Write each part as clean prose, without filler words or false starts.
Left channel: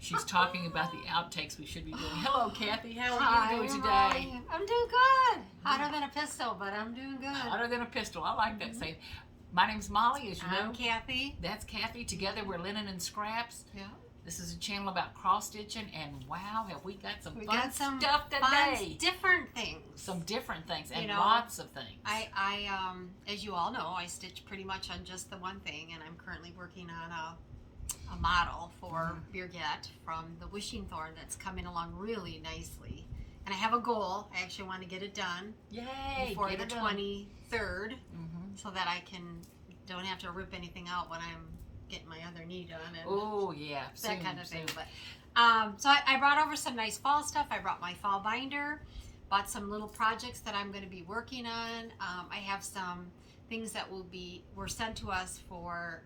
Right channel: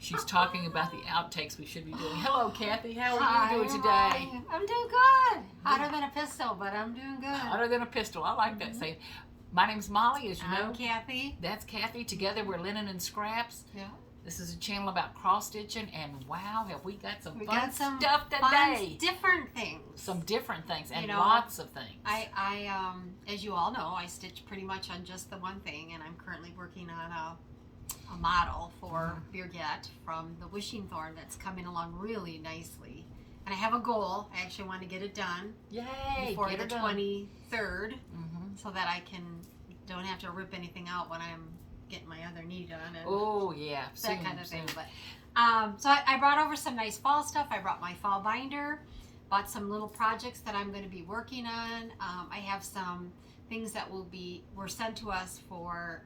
She's talking about the outtakes we should be doing. Hello, Kathy. How are Hi, you doing today? Molly. I'm doing good. Hotter than a pistol, but I'm doing good. Hotter than a pistol. I like that saying. My name's Molly, as you know. I'm Kathy. That's Kathy. Together we're Linen and Scraps. Yeah. This is a channel about cross stitching, and wow, have we got some fun some stuff today. Different things. Some different things, and You know, lots of things. I as you all know, I stitch pretty much on just the one thing, and I'm currently working on a model for Birgit from the Wishing Thorn that's coming along really nicely. And I have a goal. I actually want to get it done before the 23rd, so that I don't have to rip anything out when I'm getting my other knee done. And oh yeah, that kind of thing. But so I brought over some nice fall stuff. I brought my fall binder, bought some little projects that I'm going to be working on. I have some things that were sent to us for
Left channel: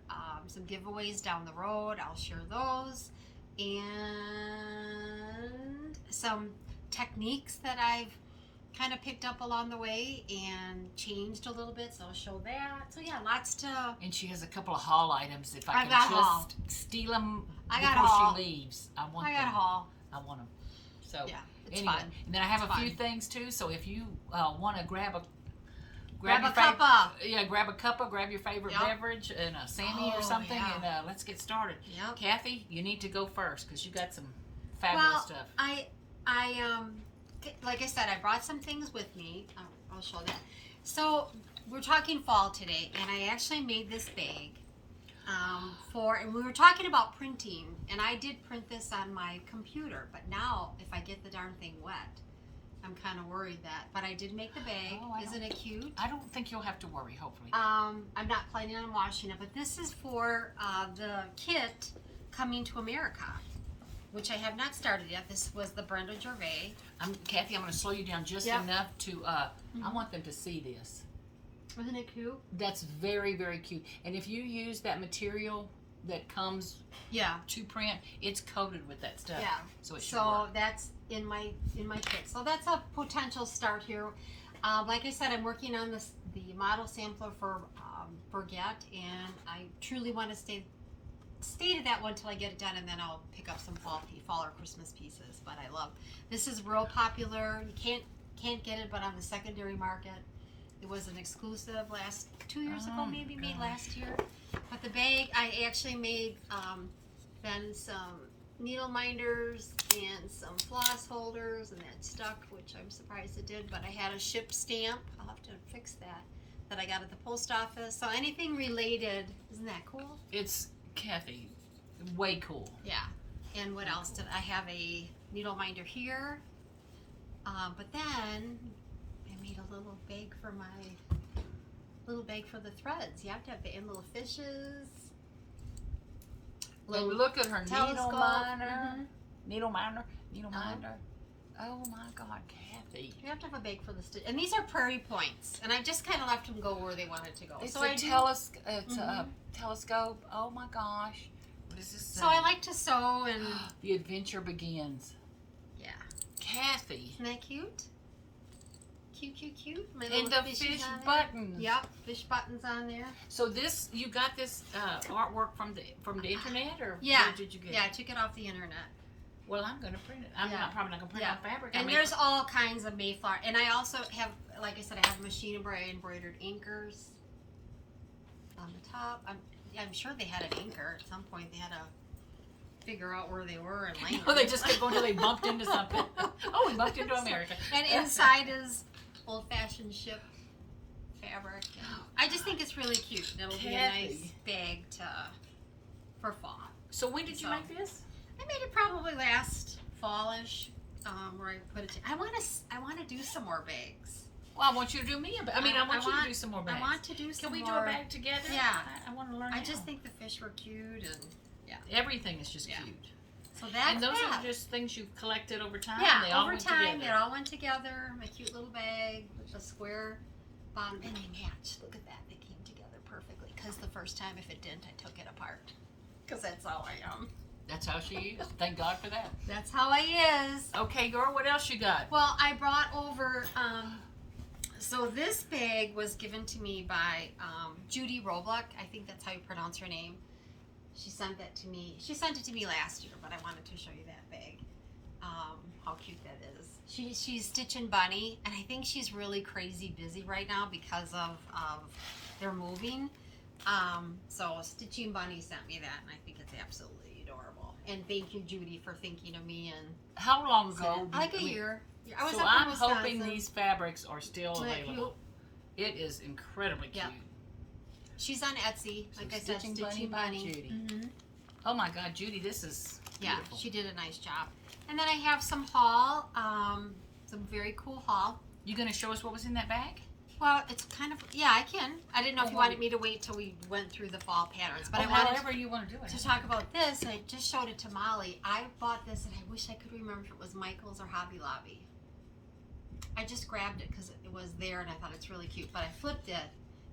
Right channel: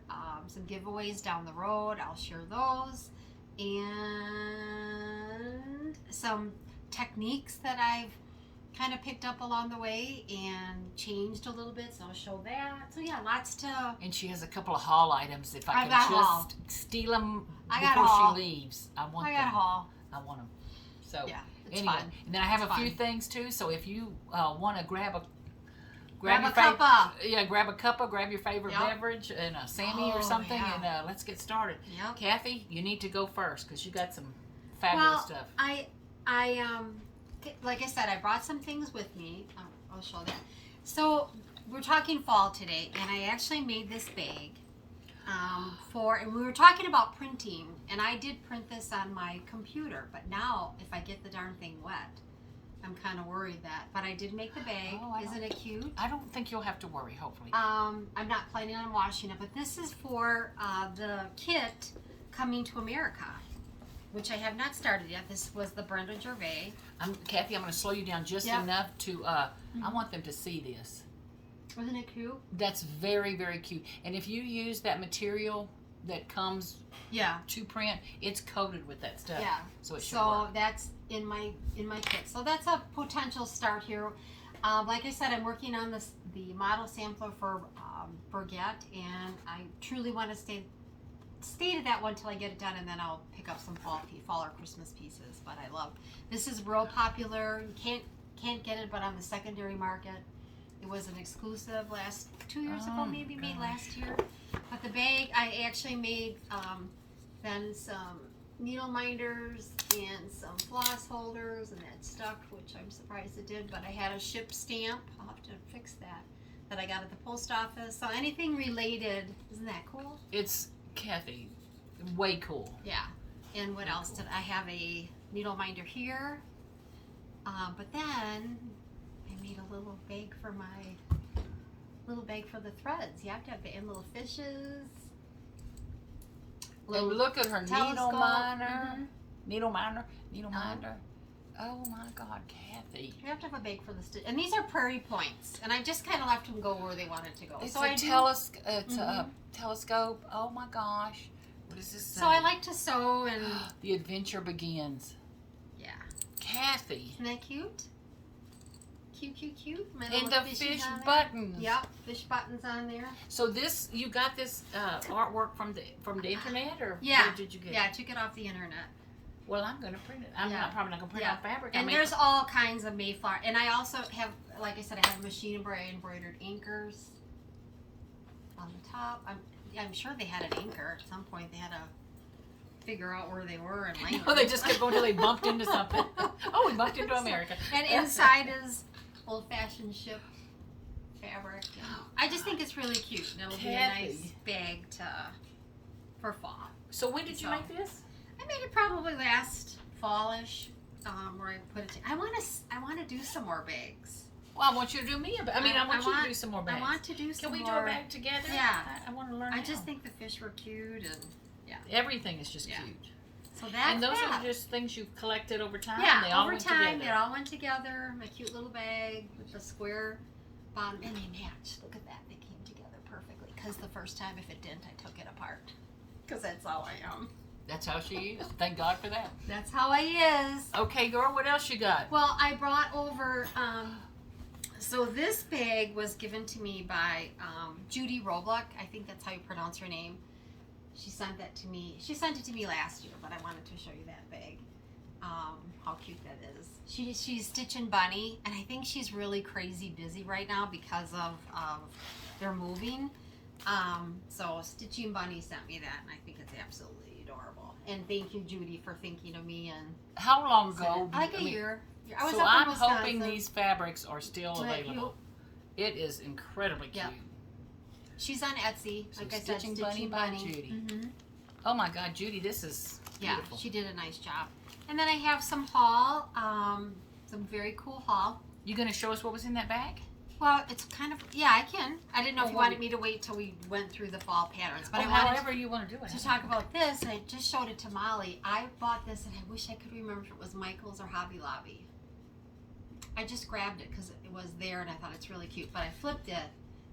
some giveaways down the road. I'll share those, and some techniques that I've kind of picked up along the way and changed a little bit, so I'll show that. So yeah, lots to. And she has a couple of haul items. If I I've can got just haul. steal them I got before haul. she leaves, I want I them. got haul. I want them. So Yeah, it's anyway, fun. and then I have It's a few fun. things too. So if you want to grab a Grab your a cuppa. grab a cuppa, grab your favorite Yep. beverage and a Sammy or Oh, something, yeah. and let's get started. Yep. Kathy, you need to go first because you got some fabulous stuff. I like I said, I brought some things with me. I'll show that. So we're talking fall today, and I actually made this bag and we were talking about printing, and I did print this on my computer, but now if I get the darn thing wet, I'm kind of worried but I did make the bag. Isn't it cute? I don't think you'll have to worry, hopefully. I'm not planning on washing it, but this is for the kit coming to America, which I have not started yet. This was the Brenda Gervais. Kathy, I'm going to slow you down just enough to, I want them to see this. Isn't it cute? That's very, very cute. And if you use that material that comes to print, it's coated with that stuff. Yeah. So it should work. That's in my kit. So that's a potential start here. Like I said, I'm working on the model sampler for Birgit, and I truly want to stay to that one till I get it done, and then I'll pick up some fall or Christmas pieces. But I love this. Is real popular. You can't get it, but on the secondary market. It was an exclusive 2 years ago, maybe made last year. But the bag, I actually made then some needle minders and some floss holders, and that stuck, which I'm surprised it did. But I had a ship stamp. I'll have to fix that I got at the post office. So anything related, isn't that cool? It's, Kathy, way cool. Yeah. And what else did I have? A needle minder here. But then I made a little bag for the threads. You have to have the little fishes. And look at her needle telescope. minder. Oh my God, Kathy. You have to have a bag for the stitch. And these are Prairie points. And I just kind of left them go where they wanted to go. It's so a telescope. Oh my gosh. What does this say? So I like to sew and... The adventure begins. Yeah. Kathy. Isn't that cute? Cute. My And little the fishies fish on there. buttons. Yep, fish buttons on there. So you got this artwork from the internet, or Yeah. where did you get it? Yeah, I took it off the internet. Well, I'm going to print it. I'm probably not going to print on fabric. And there's all kinds of Mayflower. And I also have, like I said, I have machine embroidered anchors on the top. I'm sure they had an anchor at some point. They had to figure out where they were and land. Oh, they just kept going until they bumped into something. Oh, we bumped into America. And inside is old-fashioned ship fabric. I just think it's really cute. It'll be a nice bag for fall. So when did you make this? I made it probably last fallish, where I put it. I want to do some more bags. Well, I want you to do me a bag. I want you to do some more bags. I want to do some more. Can we do a bag together? Yeah. I want to learn. I just think the fish were cute, and everything is just cute. So that's and those are just things you've collected over time. Yeah, they all over went time together. they all went together. My cute little bag with the square bottom, and they matched. Look at that, they came together perfectly. Because the first time, if it didn't, I took it apart. Because that's how I am. That's how she is. Thank God for that. That's how I is. Okay, girl, what else you got? Well, I brought over, so this bag was given to me by Judy Robluck. I think that's how you pronounce her name. She sent that to me. She sent it to me last year, but I wanted to show you that bag. How cute that is. She's stitching Bunny, and I think she's really crazy busy right now because of they're moving. So Stitching Bunny sent me that, and I think it's absolutely adorable. And thank you, Judy, for thinking of me. And how long ago? Like a year. So I'm hoping these fabrics are still available. It is incredibly cute. She's on Etsy, So like I said, Stitching Bunny. by Judy. Oh my God, Judy, this is beautiful. Yeah, she did a nice job. And then I have some haul, some very cool haul. You gonna show us what was in that bag? Well, it's kind of, yeah, I can. I didn't know if you wanted me to wait till we went through the fall patterns, but I wanted however you want to do it. To talk about this, and I just showed it to Molly. I bought this, and I wish I could remember if it was Michael's or Hobby Lobby. I just grabbed it because it was there, and I thought it's really cute, but I flipped it.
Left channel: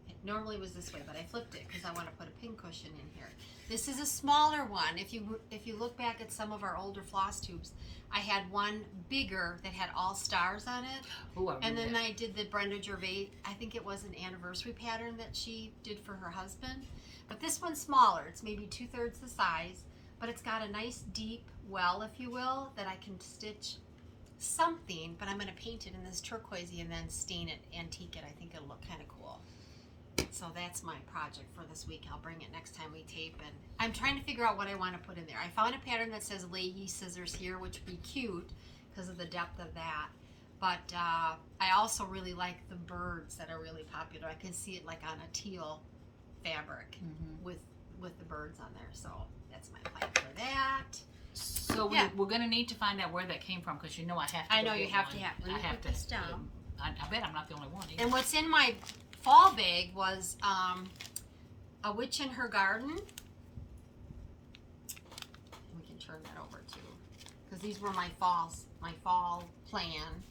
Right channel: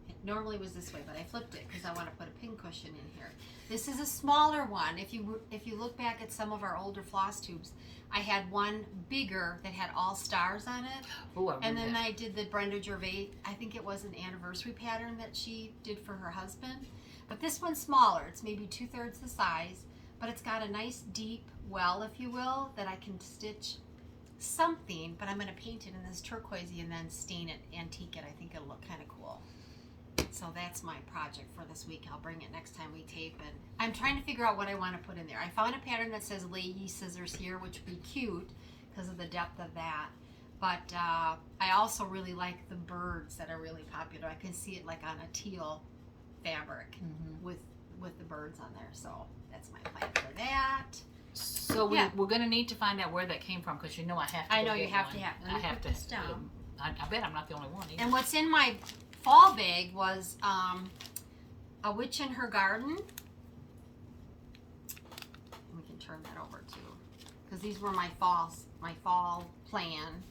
It normally was this way, but I flipped it because I want to put a pin cushion in here. This is a smaller one. If you look back at some of our older floss tubes, I had one bigger that had all stars on it. Ooh, and then I did the Brenda Gervais, I think it was an anniversary pattern that she did for her husband. But this one's smaller. It's maybe 2/3 the size, but it's got a nice deep well, if you will, that I can stitch something, but I'm going to paint it in this turquoisey and then stain it, antique it. I think it'll look kind of cool. So that's my project for this week. I'll bring it next time we tape, and I'm trying to figure out what I want to put in there. I found a pattern that says lay ye scissors here, which would be cute because of the depth of that. But I also really like the birds that are really popular. I can see it like on a teal fabric with the birds on there. So that's my plan for that. So we're going to need to find out where that came from because you know I have to. I know you have to. I have to. This down. I bet I'm not the only one. Either. And what's in my fall bag was a witch in her garden. We can turn that over too, because these were my fall plan.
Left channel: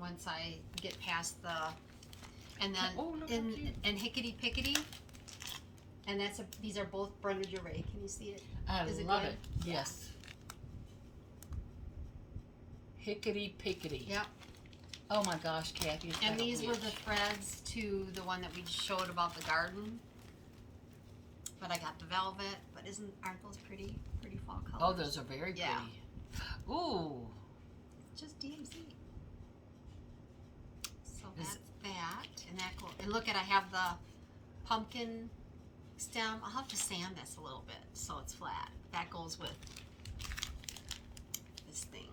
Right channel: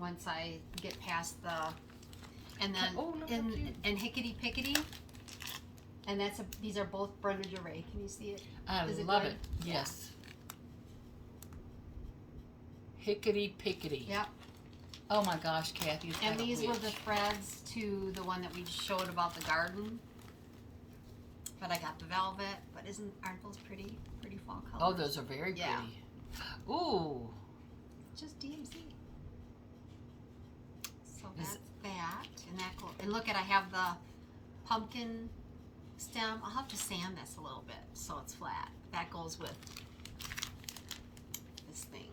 Once I get past the, and then and Hickety Pickety, and these are both Brenda Gervais. Can you see it? I love it. Yes. Hickety Pickety. Yep. Oh my gosh, Kathy. And these were the threads to the one that we showed about the garden. But I got the velvet. But aren't those pretty? Pretty fall colors. Oh, those are very pretty. Ooh. Just DMC. So that's that. And that goes. And look I have the pumpkin stem. I'll have to sand this a little bit so it's flat. That goes with this thing.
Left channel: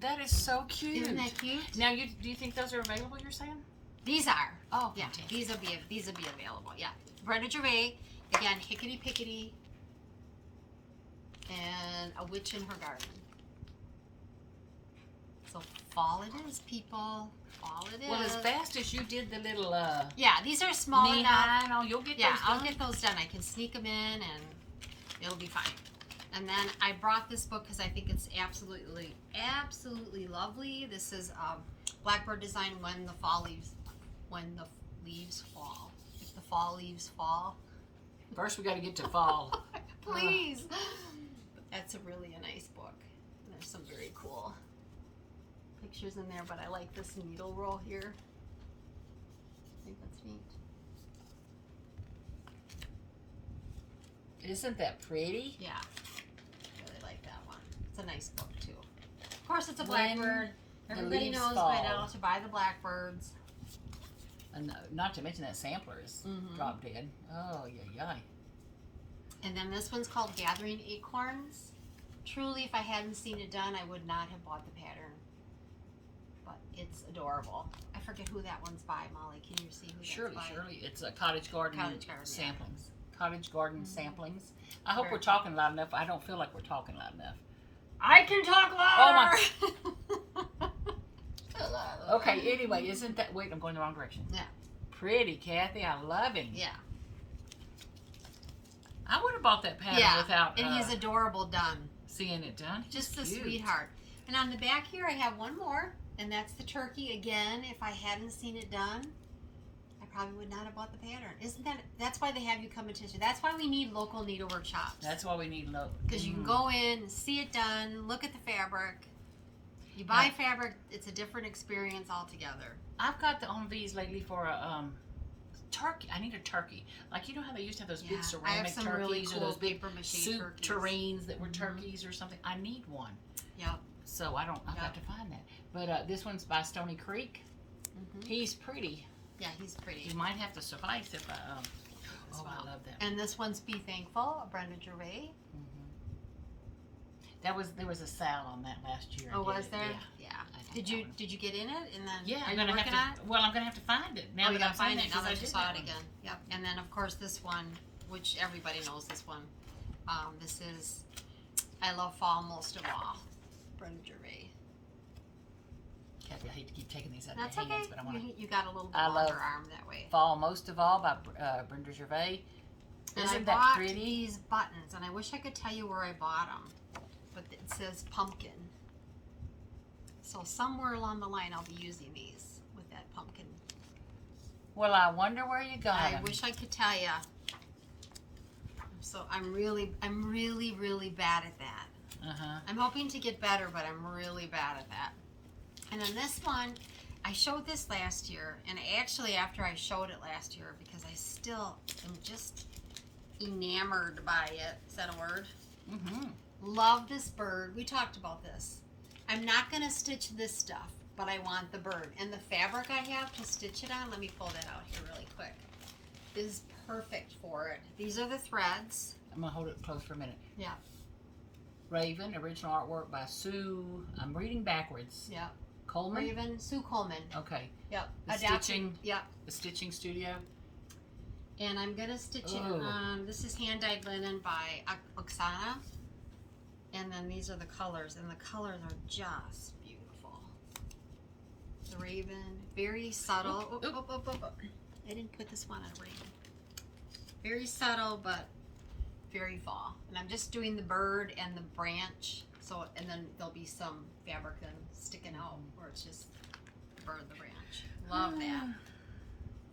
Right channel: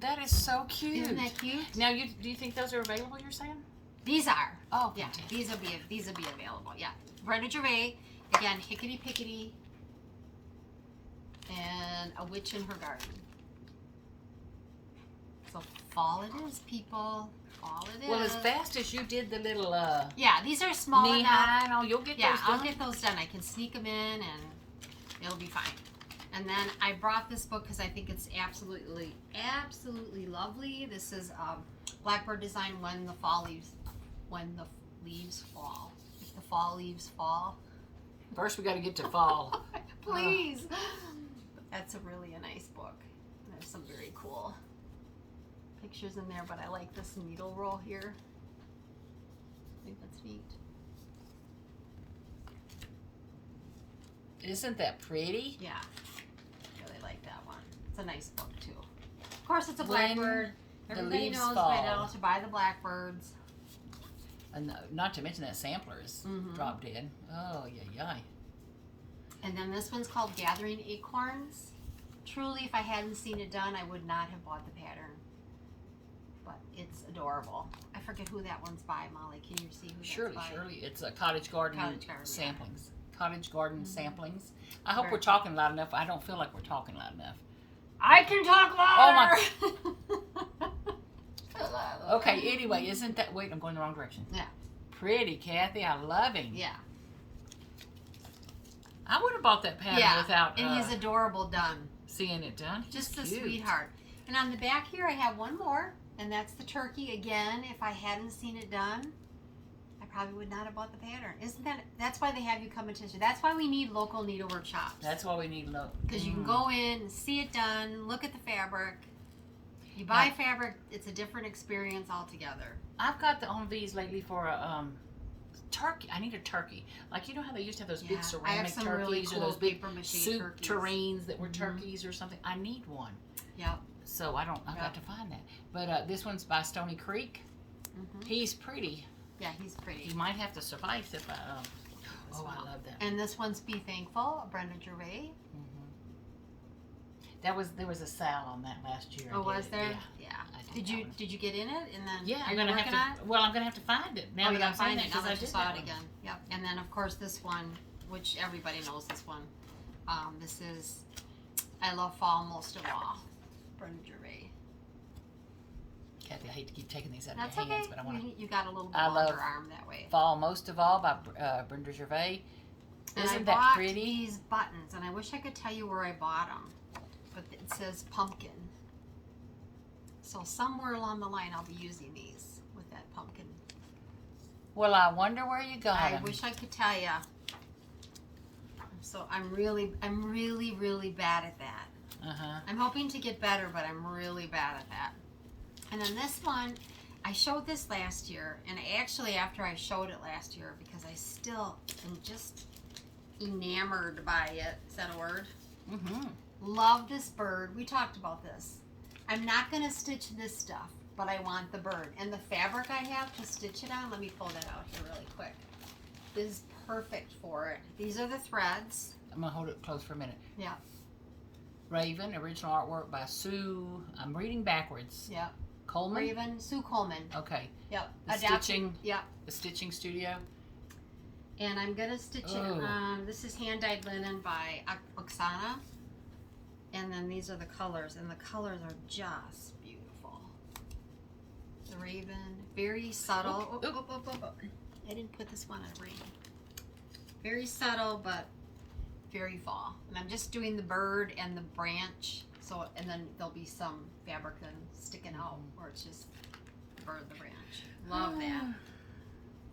That is so cute. Isn't that cute? Now, do you think those are available? You're saying? These are. Oh, yeah. fantastic. These will be available. Yeah. Brenda Gervais, again, Hickety Pickety, and a witch in her garden. So fall it is, people. Fall it is. Well, as fast as you did the little yeah, these are small enough. No, you'll get those done. I'll get those done. I can sneak them in, and it'll be fine. And then I brought this book because I think it's absolutely lovely. This is Blackbird design when the leaves fall. If the fall leaves fall. First, we got to get to fall. Please. That's really a nice book. There's some very cool pictures in there, but I like this needle roll here. I think that's neat. Isn't that pretty? Yeah. Really like that one. It's a nice book too. Of course, it's a Blackbird. Everybody knows by now to buy the Blackbirds. And not to mention that sampler is drop dead. Oh, yeah. And then this one's called Gathering Acorns. Truly, if I hadn't seen it done, I would not have bought the pattern. But it's adorable. I forget who that one's by, Molly. Can you see who that's by? Surely. It's a Cottage Garden samplings. Yeah. Cottage Garden samplings. I hope we're talking loud enough. I don't feel like we're talking loud enough. I can talk louder! Oh my. Okay, anyway, isn't that... Wait, I'm going the wrong direction. Yeah. Pretty, Kathy. I love him. Yeah. I would have bought that pattern without... and he's adorable done. Seeing it done. Just a sweetheart. And on the back here, I have one more. And that's the turkey. Again, if I hadn't seen it done, I probably would not have bought the pattern. Isn't that... That's why they have you come and teach you. That's why we need local needlework shops. That's why we need local. Because you can go in, see it done, look at the fabric. You buy fabric, it's a different experience altogether. I've got the on these lately for a turkey. I need a turkey. Like, you know how they used to have those big I have ceramic some turkeys really or cool those big paper mache soup turkeys. tureens that were turkeys or something. I need one. Yep. So I've got to find that. But this one's by Stony Creek. He's pretty. Yeah, he's pretty. He might have to suffice if I. I love that. And this one's Be Thankful, Brenda Gervais. There was a sale on that last year. Oh, was there? Yeah. Did you get in it? And then yeah, I'm gonna have to. Well, I'm gonna have to find it now. You that I'm gotta find it now because I that you did saw that it one. again. Yep. And then of course this one, which everybody knows this one. This is I Love Fall Most of All, Brenda Gervais. Kathy, I hate to keep taking these out That's of your hands, okay. but I want to. You got a little bit I longer love arm that way. Fall Most of All by Brenda Gervais. And Isn't I that bought pretty? these buttons, and I wish I could tell you where I bought them, but it says pumpkin. So somewhere along the line, I'll be using these with that pumpkin. Well, I wonder where you got I them. wish I could tell you. So I'm really bad at that. I'm hoping to get better, but I'm really bad at that. And then this one, I showed this last year, and actually after I showed it last year, because I still am just enamored by it. Is that a word? Love this bird. We talked about this. I'm not going to stitch this stuff, but I want the bird. And the fabric I have to stitch it on, let me pull that out here really quick, is perfect for it. These are the threads. I'm going to hold it close for a minute. Yeah. Raven, original artwork by Sue. I'm reading backwards. Yep. Coleman? Raven, Sue Coleman. Okay. Yep. The stitching. Yep. The Stitching Studio. And I'm going to stitch it on, this is hand-dyed linen by Oksana. And then these are the colors, and the colors are just beautiful. The Raven, very subtle. I didn't put this one on Raven. Very subtle, but very fall. And I'm just doing the bird and the branch. So, and then there'll be some fabric then sticking out where it's just the bird, the branch. Love that.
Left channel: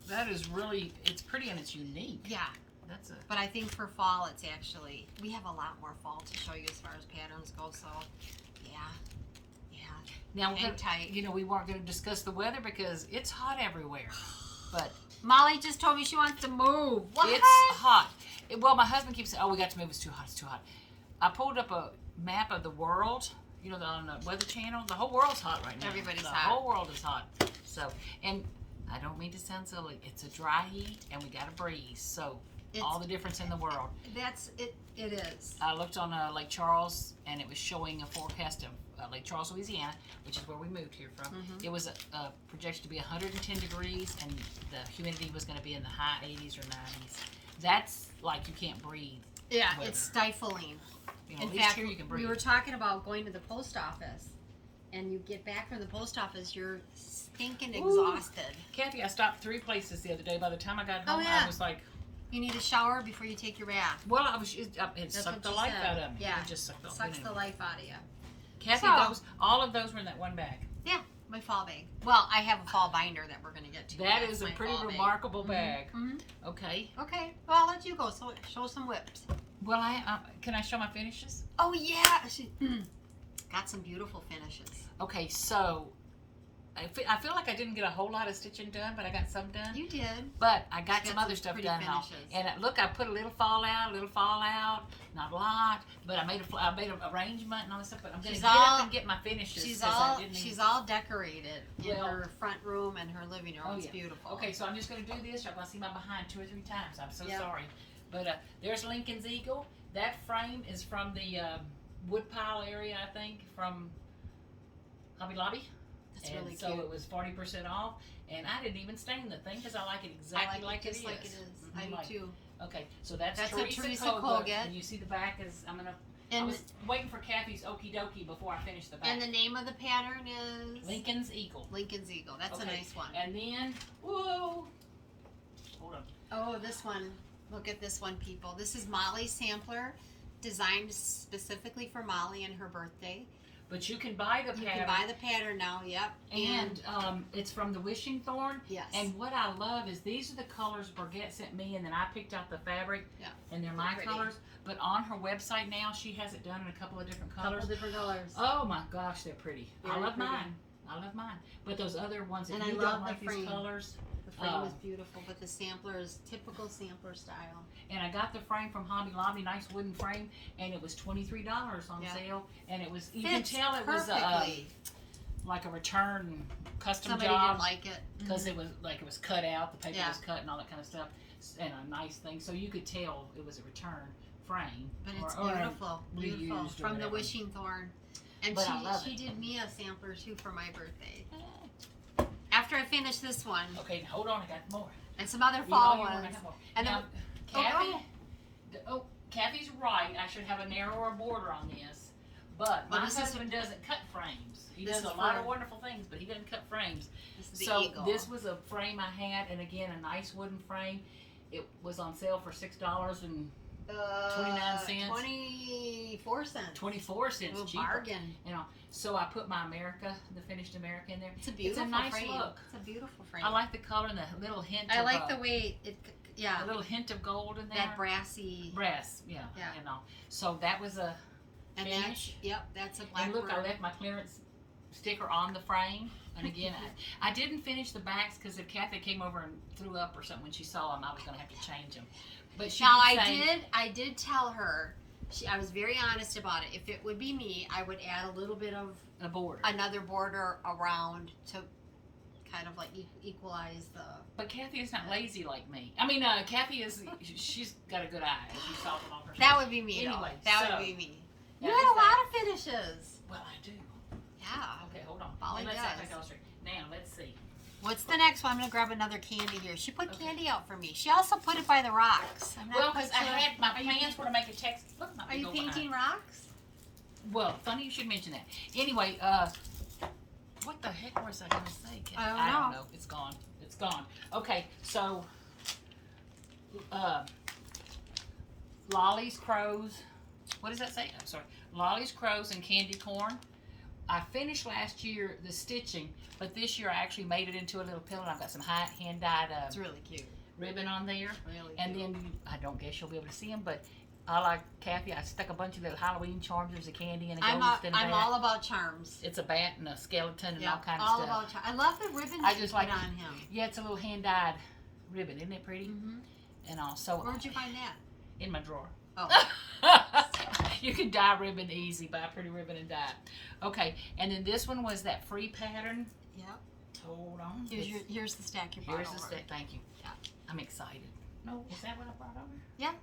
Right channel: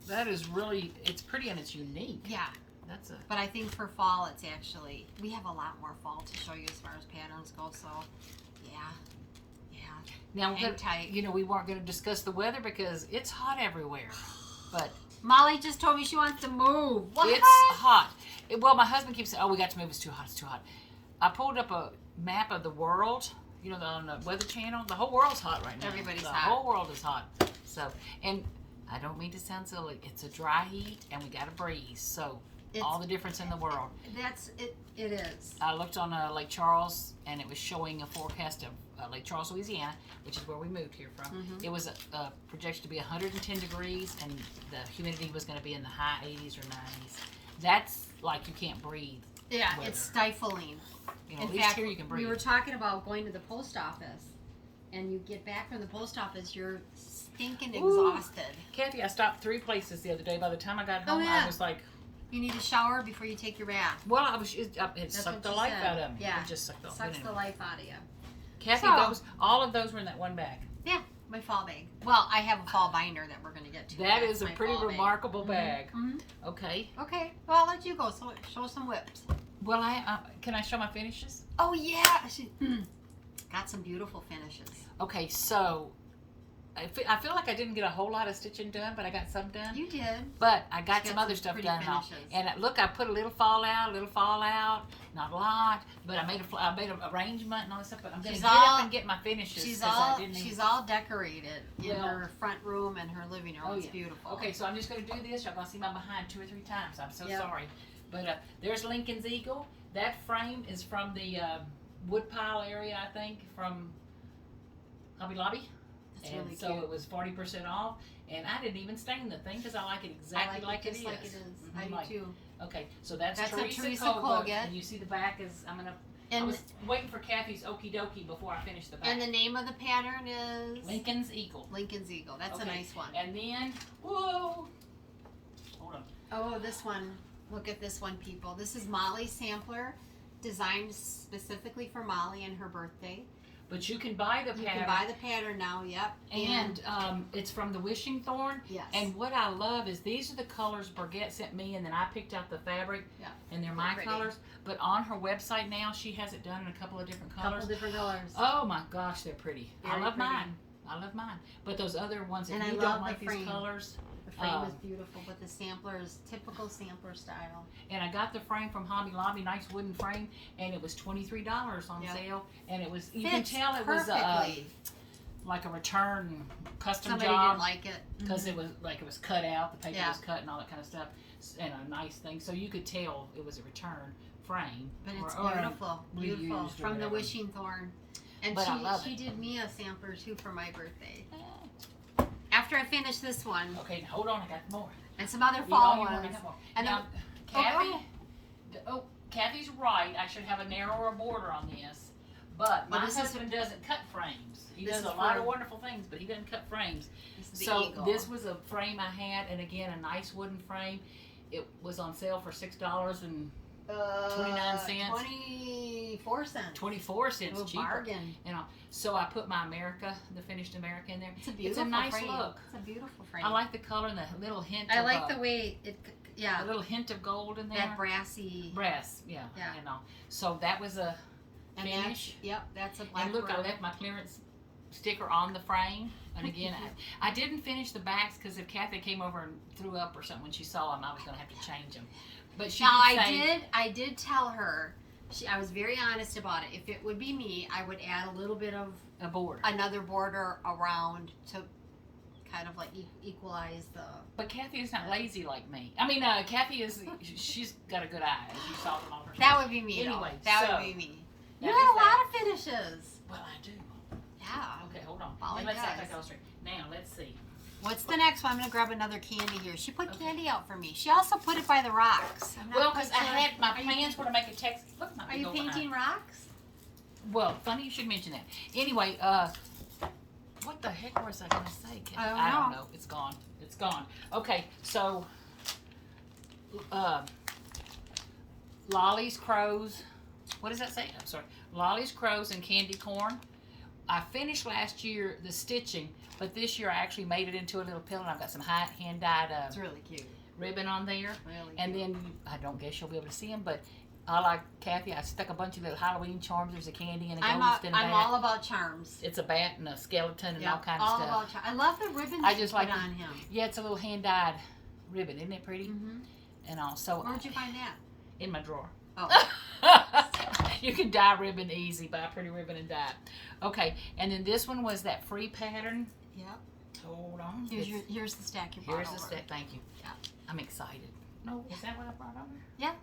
That is really, it's pretty and it's unique. Yeah. That's a. But I think for fall, it's actually, we have a lot more fall to show you as far as patterns go. So, yeah. Now, tight. you know, we weren't going to discuss the weather because it's hot everywhere. But Molly just told me she wants to move. What? It's hot. Well, my husband keeps saying, "Oh, we got to move. It's too hot. It's too hot." I pulled up a map of the world. You know, on the Weather Channel. The whole world's hot right now. Everybody's the hot. The whole world is hot. So, and I don't mean to sound silly. It's a dry heat, and we got a breeze. So, all the difference in the world. That's it. It is. I looked on Lake Charles, and it was showing a forecast of Lake Charles, Louisiana, which is where we moved here from. It was projected to be 110 degrees, and the humidity was going to be in the high 80s or 90s. That's like you can't breathe. Yeah, weather. it's stifling. You know, In at least fact, here you can breathe. we were talking about going to the post office, and you get back from the post office, you're stinking exhausted. Kathy, I stopped 3 places the other day. By the time I got home, I was like, you need a shower before you take your bath. well, it sucked the life out of me. Yeah. It just sucked the life out of you. Kathy, all of those were in that one bag. Yeah, my fall bag. Well, I have a fall binder that we're going to get to. That is a pretty remarkable bag. Okay. Okay. Well, I'll let you go. So show some whips. Well, can I show my finishes? Oh, yeah. Got some beautiful finishes. Okay, so I feel like I didn't get a whole lot of stitching done, but I got some done. You did. But I got some other stuff done. And look, I put a little fallout, not a lot, but I made an arrangement and all this stuff. But I'm going to get up and get my finishes. She's all decorated in her front room and her living room. It's beautiful. Okay, so I'm just going to do this. Y'all going to see my behind 2 or 3 times. I'm so sorry. But there's Lincoln's Eagle. That frame is from the woodpile area, I think, from Hobby Lobby. That's and really so cute. It was 40% off, and I didn't even stain the thing because I like it exactly like it is. I do too. Okay, so that's Teresa Koga, and you see the back is I was waiting for Kathy's okie dokie before I finished the back. And the name of the pattern is Lincoln's Eagle. Lincoln's Eagle. That's a nice one. And then whoa, hold on. Oh, this one. Look at this one, people. This is Molly's sampler, designed specifically for Molly and her birthday. But you can buy the pattern. You can buy the pattern now, yep. And it's from the Wishing Thorn. Yes. And what I love is these are the colors Burgett sent me, and then I picked out the fabric. Yeah. And they're my colors. But on her website now, she has it done in a couple of different colors. Oh my gosh, they're pretty. I love mine. But those other ones, if you don't like these colors, The frame is beautiful, but the sampler is typical sampler style. And I got the frame from Hobby Lobby, nice wooden frame, and it was $23 on sale. And it was, you can tell it was like a return custom Somebody job. didn't like it. Because it was like it was cut out, the paper was cut and all that kind of stuff, and a nice thing. So you could tell it was a return frame. But it's or beautiful, beautiful. From the Wishing Thorn. And but she did me a sampler too for my birthday. After I finish this one. Okay, now hold on, I got more. And some other fall ones. And now, Kathy's right. I should have a narrower border on this. But my husband doesn't cut frames. He does a lot of wonderful things, but he doesn't cut frames. So this was a frame I had, and again, a nice wooden frame. It was on sale for $6.29. 24 cents. 24 cents cheaper. Bargain. You know, so I put my the finished America in there. It's a beautiful It's a nice frame. look. It's a beautiful frame. I like the color and the little hint. I like the way it. Yeah. A little hint of gold in there. That brassy. Brass. Yeah. You know. So that was a finish. That's a Blackbird. And look, I left my clearance sticker on the frame. And again, I didn't finish the backs because if Kathy came over and threw up or something when she saw them, I was going to have to change them. But she I did tell her. I was very honest about it. If it would be me, I would add a little bit of another border around to kind of like equalize the. But Kathy is not lazy like me. I mean, Kathy is. She's got a good eye, as you saw them on her. That would be me. Anyway, that would be me. You had a lot of finishes. Well, I do. Yeah. Okay, hold on. Let's now let's see. What's the next one? I'm gonna grab another candy here. She put candy out for me. She also put it by the rocks. Well, because I had my plans were to make a text. Look, are you painting rocks? Well, funny you should mention that. Anyway, what the heck was I gonna say? I don't know. It's gone. It's gone. Okay, so Lollies, crows. What does that say? I'm sorry. Lollies, crows, and candy corn. I finished last year the stitching, but this year I actually made it into a little pillow. I've got some hand-dyed it's really cute ribbon on there. Really and cute. Then I don't guess you'll be able to see them, but I like Kathy. I stuck a bunch of little Halloween charms. There's a candy and a ghost and a bat. I'm all about charms. It's a bat and a skeleton and all kinds of stuff. All about charms. I love the ribbon I just like on him. Yeah, it's a little hand-dyed ribbon. Isn't it pretty? Mm-hmm. And all. So where'd you find that? In my drawer. Oh. You can dye ribbon easy. Buy a pretty ribbon and dye it. Okay, and then this one was that free pattern. Yep. Hold on. Here's the stack you brought Here's the stack. Thank you. Yeah. I'm excited. No, is that what I brought over? Yeah.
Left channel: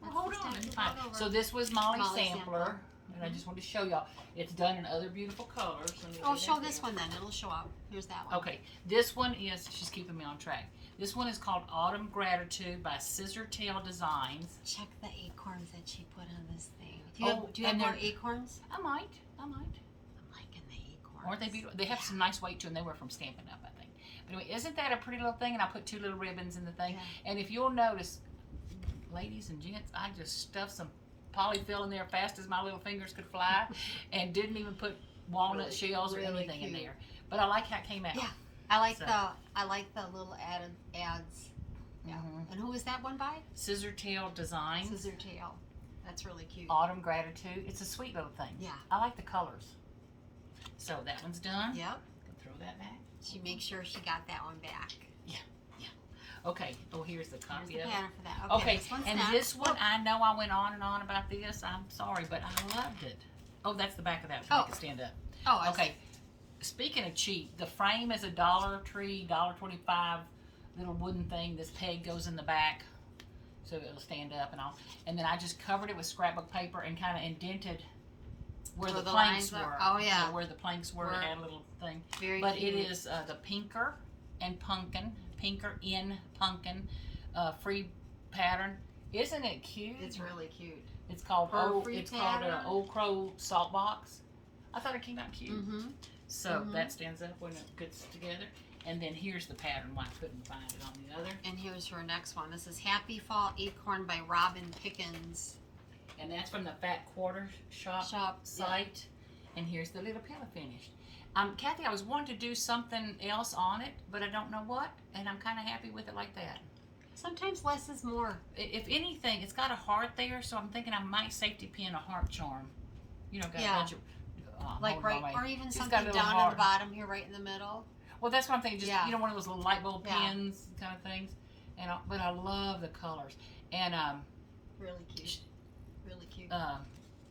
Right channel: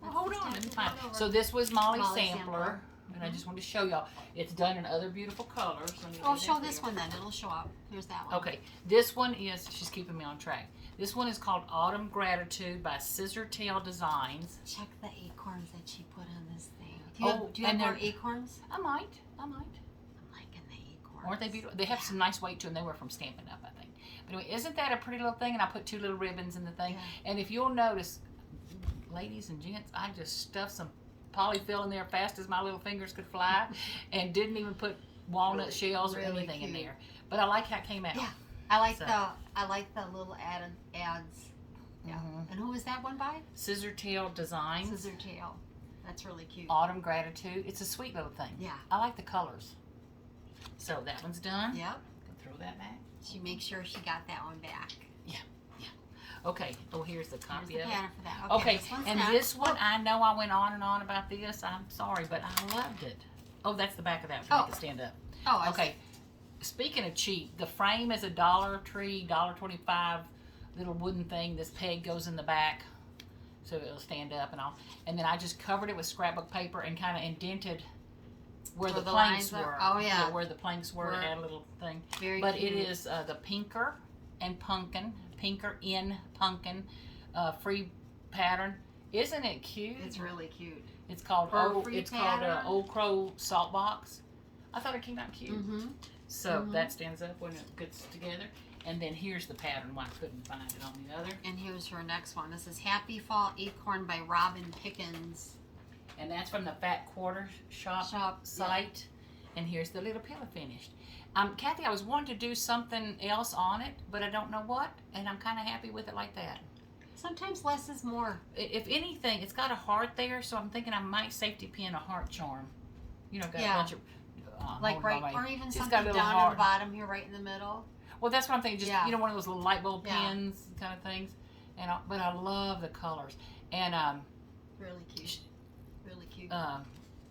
Well, hold on. Let me find. So this was Molly's sampler. And I just wanted to show y'all. It's done in other beautiful colors. Oh, show this one then. It'll show up. Here's that one. Okay. This one is, she's keeping me on track. This one is called Autumn Gratitude by Scissor Tail Designs. Check the acorns that she put on this thing. Do you have more acorns? I might. I'm liking the acorns. Aren't they beautiful? They have some nice weight to them. They were from Stampin' Up, I think. But anyway, isn't that a pretty little thing? And I put 2 little ribbons in the thing. Yeah. And if you'll notice, ladies and gents, I just stuffed some polyfill in there fast as my little fingers could fly and didn't even put walnut shells or anything in there. But I like how it came out. Yeah. I like the little ads. Yeah. Mm-hmm. And who was that one by? Scissor Tail Designs. Scissor Tail. That's really cute. Autumn Gratitude. It's a sweet little thing. Yeah. I like the colors. So that one's done. Yep. Throw that back. She makes sure she got that one back. Yeah. Yeah. Okay. Oh, here's the copy of it. For that. Okay. And this one, I know I went on and on about this. I'm sorry, but I loved it. Oh, that's the back of that. Make it stand up. Oh, okay. Speaking of cheap, the frame is a Dollar Tree, $1.25 little wooden thing. This peg goes in the back so it'll stand up and all. And then I just covered it with scrapbook paper and kind of indented where the planks were. Oh, yeah. Where the planks were, it had a little thing. Very but cute. it is the Pinker and Punkin, Pinker in Punkin free pattern. Isn't it cute? It's really cute. It's called Old Crow Saltbox. I thought it came out cute. Mm-hmm. So that stands up when it gets together. And then here's the pattern. Why I couldn't find it on the other. And here's her next one. This is Happy Fall Acorn by Robin Pickens. And that's from the Fat Quarter Shop site. Yeah. And here's the little pillow finished. Kathy, I was wanting to do something else on it, but I don't know what. And I'm kind of happy with it like that. Sometimes less is more. If anything, it's got a heart there, so I'm thinking I might safety pin a heart charm. You know, got a bunch of... like right, or even something down at the bottom here, right in the middle. Well, that's what I'm thinking. Just Yeah. you know, one of those little light bulb Yeah. pens kind of things. And but I love the colors. And Really cute. Really cute.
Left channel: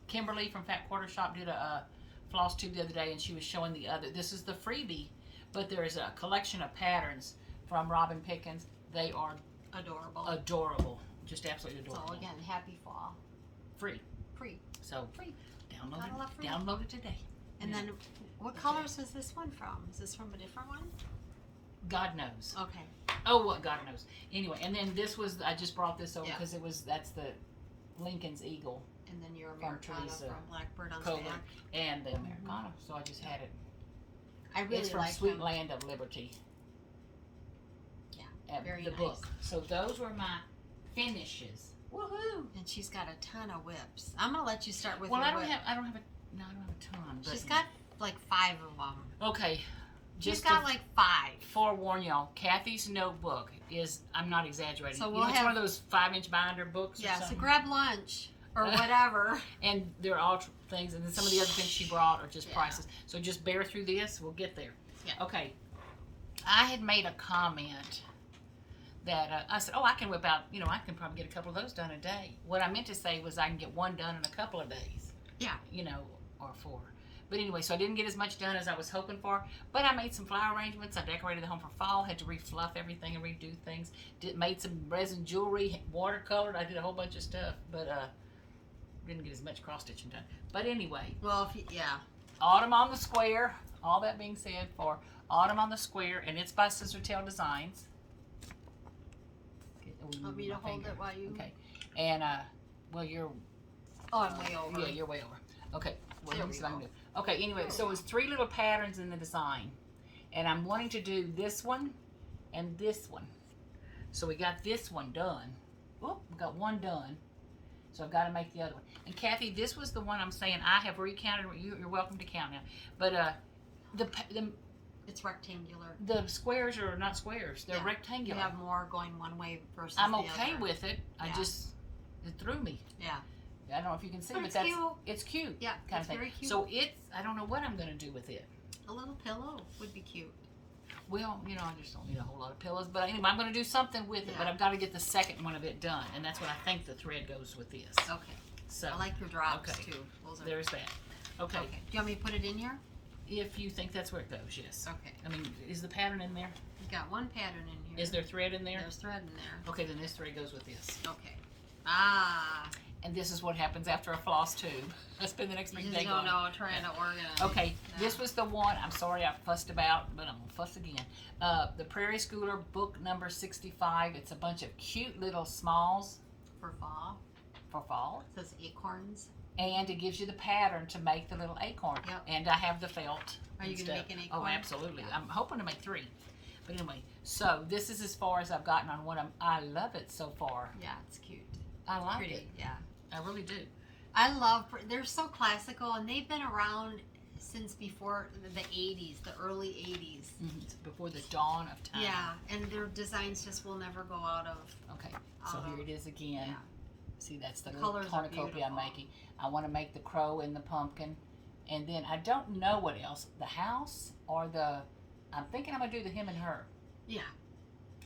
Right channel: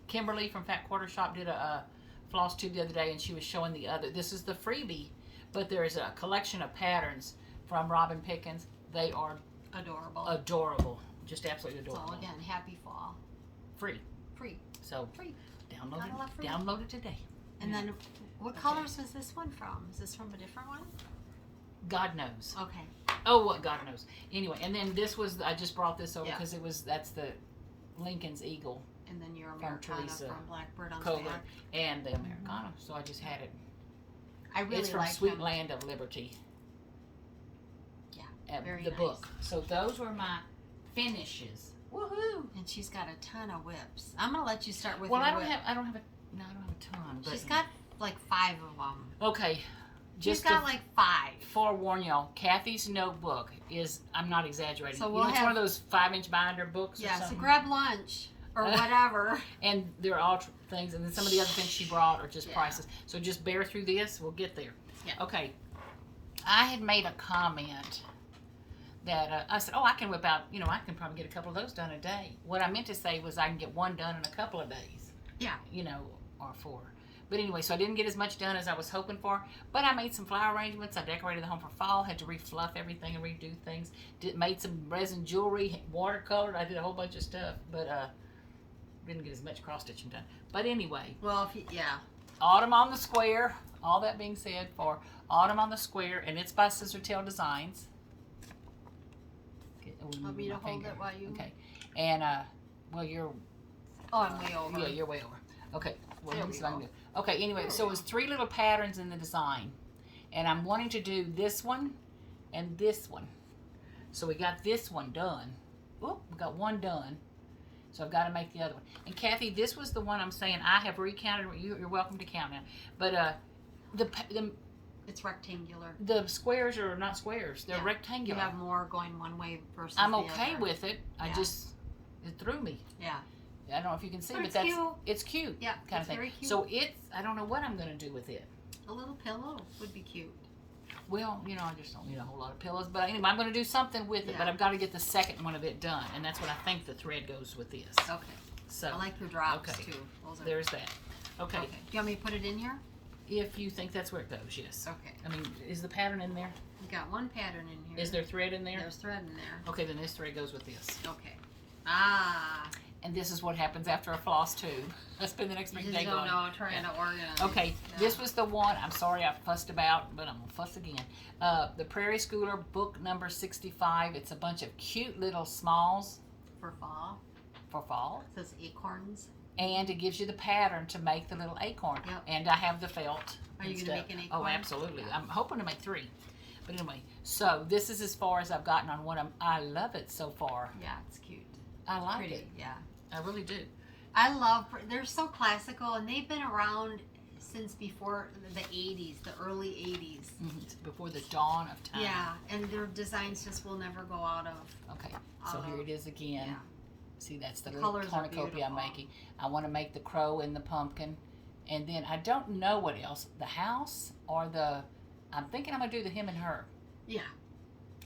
Kimberly from Fat Quarter Shop did a Flosstube the other day, and she was showing the other. This is the Freebie, but there's a collection of patterns from Robin Pickens. They are Adorable. adorable, just absolutely adorable. So again, happy fall. Free. Free. So Free. download Gotta love it. free. Download it today. And Yeah. then, what colors was this one from? Is this from a different one? God knows. Okay. Oh, what God knows. Anyway, and then this was I just brought this over Yeah. because that's the Lincoln's Eagle And then your From Americana Teresa from Blackbird on the Cover back. and the Americana. So I just had it. I really It's from like Sweet them. Land of Liberty. Yeah, very the nice. book. So those were my finishes. Woohoo! And she's got a ton of whips. I'm gonna let you start with Well, your I don't whip. have a ton. But She's got like 5 of them. okay. She's Just got to like 5. forewarn y'all, Kathy's notebook is, I'm not exaggerating. So You we'll know, it's one have- of those 5-inch binder books or Yeah, so something. grab lunch or whatever. And they're all things, and then some of the other things she brought are just Yeah. prices. So just bear through this. We'll get there. Yeah. Okay. I had made a comment that I said, oh, I can whip out, I can probably get a couple of those done a day. What I meant to say was I can get one done in a couple of days. Yeah. Or 4. But anyway, so I didn't get as much done as I was hoping for. But I made some flower arrangements. I decorated the home for fall. Had to refluff everything and redo things. Made some resin jewelry, watercolored. I did a whole bunch of stuff. But didn't get as much cross stitching done. But anyway, Well, yeah. Autumn on the Square. All that being said, for Autumn on the Square, and it's by Scissor Designs. Want me to hold it while you? Okay. And well, you're. Oh, I'm way over. Yeah, you're way over. Okay. Well, There let me we see if I can go. do. Okay. Anyway, so it was 3 little patterns in the design, and I'm wanting to do this one and this one. So we got this one done. Whoop, we got one done. So I've got to make the other one. And Kathy, this was the one I'm saying I have recounted. You're welcome to count now. But It's rectangular. the squares are not squares. They're Yeah. You rectangular. have more going one way versus I'm the okay other. with it. Yeah. It threw me. Yeah. I don't know if you can see, But but it's that's cute. it's cute. Yeah, kind it's of thing. very cute. So I don't know what I'm gonna do with it. A little pillow would be cute. Well, I just don't need a whole lot of pillows. But anyway, I'm gonna do something with it. But Yeah. I've got to get the second one of it done, and that's what I think the thread goes with this. Okay. So I like your drops okay. too. Those are there's that. Okay. okay. Do you want me to put it in here? If you think that's where it goes, yes. Okay. I mean, is the pattern in there? We got one pattern in here. Is there thread in there? There's thread in there. Okay, then this thread goes with this. Okay. Ah. And this is what happens after a floss tube. I spend the next You big just day don't going. know, trying to organize. Okay, Yeah. this was the one. I'm sorry I fussed about, but I'm gonna fuss again. The Prairie Schooler book number 65. It's a bunch of cute little smalls For fall. for fall, It says acorns. and it gives you the pattern to make the little acorn. Yep. And I have the felt. Are and you gonna stuff. make an Oh, acorn? absolutely. Yeah. I'm hoping to make 3. But anyway, so this is as far as I've gotten on one. I love it so far. Yeah, it's cute. I like Pretty. it. Yeah. I really do. I love. They're so classical, and they've been around since before the 80s, the early 80s. Before the dawn of time. Yeah, and their designs just will never go out of. Okay, so Out here of- it is again. Yeah. See, that's the The little colors are cornucopia I'm beautiful. making. I want to make the crow and the pumpkin. And then I don't know what else. The house or I'm thinking I'm going to do the him and her. Yeah.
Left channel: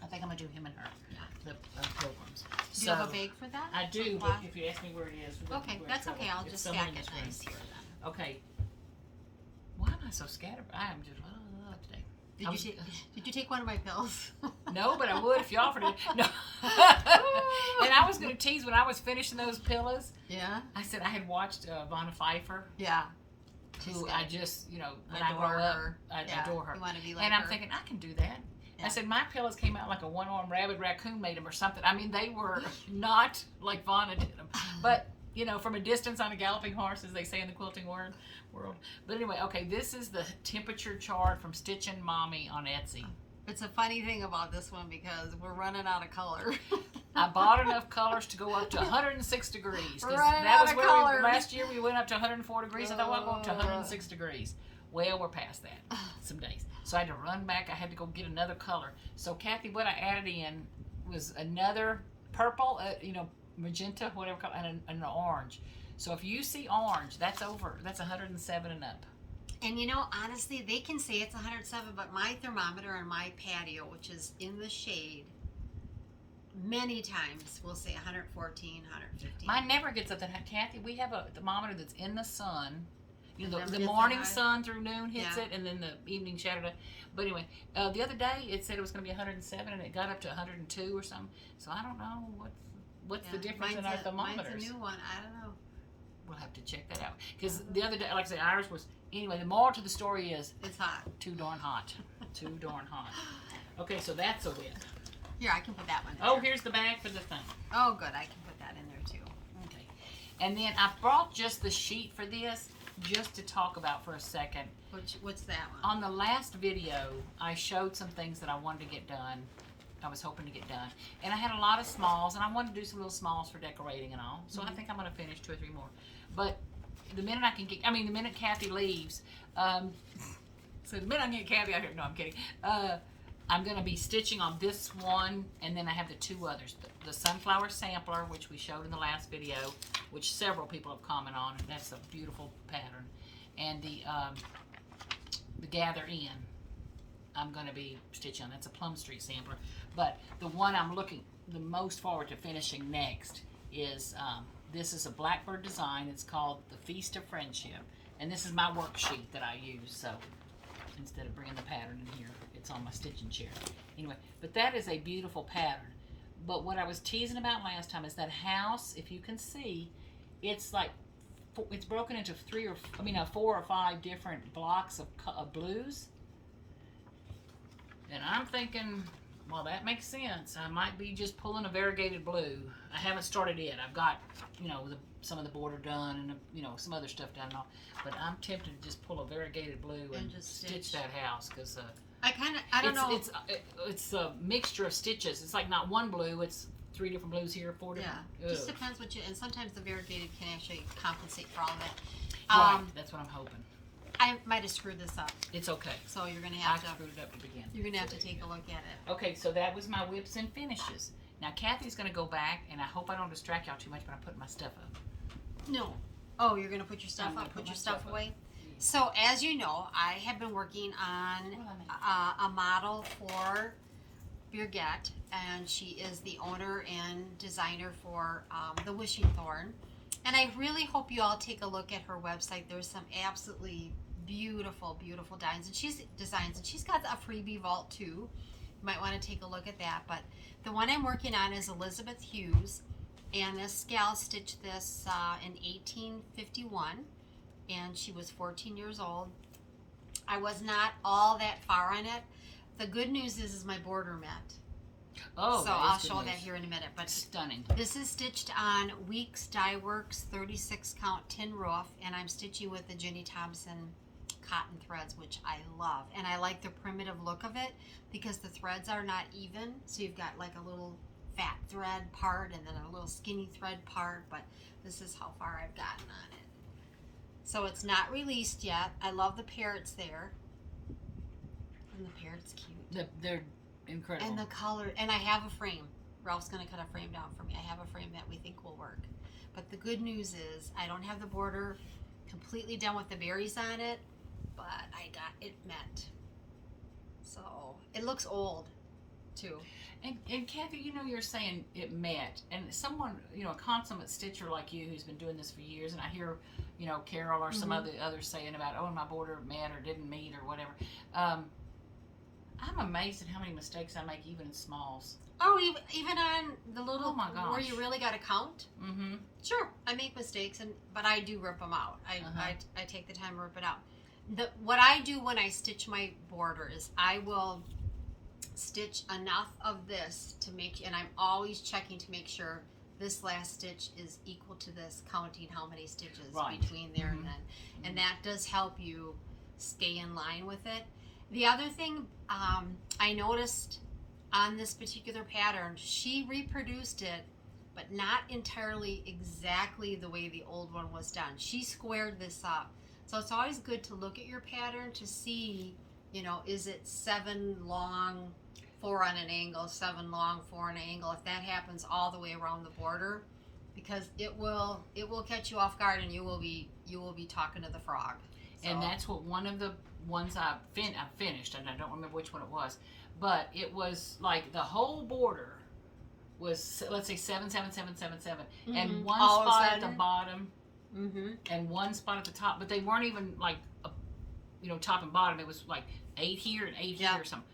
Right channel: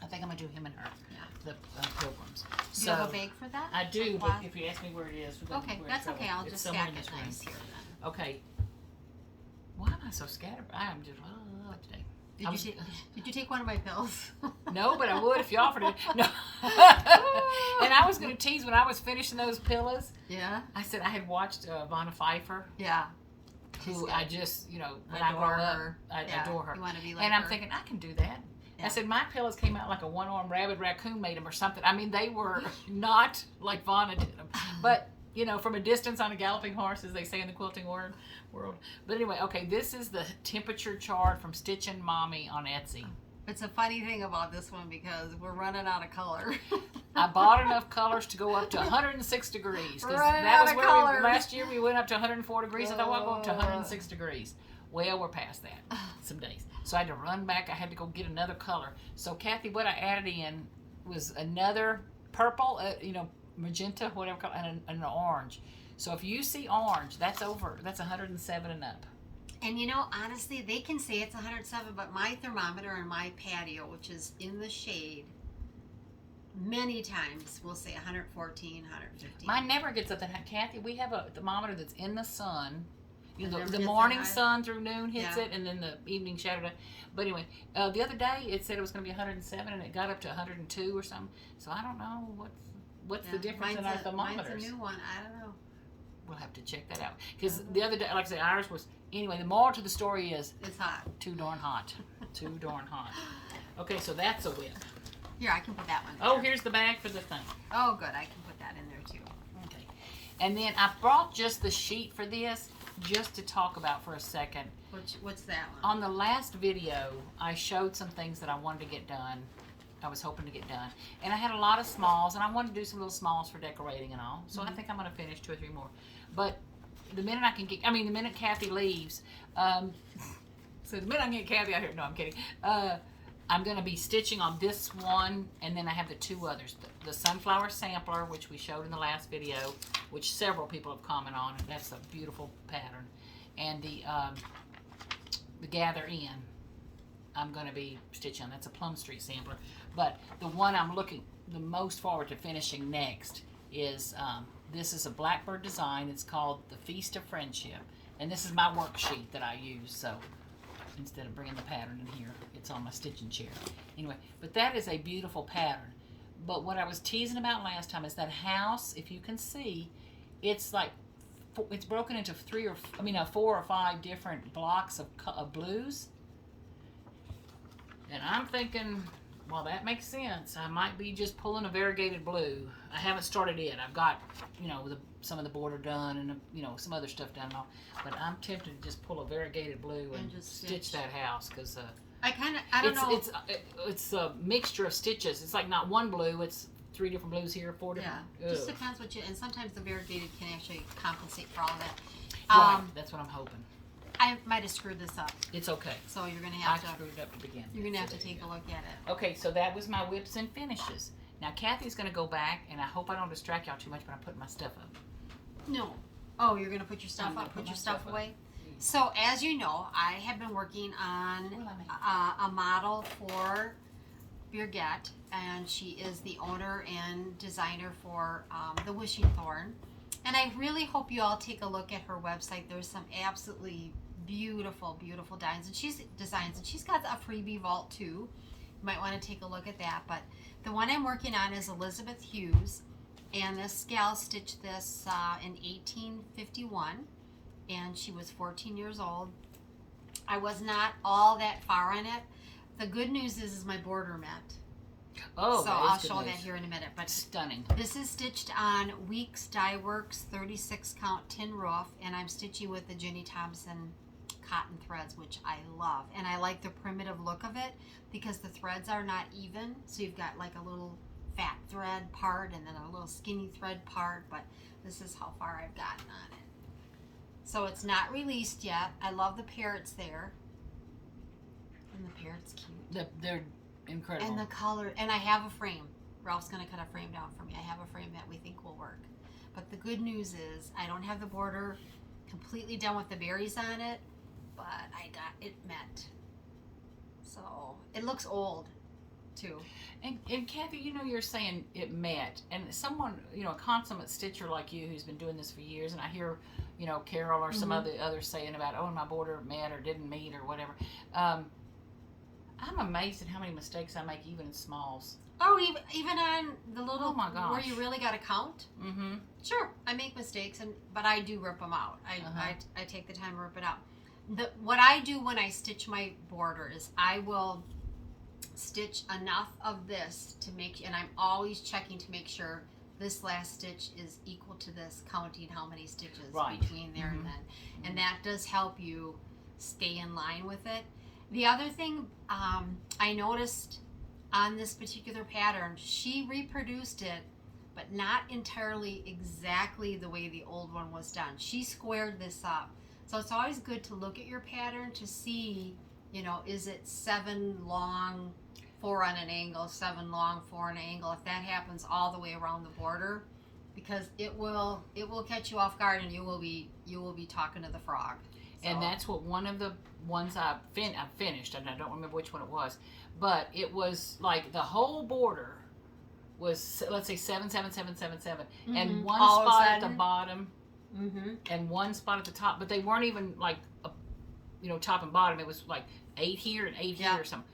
I think I'm going to do him and her. Yeah. The pilgrims. Do So you have a bag for that? I do, Like but black? if you ask me where it is. Okay, where that's it's okay. going, I'll it's just somewhere stack in it this room. nice here then. Okay. Why am I so scattered? I am just today. Did you take one of my pills? No, but I would if you offered it. No. And I was going to tease when I was finishing those pillows. Yeah. I said I had watched Vanna Pfeiffer, Yeah. who good. I just, when I Adore grow up, her. I Yeah, adore her. You want to be like And I'm her. thinking, I can do that. Yeah. I said, my pillows came out like a one-armed rabbit raccoon made them or something. I mean, they were not like Vanna did them. But, from a distance on a galloping horse, as they say in the quilting world. But anyway, okay, this is the temperature chart from Stitchin' Mommy on Etsy. It's a funny thing about this one because we're running out of color. I bought enough colors to go up to 106 degrees. 'Cause We're running that out was of where color. last year we went up to 104 degrees. I thought, well, I'll go up to 106 degrees. Well, we're past that some days. So I had to run back. I had to go get another color. So, Kathy, what I added in was another purple, magenta, whatever, and an orange. So if you see orange, that's 107 and up. And you know, honestly, they can say it's 107, but my thermometer on my patio, which is in the shade, many times will say 114, 115. Mine never gets up that high. Kathy, we have a thermometer that's in the sun. You know, It the never gets morning that high? sun through noon hits Yeah. it, and then the evening shadow. But anyway, the other day it said it was going to be 107, and it got up to 102 or something. So I don't know what's the difference in our thermometers. Mine's a new one. I don't know. We'll have to check that out. Because the other day, like I said, ours was, anyway, the moral to the story is It's hot. too darn hot. Too darn hot. Okay, so that's a win. Here, I can put that one. Oh, there. here's the bag for the thing. Oh, good. I can put that in there too. Okay. And then I brought just the sheet for this, just to talk about for a second. What's that one? On the last video, I showed some things that I wanted to get done. I was hoping to get done. And I had a lot of smalls, and I wanted to do some little smalls for decorating and all. So I think I'm going to finish 2 or 3 more. But the minute I can get, the minute Kathy leaves, so the minute I can get Kathy out here, no, I'm kidding. I'm going to be stitching on this one, and then I have the 2 others. The Sunflower Sampler, which we showed in the last video, which several people have commented on. That's a beautiful pattern. And the Gather In, I'm going to be stitching on. That's a Plum Street sampler. But the one I'm looking the most forward to finishing next is, this is a Blackbird design. It's called the Feast of Friendship. And this is my worksheet that I use, so instead of bringing the pattern in here, it's on my stitching chair. Anyway, but that is a beautiful pattern. But what I was teasing about last time is that house, if you can see, it's like, it's broken into 4 or 5 different blocks of blues. And I'm thinking, well, that makes sense. I might be just pulling a variegated blue. I haven't started yet. I've got, some of the border done and, some other stuff done and all. But I'm tempted to just pull a variegated blue and just stitch that house, because I don't know. it's a mixture of stitches. It's like not one blue. It's 3 different blues here, 4 different. Yeah, just depends what you. And sometimes the variegated can actually compensate for all of it. Right, that's what I'm hoping. I might have screwed this up, It's okay. so you're gonna I have to. screwed it up to begin. You're gonna have to take a look at it. Okay, so that was my whips and finishes. Now Kathy's gonna go back, and I hope I don't distract y'all too much, but I'm putting my stuff up. No. Oh, you're gonna put your stuff I'm gonna up. put Put my your stuff stuff up. away. So as you know, I have been working on a model for Birgit, and she is the owner and designer for the Wishing Thorn. And I really hope you all take a look at her website. There's some absolutely beautiful, beautiful designs, and she's got a freebie vault too. You might want to take a look at that. But the one I'm working on is Elizabeth Hughes, and this gal stitched this in 1851, and she was 14 years old. I was not all that far on it. The good news is my border met. Oh, so I'll show that here in a minute. But stunning. this is stitched on Weeks Dye Works 36 count tin roof, and I'm stitching with the Jenny Thompson cotton threads, which I love. And I like the primitive look of it because the threads are not even. So you've got like a little fat thread part and then a little skinny thread part, but this is how far I've gotten on it. So it's not released yet. I love the parrots there. And the parrot's cute. They're incredible. And the color, and I have a frame. Ralph's gonna cut a frame down for me. I have a frame that we think will work. But the good news is I don't have the border completely done with the berries on it, but I got it met. So it looks old too. And Kathy, you're saying it met, and someone, a consummate stitcher like you who's been doing this for years, and I hear, Carol or some others saying about, oh, my border met or didn't meet or whatever. I'm amazed at how many mistakes I make, even in smalls. Oh, even on the little, oh my gosh, where you really got to count. Mm-hmm. Sure, I make mistakes, but I do rip them out. I take the time to rip it out. What I do when I stitch my border is I will stitch enough of this to make, and I'm always checking to make sure this last stitch is equal to this, counting how many stitches between there and then. And that does help you stay in line with it. The other thing I noticed on this particular pattern, she reproduced it, but not entirely exactly the way the old one was done. She squared this up. So it's always good to look at your pattern to see, is it 7 long, 4 on an angle, 7 long, 4 on an angle. If that happens all the way around the border, because it will catch you off guard, and you will be talking to the frog. And that's what one of the ones I finished, and I don't remember which one it was, but it was like the whole border was, let's say 7, 7, 7, 7, 7, and one spot at the bottom, and one spot at the top, but they weren't even like, top and bottom. It was like 8 here and 8 here or something.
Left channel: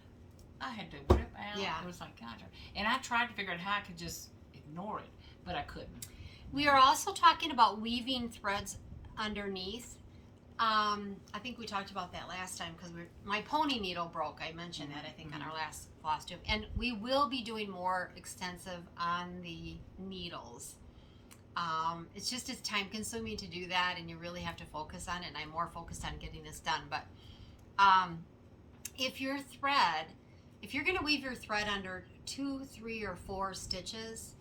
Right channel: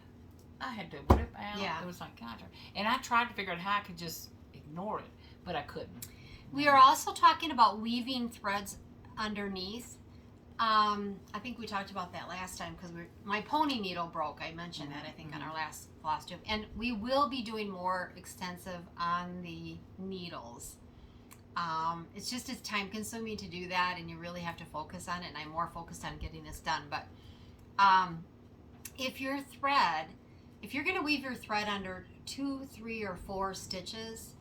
I had to whip out. Yeah. It was like, God. And I tried to figure out how I could just ignore it, but I couldn't. We are also talking about weaving threads underneath. I think we talked about that last time because my pony needle broke. I mentioned that, I think, on our last Flosstube. And we will be doing more extensive on the needles. It's just it's time consuming to do that, and you really have to focus on it, and I'm more focused on getting this done. But if you're going to weave your thread under 2, 3, or 4 stitches,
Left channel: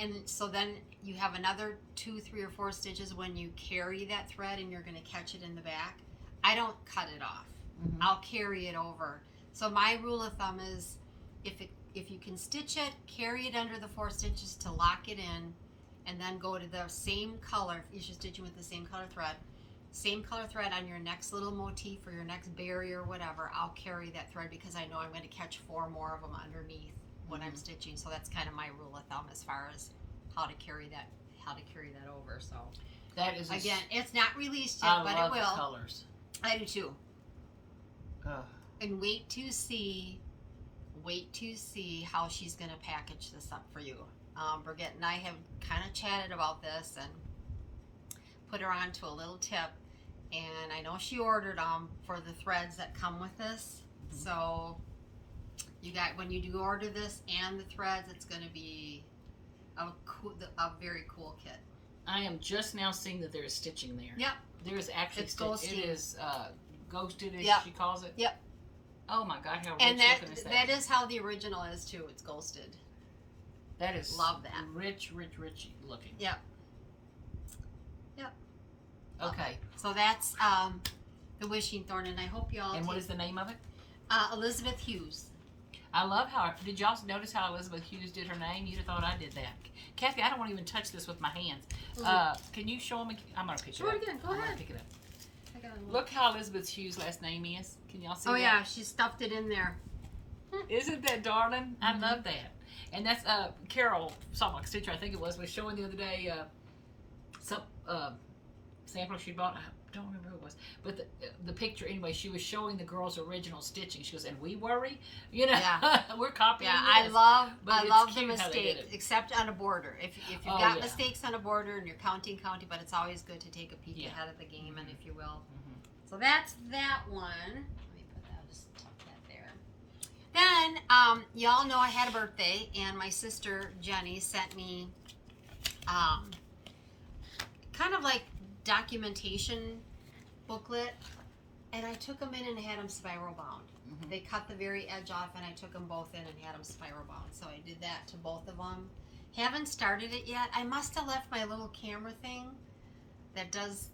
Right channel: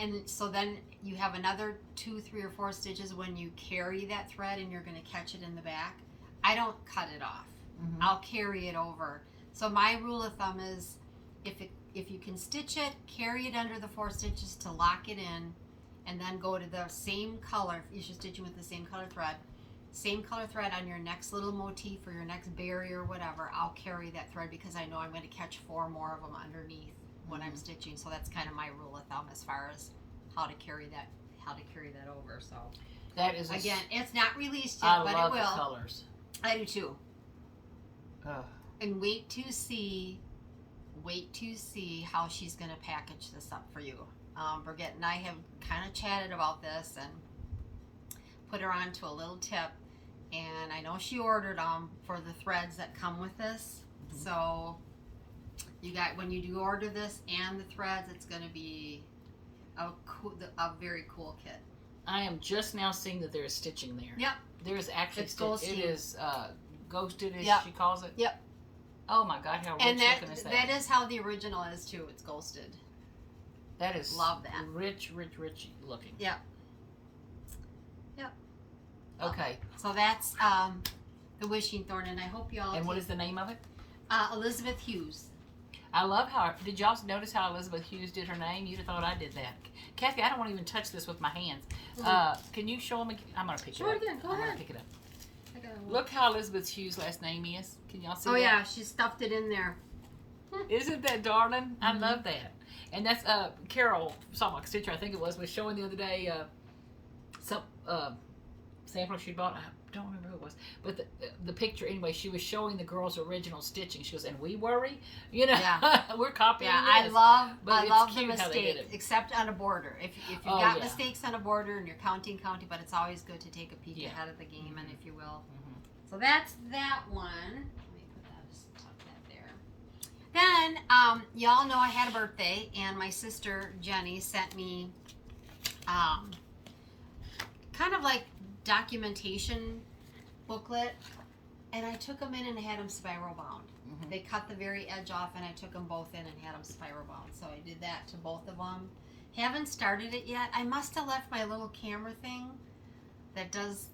and so then you have another 2, 3, or 4 stitches when you carry that thread and you're going to catch it in the back, I don't cut it off. I'll carry it over. So my rule of thumb is if you can stitch it, carry it under the 4 stitches to lock it in, and then go to the same color. You should stitch it with the same color thread on your next little motif or your next berry or whatever. I'll carry that thread because I know I'm going to catch 4 more of them underneath when I'm stitching. So that's kind of my rule of thumb as far as how to carry that over. So that is again, it's not released yet, but it will. I love the colors. I do too. And wait to see how she's going to package this up for you. Brigitte and I have kind of chatted about this and put her on to a little tip, and I know she ordered them for the threads that come with this. So when you do order this and the threads, it's going to be a very cool kit. I am just now seeing that there is stitching there. Yep. There is actually ghosting. It is ghosted, as she calls it. Yep. Oh my God, how rich looking is that? That is how the original is too. It's ghosted. That is love that. Rich looking. Yep. Yep. Okay. So that's the wishing thorn, and I hope y'all. And what is the name of it? Elizabeth Hughes. I love did y'all notice how Elizabeth Hughes did her name? You'd have thought I did that. Kathy, I don't want to even touch this with my hands. Can you show me? I'm going to pick it up. Show it again. Go ahead. I'm going to pick it up. Look how Elizabeth Hughes' last name is. Can y'all see that? Oh, yeah. She stuffed it in there. Isn't that darling? I love that. And that's Carol, Saltbox Stitcher, I think it was showing the other day some sample she bought. I don't remember who it was. But the picture, anyway, she was showing the girl's original stitching. She goes, and we worry? Yeah. We're copying this. I love the cute how they did mistakes, it. except on a border. If you've got mistakes on a border and you're counting, but it's always good to take a peek ahead of the game, and if you will. So that's that one. Let me put that, just tuck that there. Then, y'all know I had a birthday, and my sister Jenny sent me kind of like documentation booklet, and I took them in and had them spiral bound. They cut the very edge off, and I took them both in and had them spiral bound. So I did that to both of them. Haven't started it yet. I must have left my little camera thing that does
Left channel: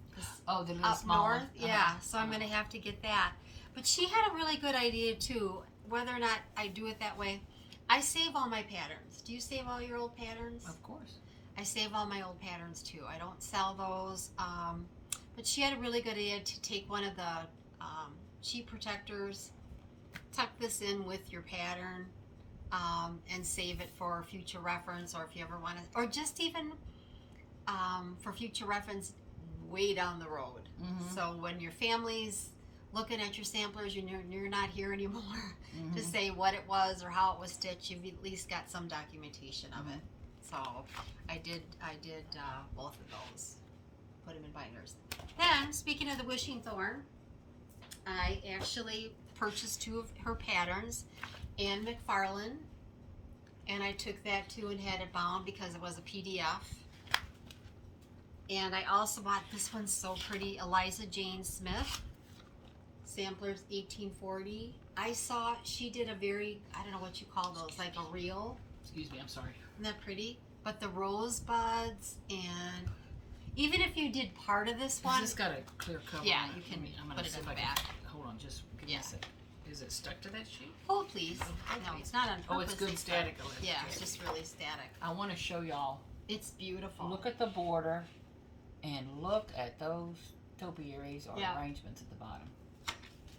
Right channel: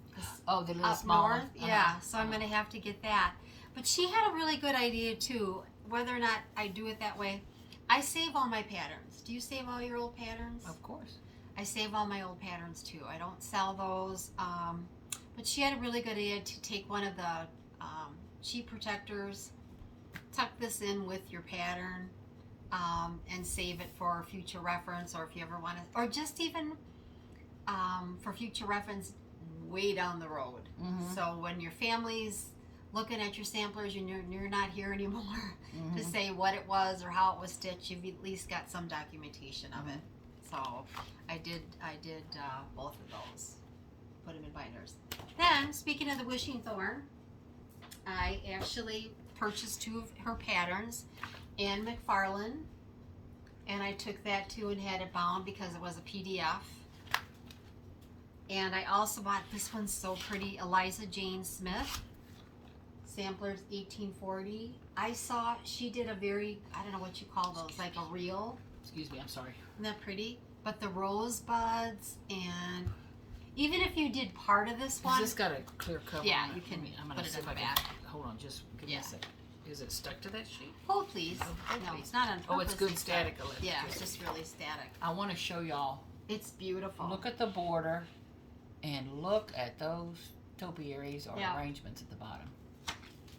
the little up small north. one. Yeah, so I'm going to have to get that. But she had a really good idea too, whether or not I do it that way. I save all my patterns. Do you save all your old patterns? Of course. I save all my old patterns too. I don't sell those. But she had a really good idea to take one of the sheet protectors, tuck this in with your pattern, and save it for future reference, or if you ever want to, or just even for future reference way down the road. So when your family's looking at your samplers and you're not here anymore to say what it was or how it was stitched, you've at least got some documentation of it. So I did both of those, put them in binders. Then, speaking of the wishing thorn, I actually purchased 2 of her patterns, Anne McFarlane, and I took that too and had it bound because it was a PDF. And I also bought, this one's so pretty, Eliza Jane Smith, Samplers 1840. I saw she did a very, I don't know what you call those, like a reel. Excuse me, I'm sorry. Isn't that pretty? But the rosebuds, and even if you did part of this one. Has this got a clear cover? Yeah, on you can I'm gonna put it see in if the I can- back. Hold on, just give me a second. Is it stuck to that sheet? Hold please. Oh, No, it's not on purpose. Oh, it's good static. Yeah, it's just really static. I want to show y'all. It's beautiful. Look at the border, and look at those topiaries or Yeah. arrangements at the bottom.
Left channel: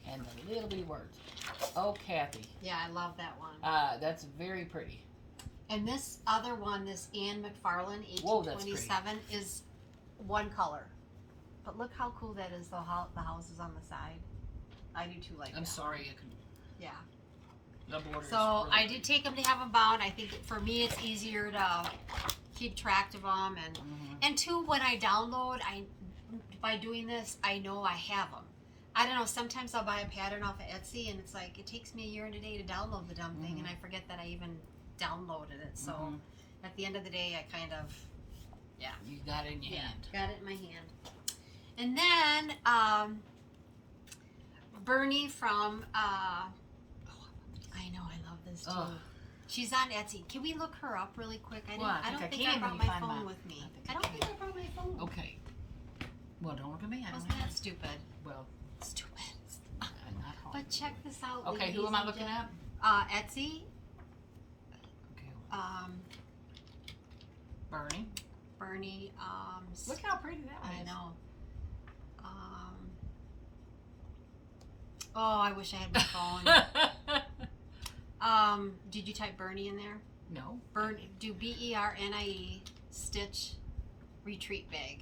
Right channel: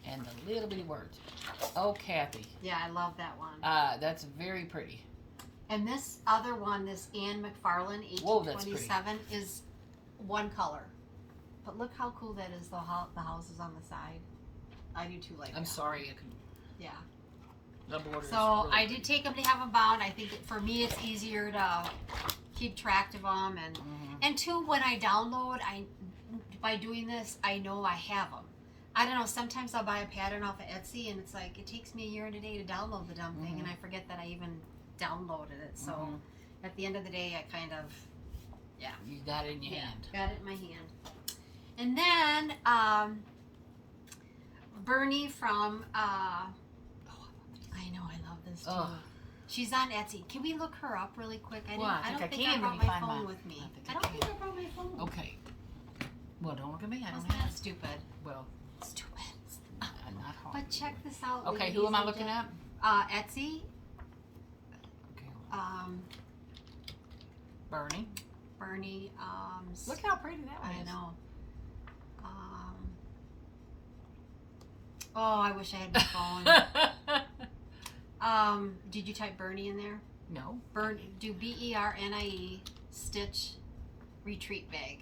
And the little bitty words. Oh, Kathy. Yeah, I love that one. That's very pretty. And this other one, this Anne McFarlane, Whoa, that's 1827, is one color. But look how cool that is, though, how the house is on the side. I do too like that. I'm sorry. I can, Yeah. the border So is really I pretty. did take them to have them bound. I think that for me it's easier to keep track of them. And two, when I download, by doing this, I know I have them. I don't know, sometimes I'll buy a pattern off of Etsy and it's like, it takes me a year and a day to download the dumb thing and I forget that I even downloaded it. So at the end of the day, I kind of, You got it in your hand. got it in my hand. And then Bernie from, I know, I love this too. Oh. She's on Etsy. Can we look her up really quick? I Well, don't I think can I when brought you my find phone mine. with me. I I think don't you think I brought my phone. Okay. Well, don't look at me. I don't Wasn't know. that stupid? Well, Stupid. not hard. But check this out. Okay, ladies who am I and looking at? Etsy. Okay. Bernie. Bernie. Look how pretty that one I is. know. Oh, I wish I had my phone. Did you type Bernie in there? No. Do BERNIE stitch retreat bag.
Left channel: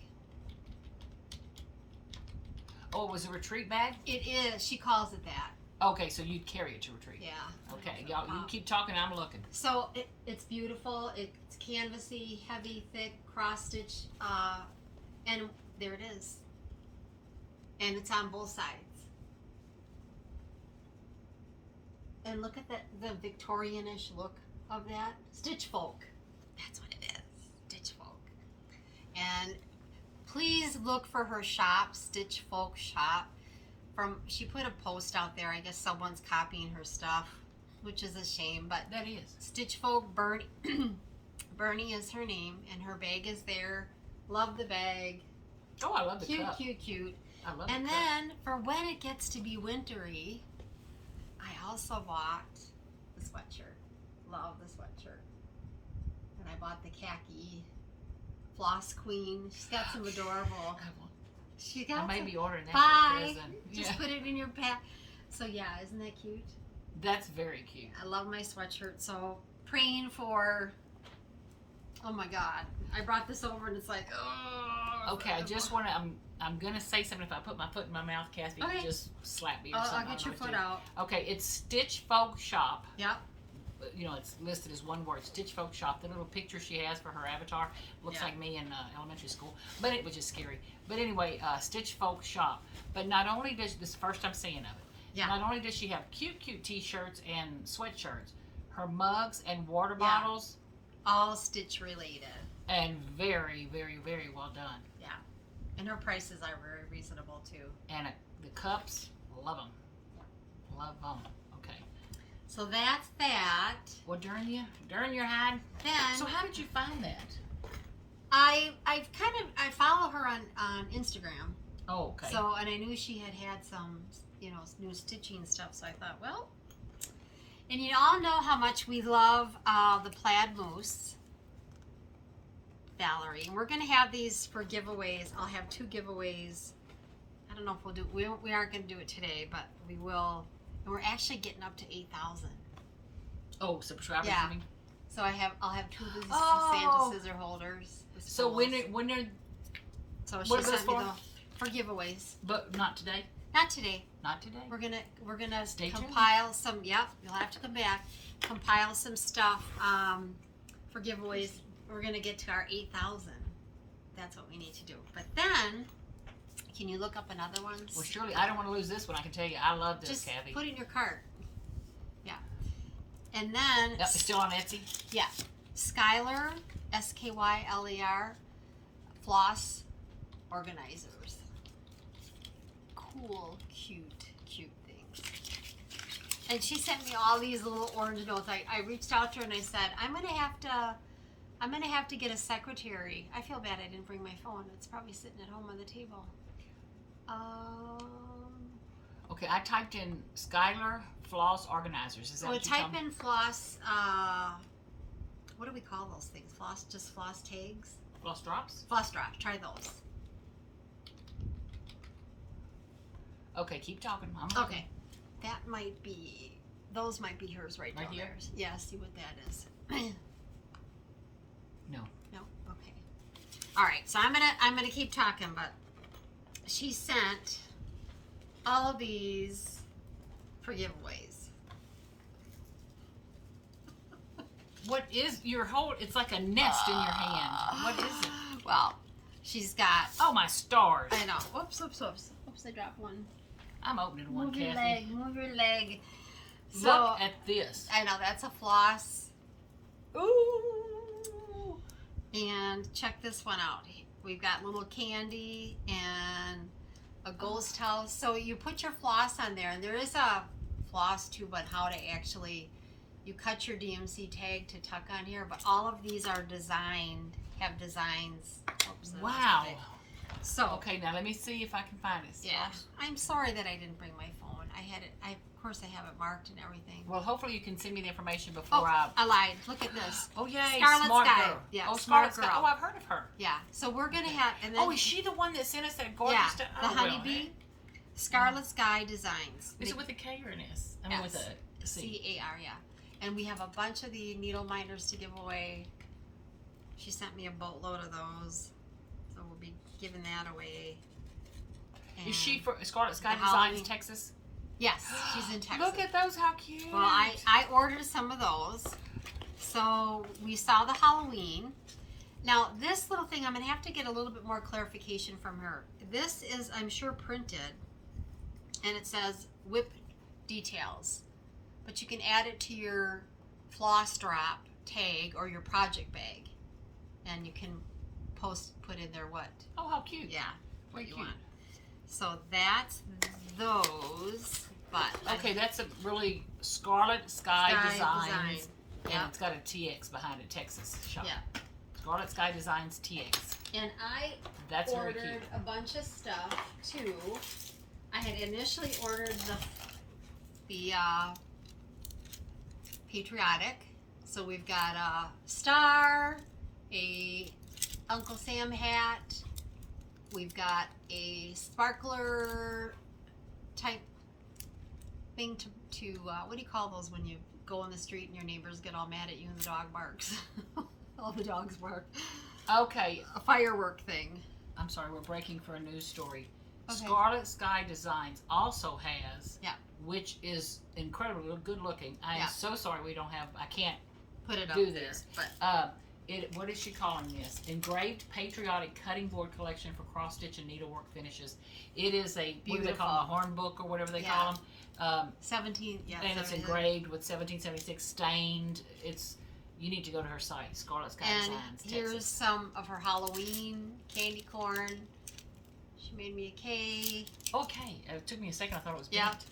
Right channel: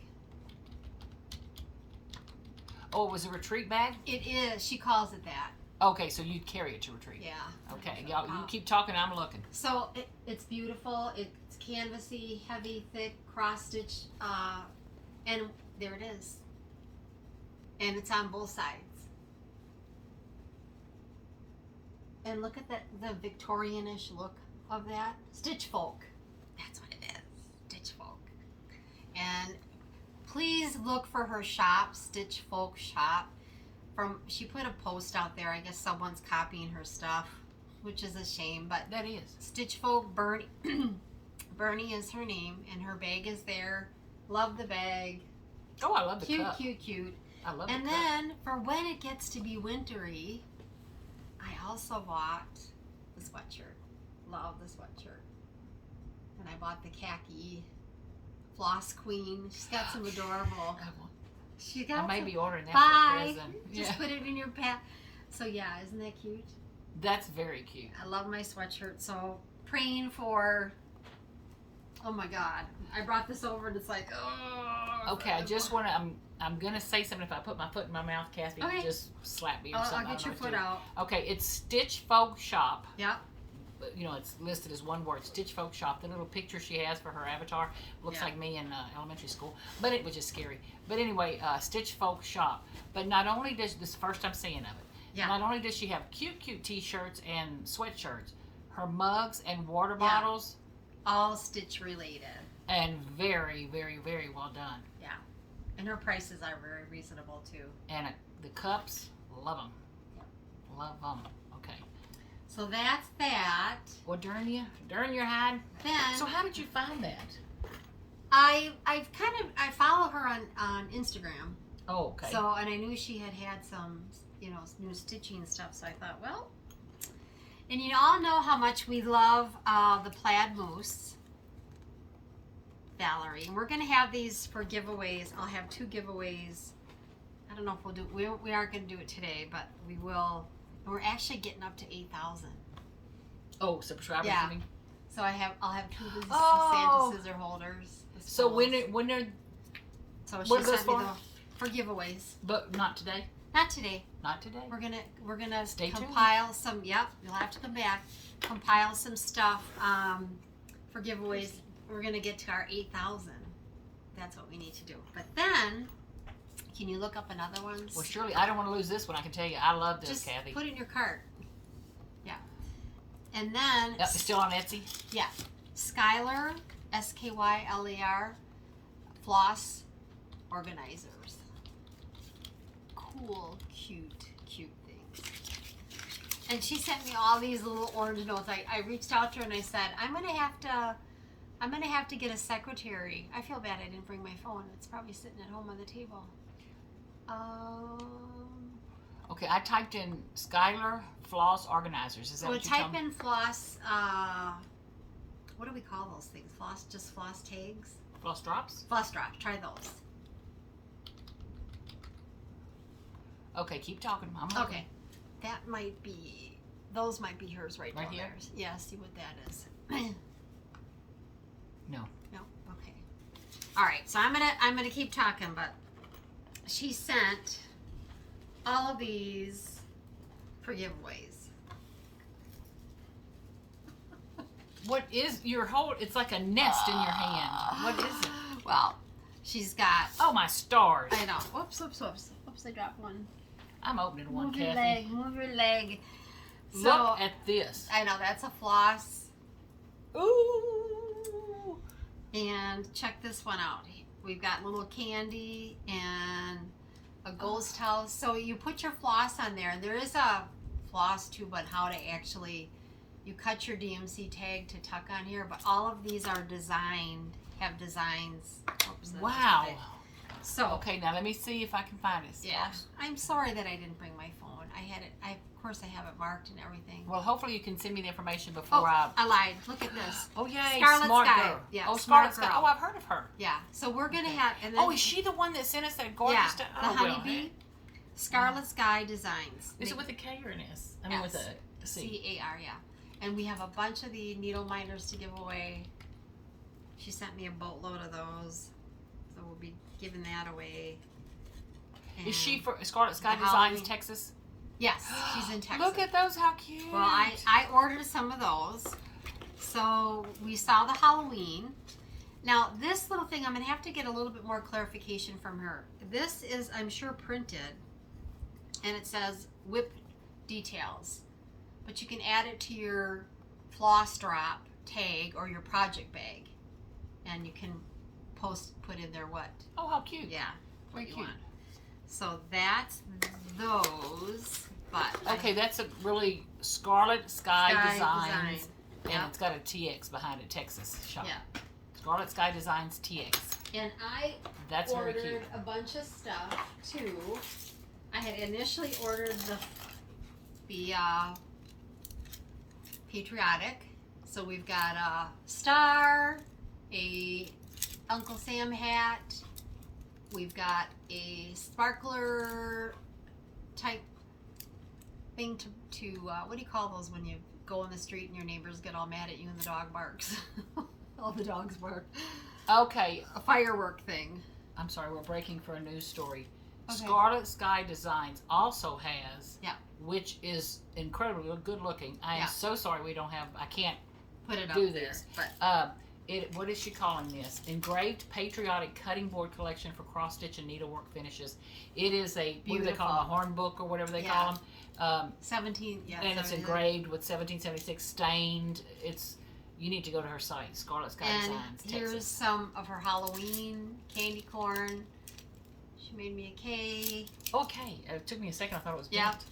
Oh, it was a retreat bag? It is. She calls it that. Okay, so you carry it to retreat. Yeah. Okay, y'all, you keep talking, I'm looking. So it's beautiful. It's canvasy, heavy, thick, cross stitch, and there it is. And it's on both sides. And look at the Victorian-ish look of that. Stitch folk. That's what it is. Stitch folk. And please look for her shop, ScarlettSkyDesignsTX Shop. She put a post out there. I guess someone's copying her stuff, which is a shame. But That is. Stitch Folk Bernie, Bernie is her name, and her bag is there. Love the bag. Oh, I love the Cute, cup. cute, cute. I love And the cup. then for when it gets to be wintry, I also bought the sweatshirt. Love the sweatshirt. And I bought the khaki Floss Queen. She's got some adorable. She got I may some. be ordering that Bye. for a present. Just Yeah. put it in your pack. So yeah, isn't that cute? That's very cute. I love my sweatshirt. So praying for. Oh my God! I brought this over and it's like, oh. Okay, I just want to. I'm gonna say something. If I put my foot in my mouth, Kathy, Okay. just slap me or I'll something. get your foot out. Okay, it's ScarlettSkyDesignsTX Shop. Yep. You know, it's listed as one word, ScarlettSkyDesignsTX Shop. The little picture she has for her avatar looks Yeah. like me in elementary school, but it was just scary. But anyway, ScarlettSkyDesignsTX Shop. But not only does this first I'm seeing of it. Yeah. Not only does she have cute T-shirts and sweatshirts, her mugs and water Yeah. bottles, All stitch related. and very, very, very well done. And her prices are very reasonable too. And the cups, love them. Love them. Okay. So that's that. Well, darn you hide. Then So how did you find that? I follow her on Instagram. Oh, okay. So and I knew she had some new stitching stuff. So I thought, well, and you all know how much we love the plaid moose. Valerie, and we're gonna have these for giveaways. I'll have 2 giveaways. I don't know if we'll do. We aren't gonna do it today, but we will. And we're actually getting up to 8,000. Oh, subscribers. Yeah. You mean? So I'll have 2 of these Oh. Santa scissor holders. the So spools. when they're so she what are those sent me for? for giveaways. But not today. Not today. Not today. We're gonna Stay tuned. compile some. Yep, you'll have to come back. Compile some stuff for giveaways. We're gonna get to our 8,000. That's what we need to do. But then, can you look up another one? Well, surely I don't want to lose this one. I can tell you, I love this, Just Kathy. put it in your cart. Yeah. And then Yep, it's still on Etsy. Skylar, SKYLER, floss organizers. Cool, cute things. And she sent me all these little orange notes. I reached out to her and I said, I'm gonna have to get a secretary. I feel bad I didn't bring my phone. It's probably sitting at home on the table. Okay, I typed in Skylar Floss Organizers. Is that So what you type in floss. What do we call those things? Floss tags. Floss drops? Floss drops. Try those. Okay, keep talking, Mom. Okay, that might be, those might be hers right down here? there. Yeah, see what that is. No. No? Okay. All right, so I'm gonna keep talking, but she sent all of these for giveaways. What is your whole? It's like a nest in your hand. What is it? Well, she's got. Oh my stars! I know. Whoops, whoops, whoops. Oops, I dropped one. I'm opening one, Move your Kathy. leg. Move your leg. So, Look at this. I know that's a floss. Ooh. And check this one out. We've got little candy and a ghost house. So you put your floss on there, and there is a floss tube on how to actually, you cut your DMC tag to tuck on here, but all of these are designed, have designs. Oops, that Wow. was big. So, Okay, now let me see if I can find it. yeah, I'm sorry that I didn't bring my phone. I had it, of course I have it marked and everything. Well, hopefully you can send me the information before Oh, I lied. Look at this. Oh, yay, Scarlet smart Sky. girl. Yeah, oh, smart Scarlet Sky. girl. Oh, I've heard of her. Yeah, so we're going to Okay. have, and then. Oh, is she the one that sent us that gorgeous Yeah, stuff? the Oh, honeybee. Scarlet Sky Designs. Is it with a K or an S? I mean, with a C. C-A-R, yeah. And we have a bunch of the needle minders to give away. She sent me a boatload of those. So we'll be giving that away. Is she And- for Scarlet Sky the Designs, Halloween- Texas? Yes, she's in Texas. Look at those, how cute. Well, I ordered some of those. So we saw the Halloween. Now, this little thing, I'm going to have to get a little bit more clarification from her. This is, I'm sure, printed. And it says WIP details. But you can add it to your floss drop tag or your project bag. And you can put in there what? Oh, how cute. Yeah, what Very you cute. want. So that's those. But Okay, that's a really Scarlet Sky Designs. And Yeah. it's got a TX behind it, Texas shop. Yeah. Scarlet Sky Designs TX. And I That's very ordered cute. a bunch of stuff too. I had initially ordered the patriotic. So we've got a star, a Uncle Sam hat. We've got a sparkler type thing to what do you call those when you go in the street and your neighbors get all mad at you and the dog barks? All the dogs bark. Okay, A firework thing. I'm sorry, we're breaking for a news story. Okay. Scarlet Sky Designs also has, Yeah. which is incredibly good looking. I am Yeah. so sorry we don't have, I can't Put it up do there. this. But What is she calling this? Engraved Patriotic Cutting Board Collection for Cross Stitch and Needlework Finishes. It is a, what do they call them, a horn book or whatever they call them. 17, yeah. And it's 17. engraved with 1776 stained. It's, you need to go to her site, Scarlet Sky And Designs, here's Texas. some of her Halloween candy corn. She made me a cake Okay, it took me a second. I thought it was Yeah. bent.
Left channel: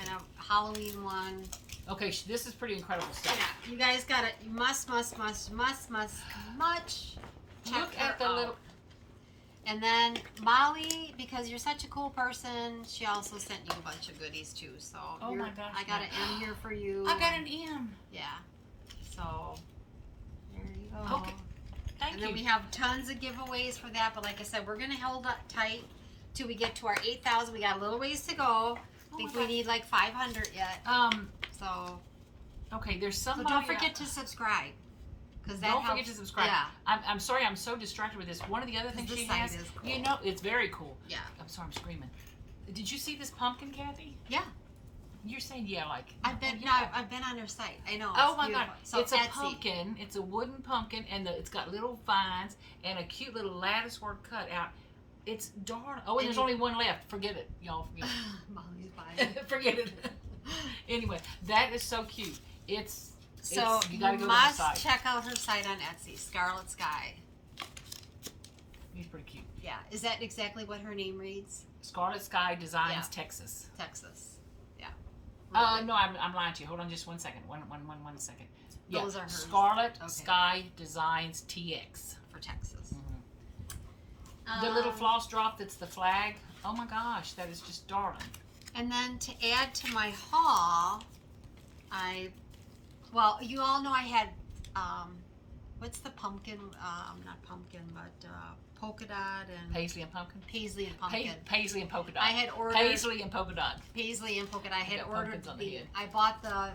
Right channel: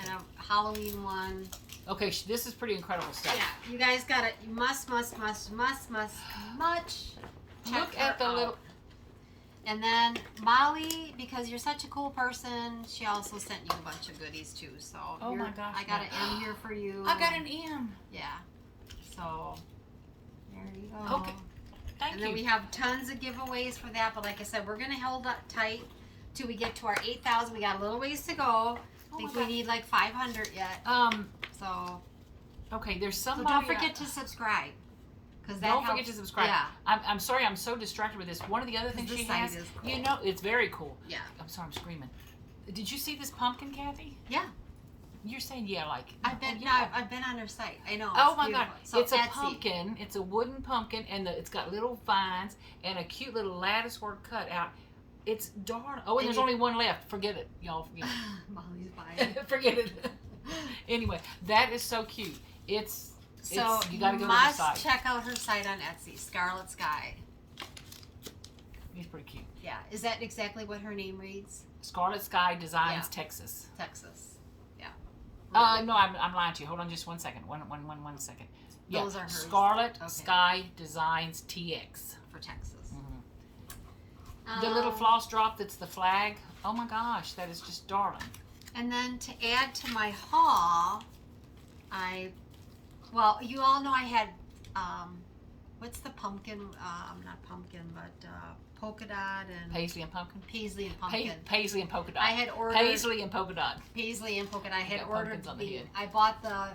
and a Halloween one. Okay, this is pretty incredible stuff. Yeah, you guys got it. You must much check Look her at the out. little. And then Molly, because you're such a cool person, she also sent you a bunch of goodies too. So Oh my gosh, I got no. an M here for you. I got an M. Yeah. So there you go. Okay, thank And then you. we have tons of giveaways for that. But like I said, we're gonna hold up tight till we get to our 8,000. We got a little ways to go. I Oh think my we God. need like 500 yet. So Okay, there's so somebody. don't forget to subscribe. Because that Don't helps. forget to subscribe. Yeah. I'm sorry, I'm so distracted with this. One of the other things This she site has, is cool. you know, it's very cool. Yeah. I'm sorry, I'm screaming. Did you see this pumpkin, Kathy? Yeah. You're saying yeah, like. I've been oh, no, yeah. I've been on her site. I know. Oh it's my God! beautiful. So It's a Etsy. pumpkin. It's a wooden pumpkin, and it's got little vines and a cute little lattice work cut out. It's darn. Oh, and And there's you- only one left. Forget it, y'all. Forget Molly's buying. it. Forget it. Anyway, that is so cute. So you you gotta go to her must site. check out her site on Etsy, Scarlet Sky. It's pretty cute. Yeah. Is that exactly what her name reads? Scarlet Sky Designs, Yeah. Texas. Texas. Yeah. No, I'm lying to you. Hold on just one second. One second. Yeah. Those are hers. Scarlet Okay. Sky Designs TX. For Texas. The little floss drop that's the flag. Oh my gosh, that is just darling. And then to add to my haul, well, you all know I had, what's the pumpkin, not pumpkin, but polka dot and Paisley and pumpkin. paisley and pumpkin. Paisley and polka dot. I had ordered Paisley and polka dot. paisley and polka dot. I had got ordered pumpkins on the head. I bought the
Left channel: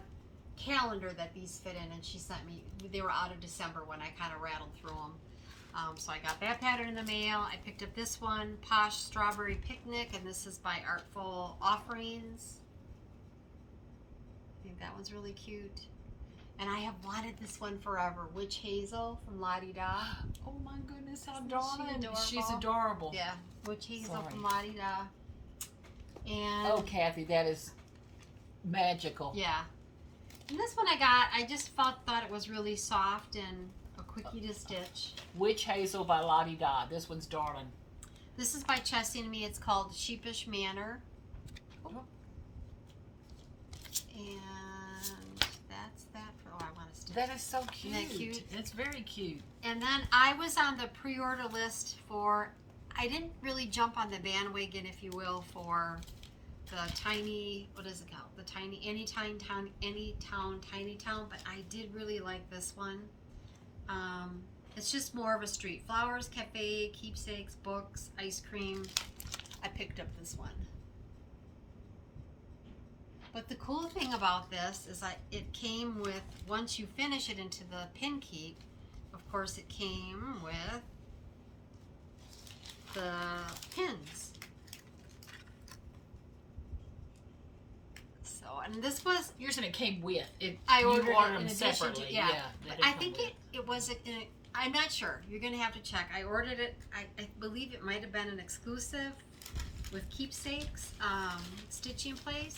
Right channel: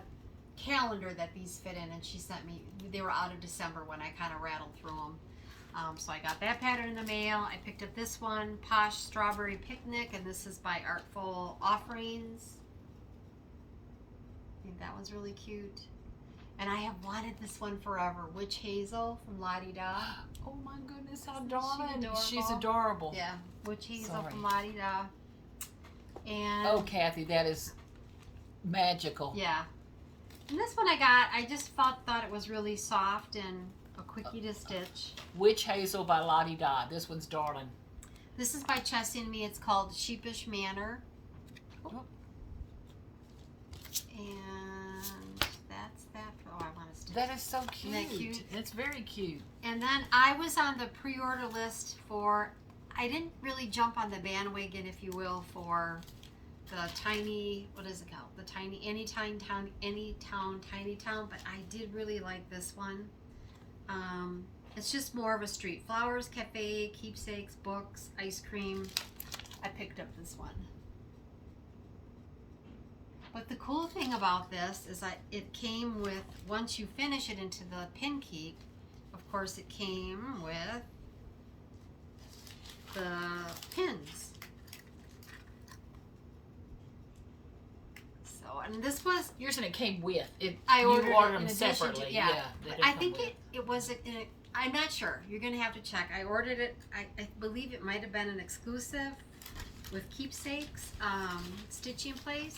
calendar that these fit in, and she sent me. They were out of December when I kind of rattled through them. So I got that pattern in the mail. I picked up this one, Posh Strawberry Picnic, and this is by Artful Offerings. I think that one's really cute. And I have wanted this one forever, Witch Hazel from Lottie Da. Oh my goodness, how Isn't she darling. adorable? She's adorable. Yeah, Witch Hazel Sorry. from Lottie Da. And Oh, Kathy, that is magical. yeah. And this one I just thought it was really soft and a quickie to stitch. Witch Hazel by Lottie Da. This one's darling. This is by Chessie and Me. It's called Sheepish Manor. Oh. And that's that. Oh, I want to stitch. That is so cute. Isn't that cute? It's very cute. And then I was on the pre-order list for, I didn't really jump on the bandwagon, if you will, for the tiny, what is it called? The tiny, Anytown, Tiny Town, but I did really like this one. It's just more of a street. Flowers, cafe, keepsakes, books, ice cream. I picked up this one. But the cool thing about this is that it came with, once you finish it into the pin keep, of course it came with the pins. So, and this was, Yours and it came with it. I you ordered ordered it in them addition to- separately. yeah. they did I come think with it was, I'm not sure. You're going to have to check. I ordered it, I believe it might have been an exclusive with keepsakes, stitching place.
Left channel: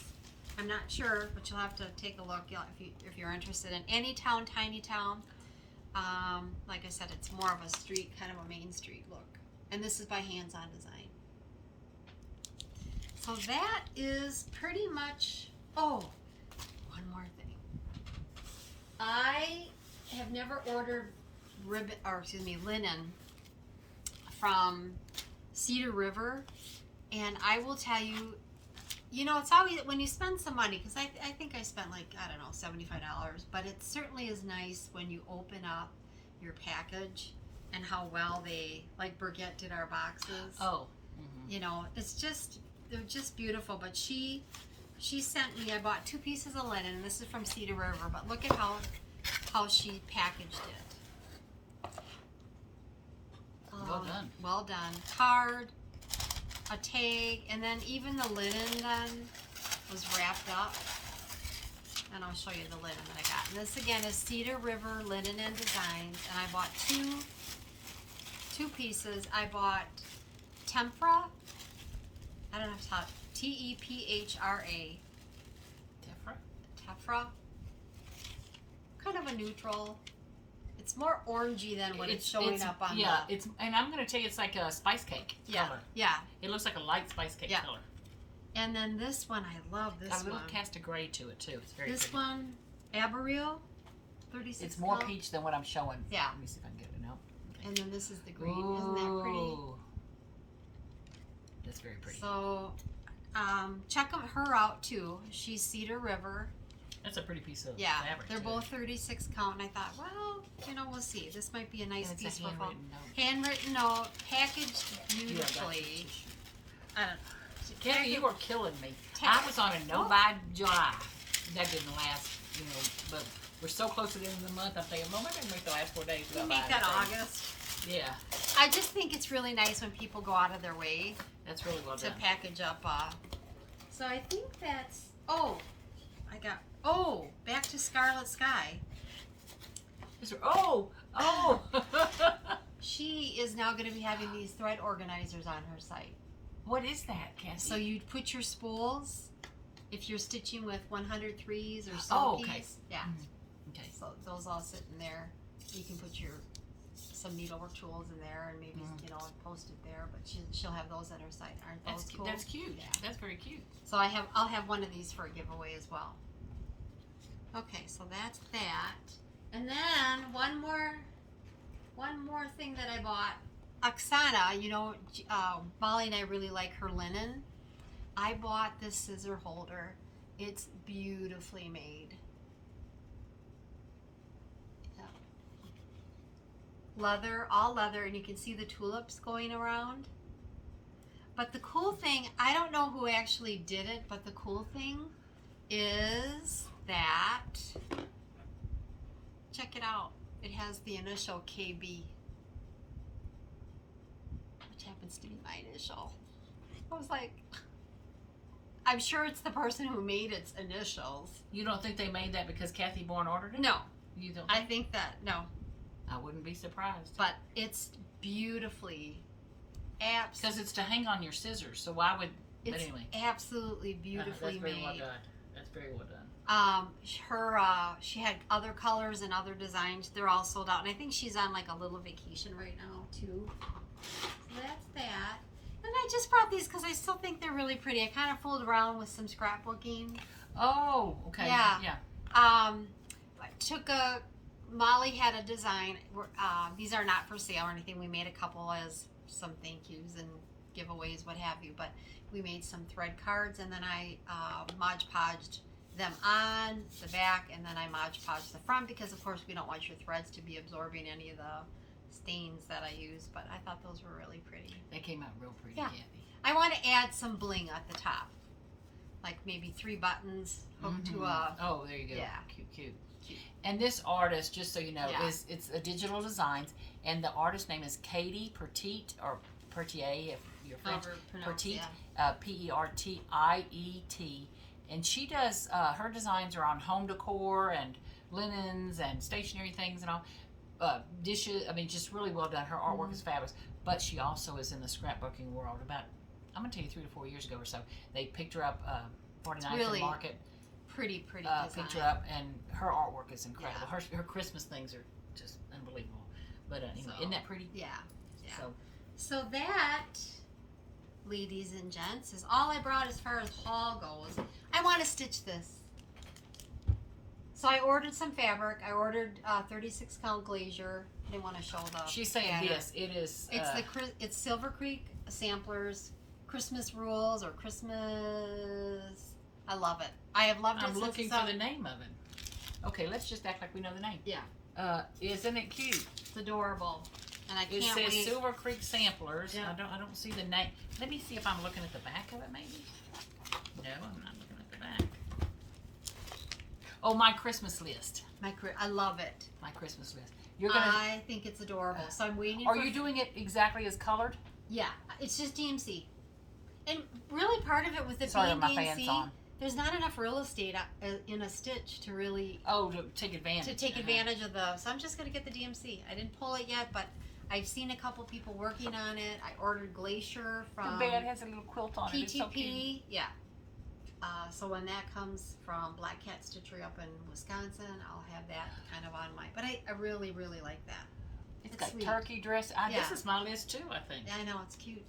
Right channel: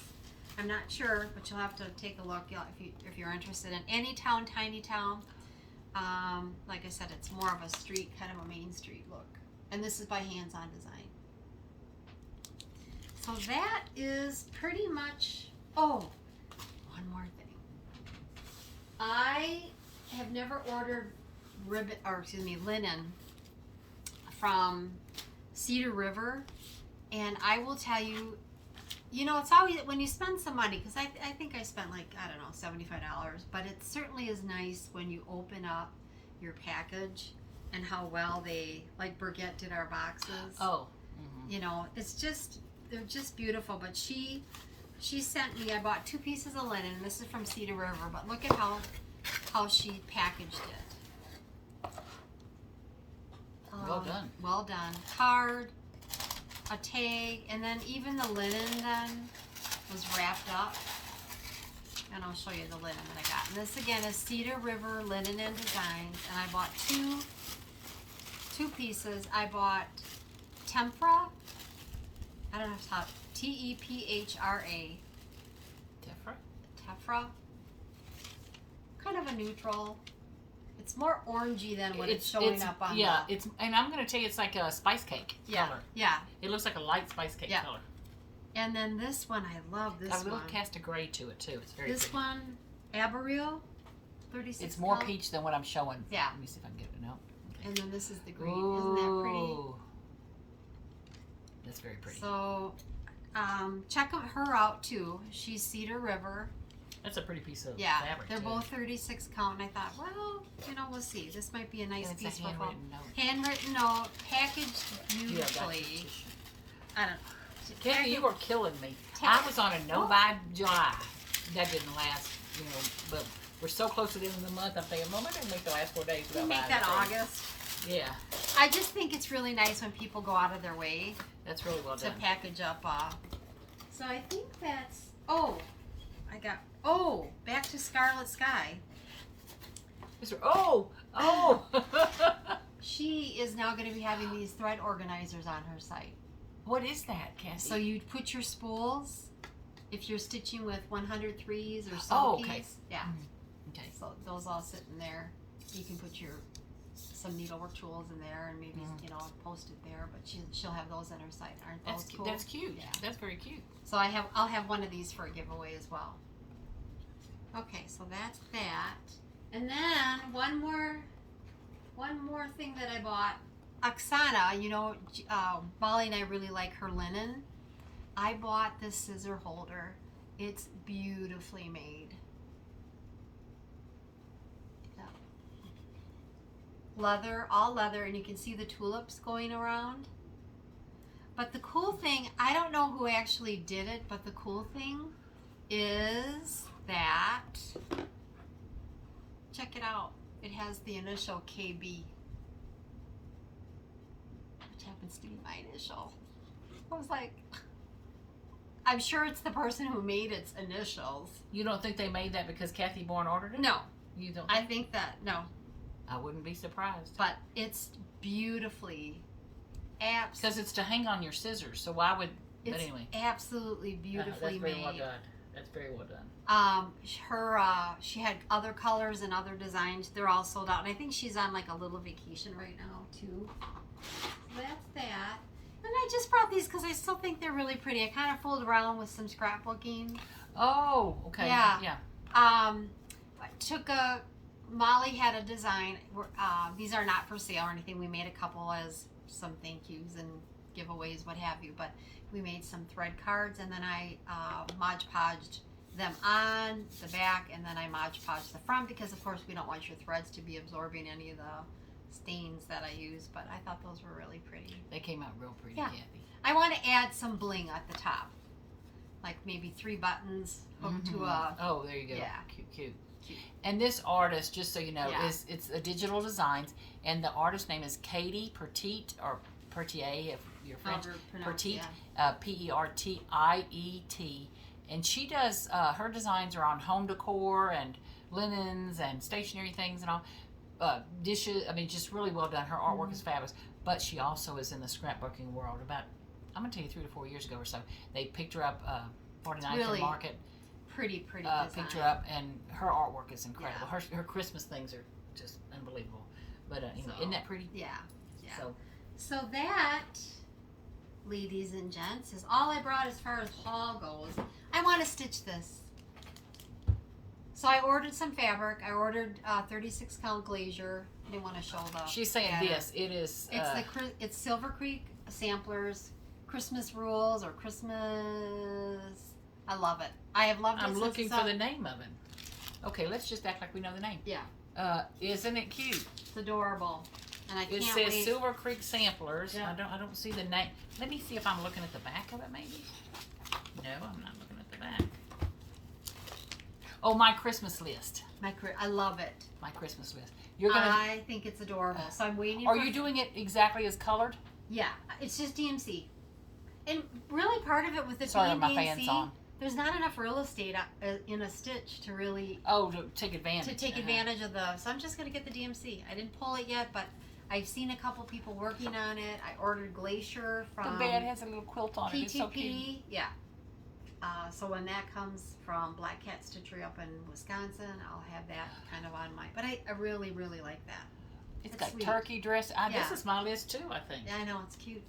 I'm not sure, but you'll have to take a look if you're interested in Anytown, Tiny Town. Like I said, it's more of a street, kind of a main street look. And this is by Hands On Design. So that is pretty much, oh, one more thing. I have never ordered linen from Cedar River, and I will tell you, you know, it's always when you spend some money, because I think I spent like, I don't know, $75, but it certainly is nice when you open up your package and how well they, like Burgette did our boxes. Oh. You know, it's just, they're just beautiful. But she sent me, I bought 2 pieces of linen, and this is from Cedar River, but look at how she packaged it. Well done. Well done. Card, a tag, and then even the linen then was wrapped up. And I'll show you the linen that I got. And this again is Cedar River Linen and Designs, and I bought two pieces. I bought Tempra. I don't know how to T-E-P-H-R-A. Tefra. Kind of a neutral. It's more orangey than what it's showing up on. Yeah, and I'm gonna tell you, it's like a spice cake color. Yeah. It looks like a light spice cake color. And then this one, I love this Got a little one. cast of gray to it too. It's very This pretty. one, Aberreel, 36. It's more count. peach than what I'm showing. Yeah. Let me see if I can get it. No. Okay. And then this is the green. Isn't that pretty? Ooh. That's very pretty. So, check her out too. She's Cedar River. That's a pretty piece of fabric. They're too. both 36 count, and I thought, well, you know, we'll see. This might be a nice And it's piece a for fall. handwritten note. Handwritten note, packaged beautifully. I don't know. Kathy, you were killing me. I was on a no buy July. That didn't last, you know, but we're so close to the end of the month. I'm thinking, well, maybe I can make the last 4 days We'll without make buying that anything. August. Yeah, I just think it's really nice when people go out of their way that's really well to done. package up. So I think that's, back to Scarlet Sky. Oh! She is now going to be having these thread organizers on her site. What is that, Kathy? So you put your spools, if you're stitching with 103s or so okay. Yeah. Okay. So those all sit in there. You can put some needlework tools in there and maybe, you know, post it there, but she'll have those on her site. Aren't those cool? That's cute. Yeah. That's very cute. So I'll have one of these for a giveaway as well. Okay, so that's that. And then one more thing that I bought. Oksana, you know, Molly and I really like her linen. I bought this scissor holder. It's beautifully made. Yeah. leather, all leather, and you can see the tulips going around. But the cool thing, I don't know who actually did it, but the cool thing is that, check it out, it has the initial KB, which happens to be my initial. I was like, I'm sure it's the person who made its initials. You don't think they made that because Kathy Bourne ordered it? No. You don't? I think that, no. I wouldn't be surprised. But it's beautifully, because it's to hang on your scissors, so why would, it's but anyway. absolutely beautifully that's very made. well done. That's very well done. She had other colors and other designs. They're all sold out. And I think she's on like a little vacation right now too. So that's that. And I just brought these because I still think they're really pretty. I kind of fooled around with some scrapbooking. Oh, okay. Yeah. Yeah. I took Molly had a design. These are not for sale or anything. We made a couple as some thank yous and giveaways, what have you. But we made some thread cards, and then I Mod Podged them on the back, and then I Mod Podged the front because, of course, we don't want your threads to be absorbing any of the stains that I use. But I thought those were really pretty. They came out real pretty, Yeah. Kathy. I want to add some bling at the top, like maybe 3 buttons hooked to a. Oh, there you go. Yeah. Cute. And this artist, just so you know, Yeah. it's a digital designs, and the artist name is Katie Pertiet, or Pertier if you're French. Pertiet, Pertiet, and she does her designs are on home decor and linens and stationery things and all, dishes. I mean, just really well done. Her artwork is fabulous. But she also is in the scrapbooking world. About, I'm gonna tell you, 3 to 4 years ago or so, they picked her up 49th really and Market. Pretty design. Picked her up, and her artwork is incredible. Yeah. Her Christmas things are just unbelievable. But anyway, isn't that pretty? Yeah. So that, ladies and gents, is all I brought as far as haul goes. I want to stitch this. So I ordered some fabric. I ordered 36 count glazier. I didn't want to show the. She's saying pattern. this. It is. It's Silver Creek Samplers Christmas Rules or Christmas. I love it. I have loved it. I'm since looking it's for up. the name of it. Okay, let's just act like we know the name. Yeah. Isn't it cute? It's adorable. And I It can't says wait. Silver Creek Samplers. Yeah. I don't see the name. Let me see if I'm looking at the back of it, maybe. No, I'm not looking at the back. Oh, my Christmas list. I love it. My Christmas list. You're gonna. I think it's adorable. So I'm waiting. Are you doing it exactly as colored? Yeah, it's just DMC. And really, part of it with the Sorry, being my fan's DMC, on. there's not enough real estate in a stitch to really To take advantage. advantage of the. So I'm just gonna get the DMC. I didn't pull it yet, but I've seen a couple people working on it. I ordered Glacier from The bed has a little quilt on it. PTP. It's so cute. Yeah. So when that comes from Black Cat Stitchery up in Wisconsin, I'll have that kind of on my. But I really like that. It's It's got sweet. turkey dress. Yeah. This is my list too, I think. Yeah, I know it's cute.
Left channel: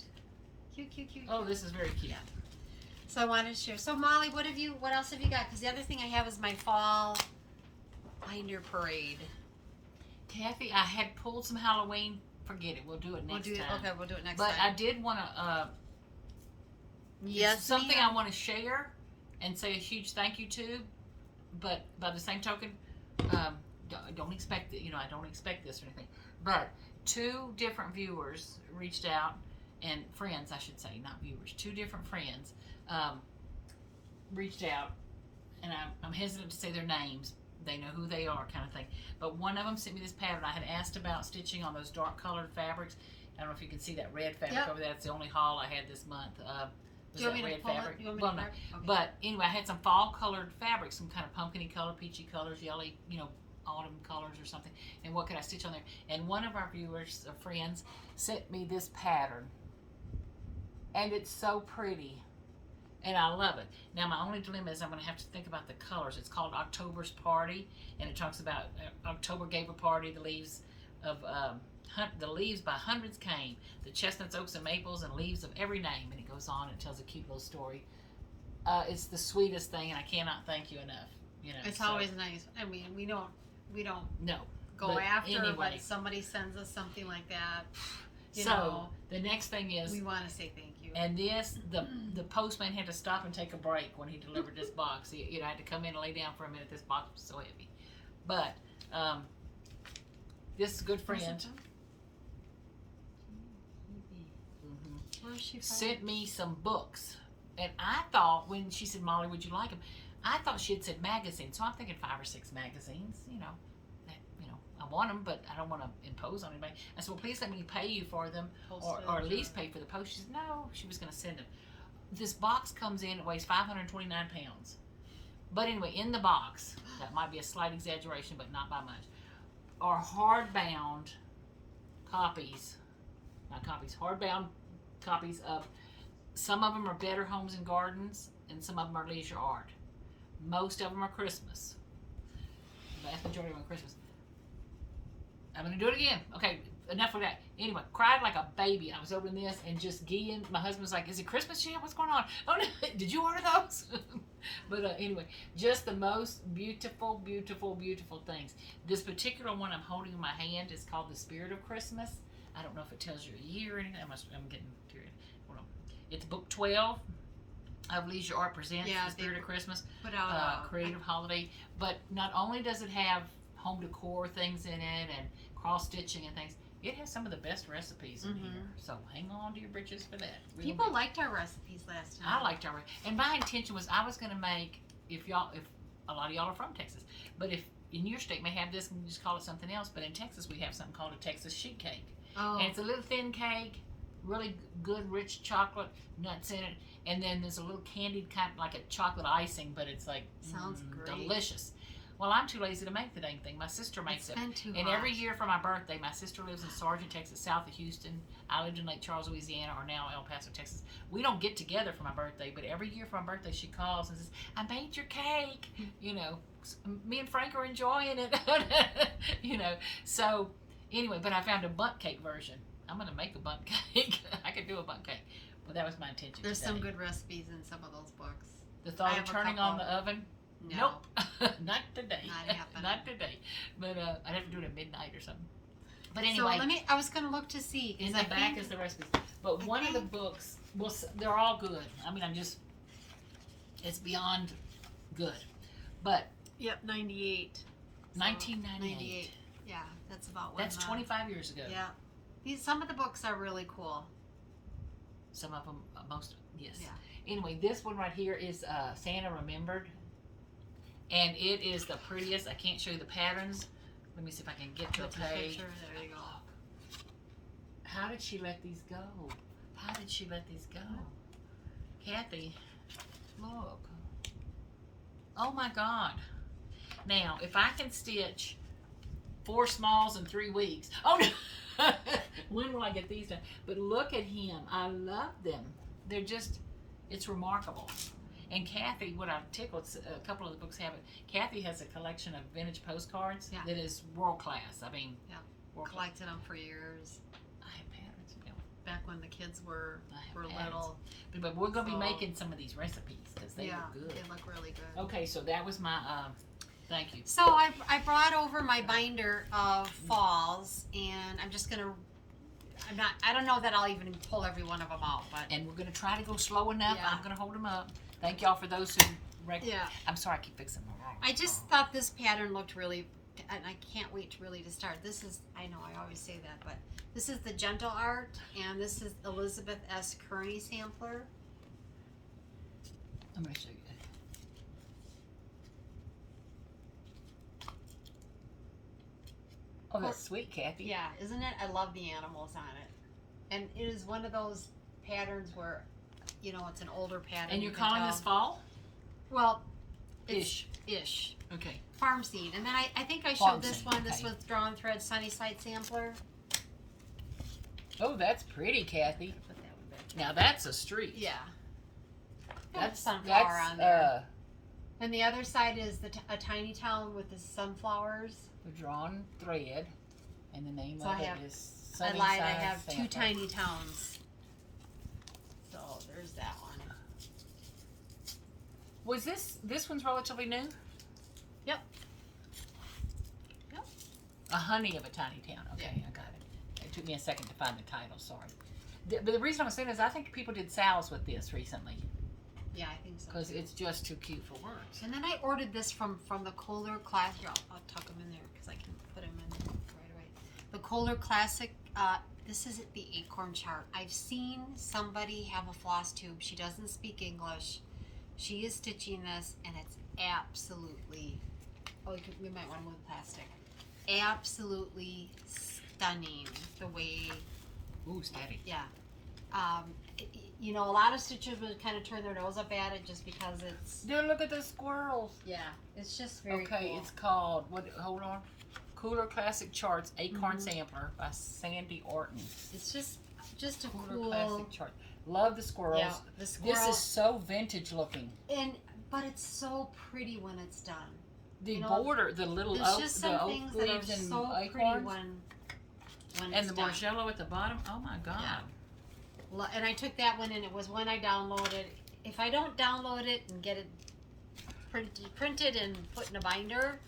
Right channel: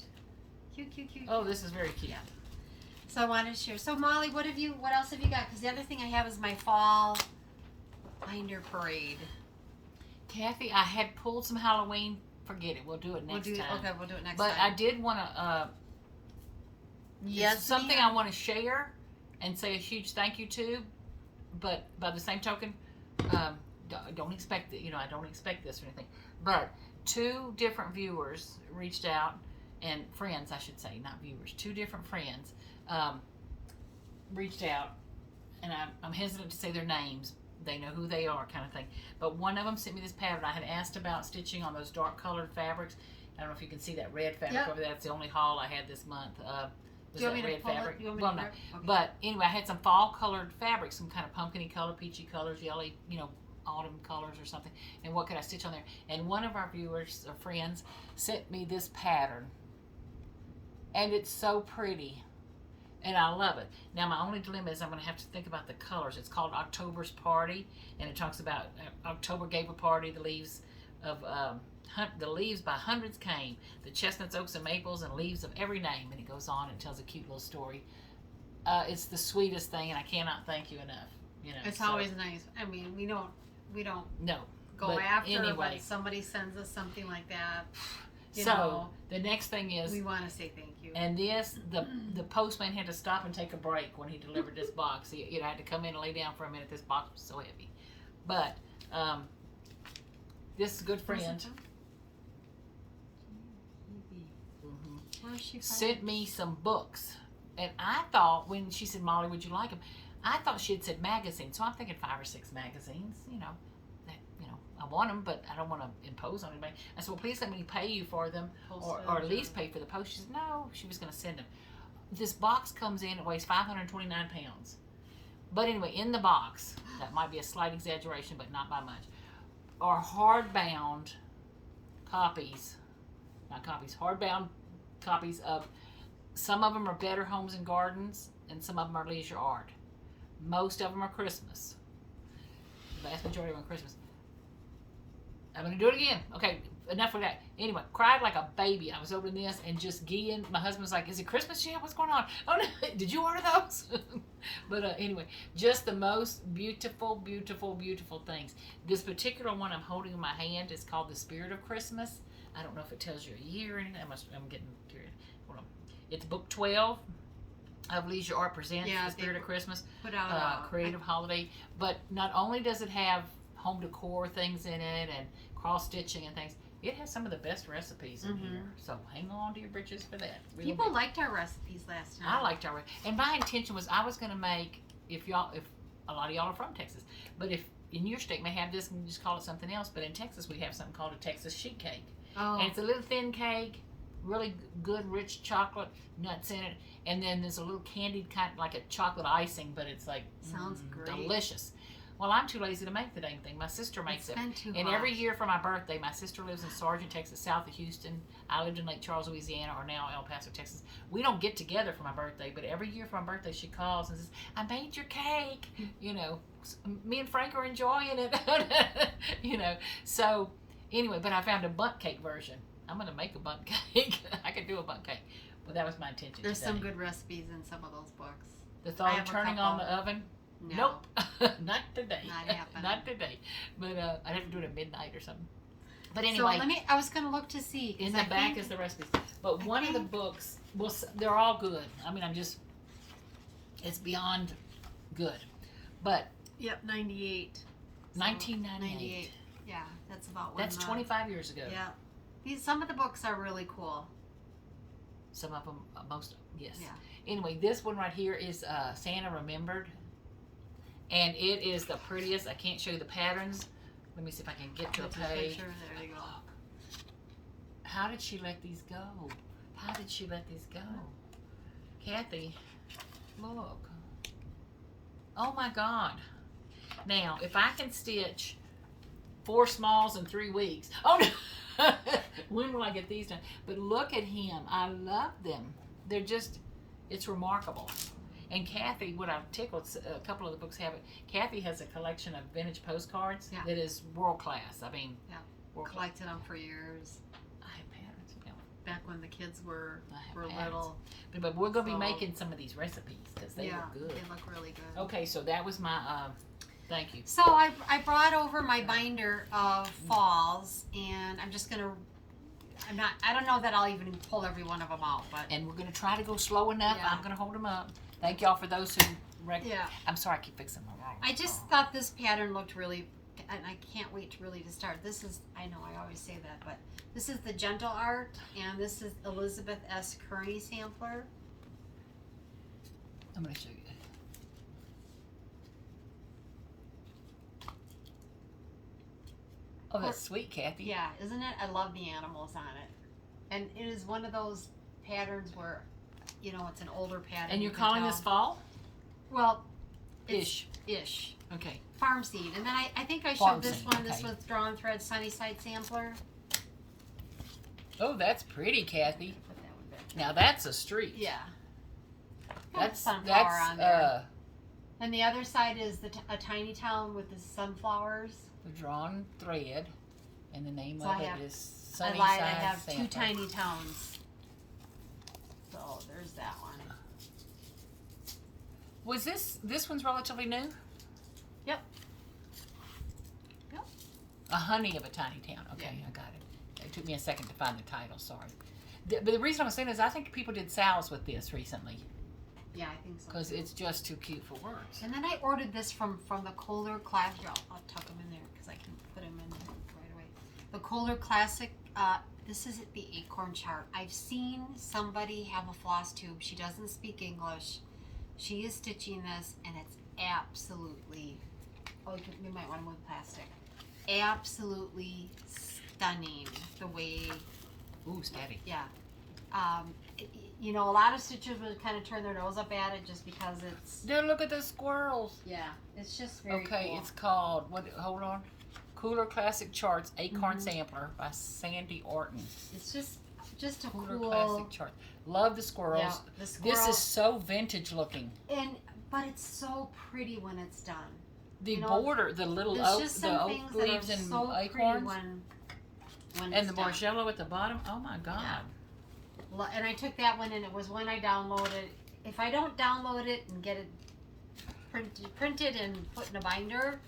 Cute. Oh, this is very cute. Yeah. So I wanted to share. So Molly, what else have you got? Because the other thing I have is my fall binder parade. Kathy, I had pulled some Halloween. Forget it. We'll do it next time. Okay, we'll do it next But time. I did want to. Yes, something I want to share and say a huge thank you to. But by the same token, don't expect that. I don't expect this or anything. But 2 different viewers reached out, and friends, I should say, not viewers. 2 different friends reached out, and I'm hesitant to say their names. They know who they are, kind of thing. But one of them sent me this pattern. I had asked about stitching on those dark colored fabrics. I don't know if you can see that red fabric over there. That's the only haul I had this month. Do you want me to pull it? Well, no. Okay. But anyway, I had some fall colored fabric, some kind of pumpkin-y color, peachy colors, yellow, autumn colors or something. And what could I stitch on there? And one of our viewers, or friends, sent me this pattern. And it's so pretty. And I love it. Now, my only dilemma is I'm going to have to think about the colors. It's called October's Party, and it talks about October gave a party. The leaves by hundreds came. The chestnuts, oaks, and maples, and leaves of every name. And it goes on and tells a cute little story. It's the sweetest thing, and I cannot thank you enough. It's always nice. I mean, we don't no go but after anyway. when somebody sends us something like that. The next thing is we want to say thank you. And the postman had to stop and take a break when he delivered this box. He had to come in and lay down for a minute. This box was so heavy. But this is a good friend. Where is she from? sent me some books. And I thought, when she said, Molly, would you like them? I thought she had said magazines. So I'm thinking 5 or 6 magazines, I want them, but I don't want to impose on anybody. I said, well, please let me pay you for them, or at least pay for the post. She said, no, she was going to send them. This box comes in, it weighs 529 pounds. But anyway, in the box, that might be a slight exaggeration, but not by much, are hardbound copies, hardbound copies of, some of them are Better Homes and Gardens, and some of them are Leisure Art. Most of them are Christmas. The vast majority of them are Christmas. I'm going to do it again. Okay, enough of that. Anyway, cried like a baby. I was opening this and just geeing. My husband was like, is it Christmas yet? What's going on? Oh, no. Did you order those? But anyway, just the most beautiful, beautiful, beautiful things. This particular one I'm holding in my hand is called The Spirit of Christmas. I don't know if it tells you a year or anything. I'm getting curious. Hold on. It's book 12 of Leisure Art Presents The Spirit of Christmas. Put out creative holiday. But not only does it have home decor things in it and cross stitching and things, it has some of the best recipes in here. So hang on to your britches for that. People liked our recipes last time. I liked our, and my intention was I was going to make, if a lot of y'all are from Texas, but if in your state may have this and just call it something else, but in Texas we have something called a Texas sheet cake. Oh. And it's a little thin cake, really good rich chocolate nuts in it, and then there's a little candied kind of like a chocolate icing, but it's like sounds great, delicious. Well, I'm too lazy to make the dang thing. My sister makes it. And every year for my birthday, my sister lives in Sargent, Texas, south of Houston. I lived in Lake Charles, Louisiana, or now El Paso, Texas. We don't get together for my birthday, but every year for my birthday, she calls and says, I made your cake. Me and Frank are enjoying it. So anyway, but I found a bundt cake version. I'm going to make a bundt cake. I could do a bundt cake. But that was my intention. There's some good recipes in some of those books. The thought of turning on the oven? No. Nope. Not today. Not happening. Not today. But I'd have to do it at midnight or something. But anyway. So I was going to look to see. In the back is the recipes. But one of the books, well, they're all good. I mean, it's beyond good. But. Yep, 98. 1998. Yeah, that's about when. That's 25 years ago. Yeah. Some of the books are really cool. Some of them, most, yes. Yeah. Anyway, this one right here is Santa Remembered. And it is the prettiest. I can't show you the patterns. Let me see if I can get to a page. There you go. How did she let these go? How did she let these go? Kathy, look. Oh my God. Now, if I can stitch 4 smalls in 3 weeks. Oh no. When will I get these done? But look at him. I love them. They're just, it's remarkable. And Kathy, what I'm tickled, a couple of the books have it. Kathy has a collection of vintage postcards that is world class. I mean, collected them for years. I have patterns. Back when the kids were little. But we're going to be making some of these recipes because they look good. They look really good. Okay, so that was my, thank you. So I brought over my binder of falls, and I'm just going to, I don't know that I'll even pull every one of them out. And we're going to try to go slow enough. I'm going to hold them up. Thank y'all for those who I'm sorry, I keep fixing them wrong. I just thought this pattern looked really, and I can't wait really to start. This is, I know I always say that, but this is the Gentle Art, and this is Elizabeth S. Kearney sampler. I'm going to show you. Oh, that's sweet, Kathy. Yeah, isn't it? I love the animals on it. And it is one of those patterns where, it's an older pattern. And you're calling this fall? Well, Ish. Okay. Farm Seed. And then I think I Farm showed this Seed, one. This was Drawn Thread Sunnyside sampler. Oh, that's pretty, Kathy. Put that one back. Now that's a street. Yeah. That's sunflower on there. And the other side is a tiny town with the sunflowers. The Drawn Thread, and the name So of it is Sunnyside. I have Sampler. 2 tiny towns. So there's that one. Was this one's relatively new? Yep. A Honey of a Tiny Town. Okay, I got it. It took me a second to find the title. Sorry. But the reason I was saying is I think people did sales with this recently. Yeah, I think so. Because it's just too cute for words. And then I ordered this from the Kohler Classic. I'll tuck them in there because I can put them in right away. The Kohler Classic. This is the Acorn chart. I've seen somebody have a floss tube. She doesn't speak English. She is stitching this, and it's absolutely, we might want to move plastic. Absolutely stunning the way. Ooh, steady. Yeah. You know, a lot of stitchers would kind of turn their nose up at it just because it's. There, look at the squirrels. Yeah, it's just very Okay, cool. it's called, hold on. Cooler Classic Charts, Acorn Sampler by Sandy Orton. It's just a Cooler cool. Classic Chart. Love the squirrels. Yeah, the squirrel. This is so vintage looking. But it's so pretty when it's done. The You know, border, the little There's oak, just the some oak things that are leaves and so pretty acorns, when and it's the done. marshmallow at the bottom. Oh my God! And I took that one, and it was when I downloaded. If I don't download it and get it printed and put in a binder,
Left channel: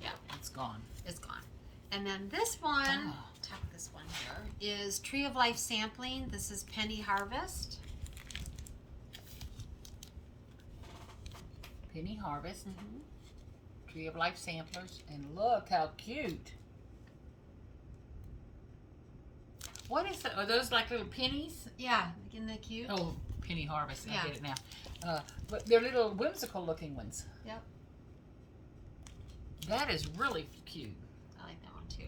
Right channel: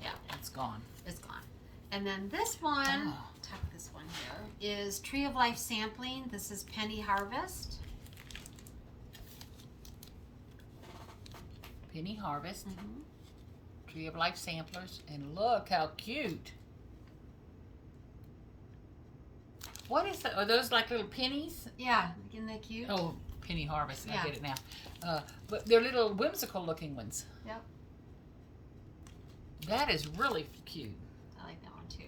yeah, It's gone. it's gone. And then this one, Oh. tuck this one here, is Tree of Life sampling. This is Penny Harvest. Penny Harvest, Tree of Life samplers, and look how cute. What is that? Are those like little pennies? Yeah, isn't that cute? Oh, Penny Harvest. Yeah. I get it now. But they're little whimsical looking ones. Yep. That is really cute. I like that one too.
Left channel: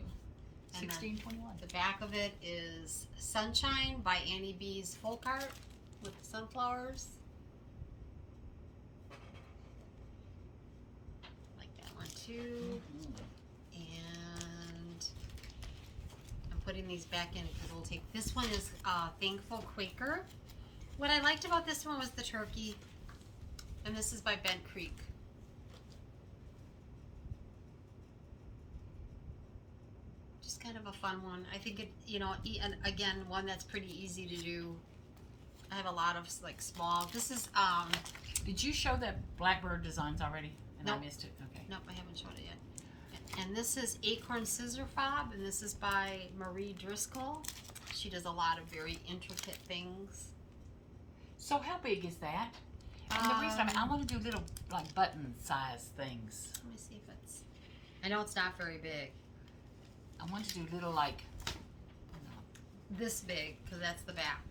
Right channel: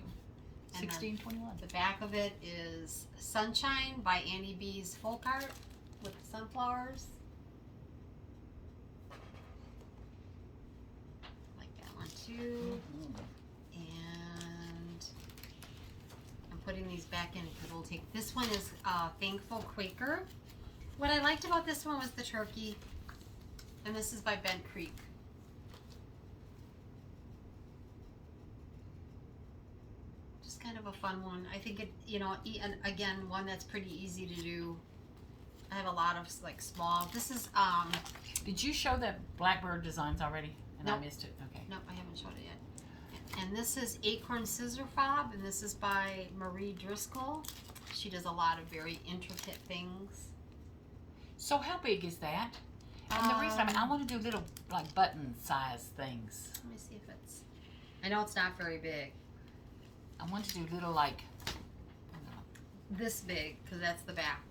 And then 1621. the back of it is Sunshine by Annie B's folk art with the sunflowers. Like that one too. And I'm putting these back in because we'll take this one is Thankful Quaker. What I liked about this one was the turkey, and this is by Bent Creek. Just kind of a fun one. I think it, you know, and again, one that's pretty easy to do. I have a lot of like small. This is Did you show that Blackbird designs already? And Nope. I missed it. Okay. nope, I haven't showed it yet. And this is Acorn Scissor Fob, and this is by Marie Driscoll. She does a lot of very intricate things. So how big is that? And the reason I want to do little like button size things. Let me see if it's. I know it's not very big. I want to do little like. This big, because that's the back.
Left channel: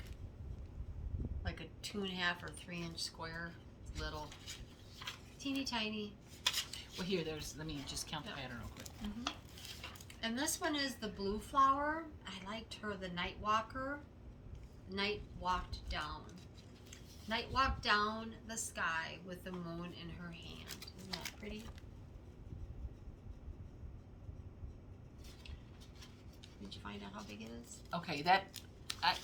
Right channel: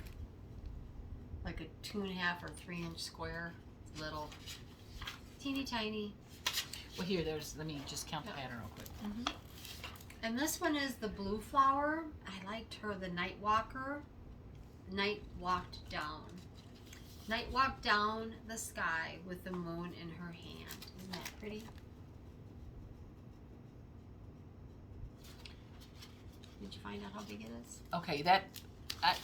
Like a 2.5 or 3 inch square. It's little. Teeny tiny. Well, here, there's. Let me just count the pattern real quick. And this one is the blue flower. I liked her, the Night Walker. Night walked down. Night walked down the sky with the moon in her hand. Isn't that pretty? Did you find out how big it is? Okay, that.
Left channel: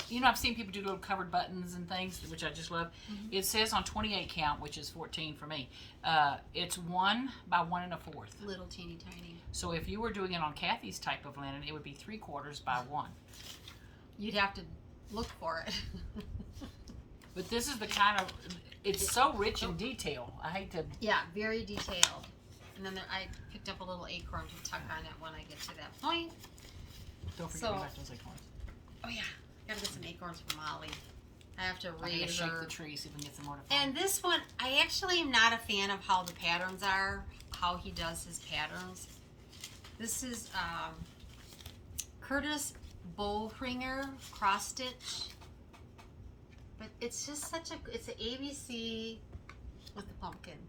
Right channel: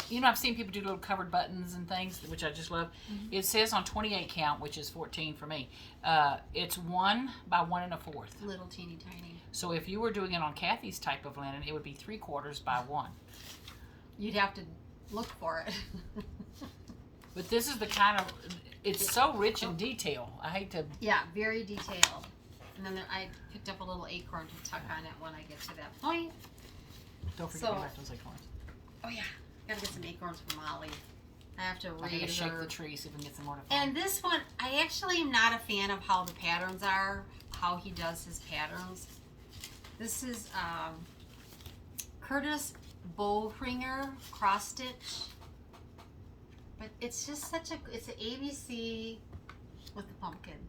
You know, I've seen people do little covered buttons and things, which I just love. It says on 28 count, which is 14 for me. It's 1 by 1 1/4. Little teeny tiny. So if you were doing it on Kathy's type of linen, it would be 3/4 by 1. You'd have to look for it. But this is the kind of. It's so rich in detail. I hate to. Yeah, very detailed. And then I picked up a little acorn to tuck on it when I get to that point. Don't forget So- about those acorns. Oh yeah, gotta get some acorns for Molly. I have to I gotta raise shake her. the tree, see if we can get some more to fall. And this one, I actually am not a fan of how the patterns are, how he does his patterns. This is Curtis Bowringer cross stitch. But it's just such a, it's an ABC with the pumpkin.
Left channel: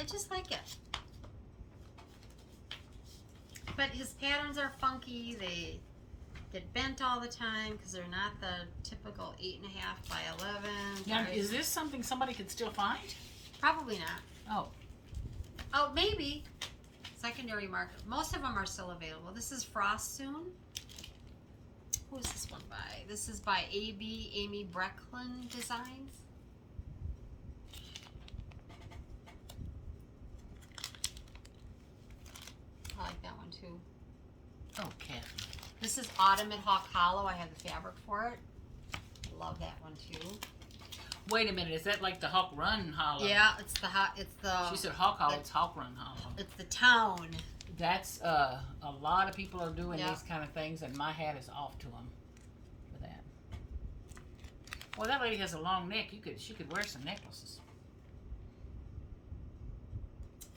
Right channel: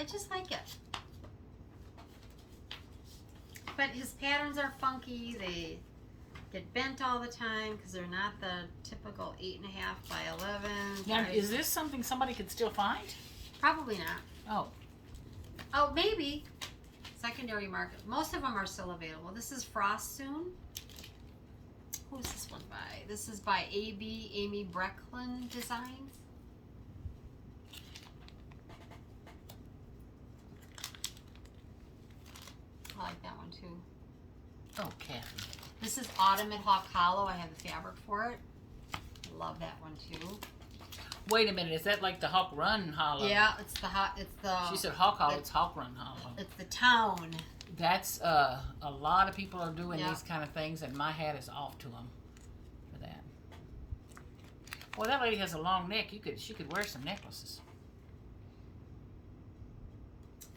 I just like it. But his patterns are funky. They get bent all the time because they're not the typical 8.5 by 11. Now, is this something somebody could still find? Probably not. Oh, Oh, maybe. Secondary market. Most of them are still available. This is Frost Soon. Who's this one by? This is by A.B. Amy Brecklin Designs. I like that one too. oh, Kathy. This is Autumn at Hawk Hollow. I have the fabric for it. I love that one too. Wait a minute, is that like the Hawk Run Hollow? Yeah, it's the hot. It's the. She said Hawk Hollow, it's Hawk Run Hollow. It's the town. That's, a lot of people are doing Yeah. these kind of things, and my hat is off to them for that. Well, that lady has a long neck. She could wear some necklaces.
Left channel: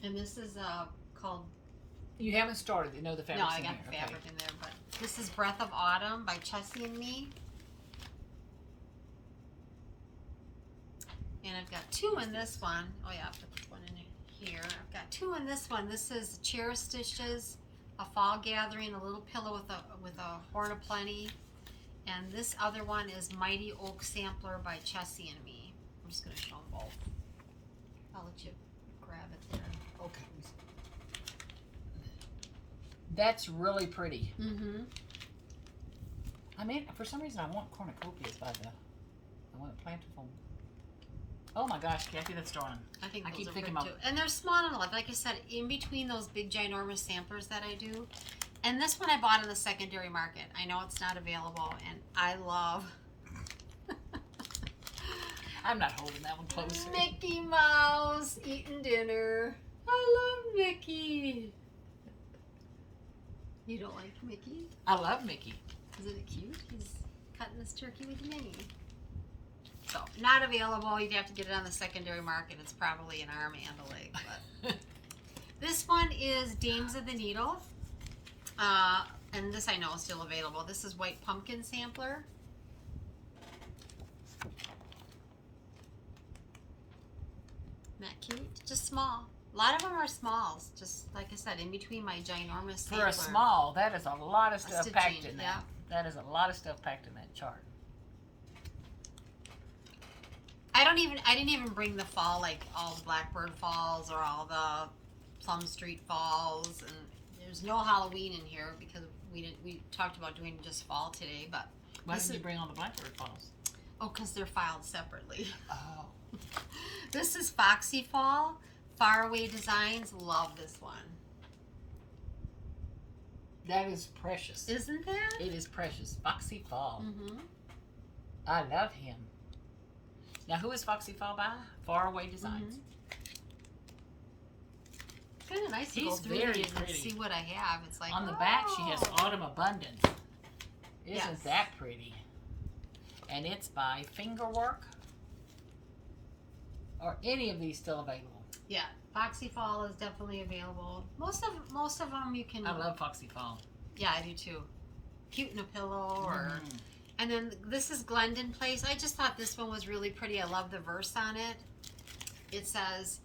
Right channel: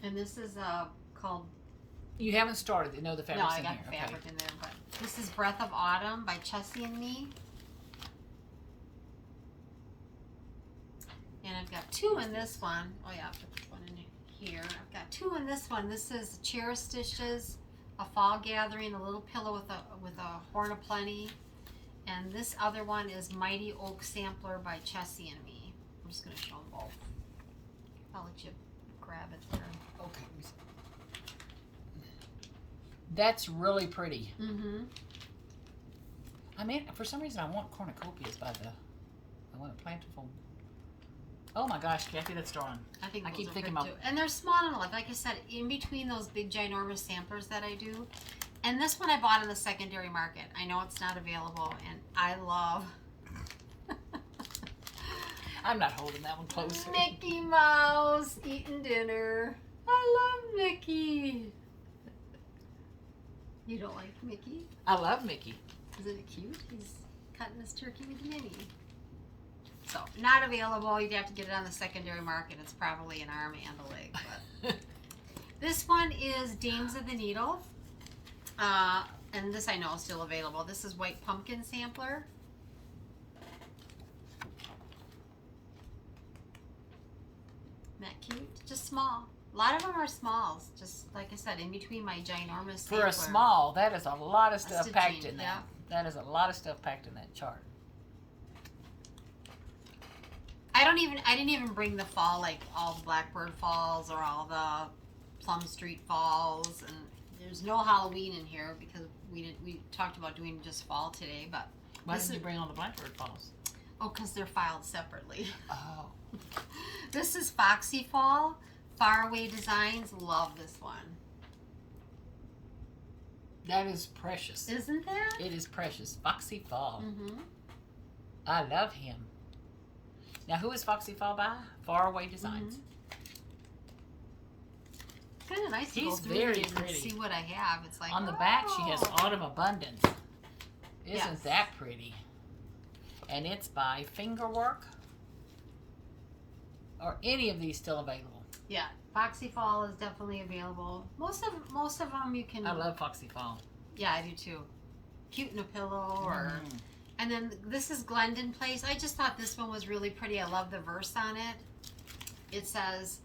And this is called. You haven't started. You know the fabric's No, I in got here. the fabric in there, but This is Breath of Autumn by Chessie and Me. And I've got two in this one. Oh yeah, I'll put one in here. I've got two in this one. This is Chair Stitches, a Fall Gathering, a little pillow with a Horn of Plenty. And this other one is Mighty Oak Sampler by Chessie and Me. I'm just going to show them both. I'll let you grab it there. Okay. That's really pretty. Mm-hmm. I mean, for some reason, I want cornucopias by the. I want a plentiful. Oh my gosh, Kathy, that's darn. I think I those keep are thinking good about- too. And they're small enough. Like I said, in between those big ginormous samplers that I do. And this one I bought in the secondary market. I know it's not available, and I love. I'm not holding that one closer. Mickey Mouse eating dinner. I love Mickey. You don't like Mickey? I love Mickey. Isn't it cute? He's cutting his turkey with Minnie. So, not available. You'd have to get it on the secondary market. It's probably an arm and a leg. But. This one is Dames of the Needle. And this I know is still available. This is White Pumpkin Sampler. Isn't that cute? Just small. A lot of them are smalls. Just like I said, in between my ginormous For sampler. a small, that is a lot of stuff stitching, packed in that. yeah. That is a lot of stuff packed in that chart. I didn't even bring the fall, like all the Blackbird falls or all the Plum Street falls, and there's no Halloween in here because we talked about doing just fall today, but Why this didn't you is- bring all the Blackbird falls? oh, because they're filed separately. Oh. This is Foxy Fall, Faraway Designs. Love this one. That is precious. Isn't that? It is precious. Foxy Fall. Mm-hmm. I love him. Now, who is Foxy Fall by? Faraway Designs. Kind of nice to go He's through very these and pretty. see what I have. It's like On the back, she has oh. Autumn Abundance. Isn't Yes. that pretty? And it's by Fingerwork. Are any of these still available? Yeah, Foxy Fall is definitely available. Most of them you can. I love Foxy Fall. Yeah, I do too. Cute in a pillow, or Mm. and then this is Glendon Place. I just thought this one was really pretty. I love the verse on it. It says,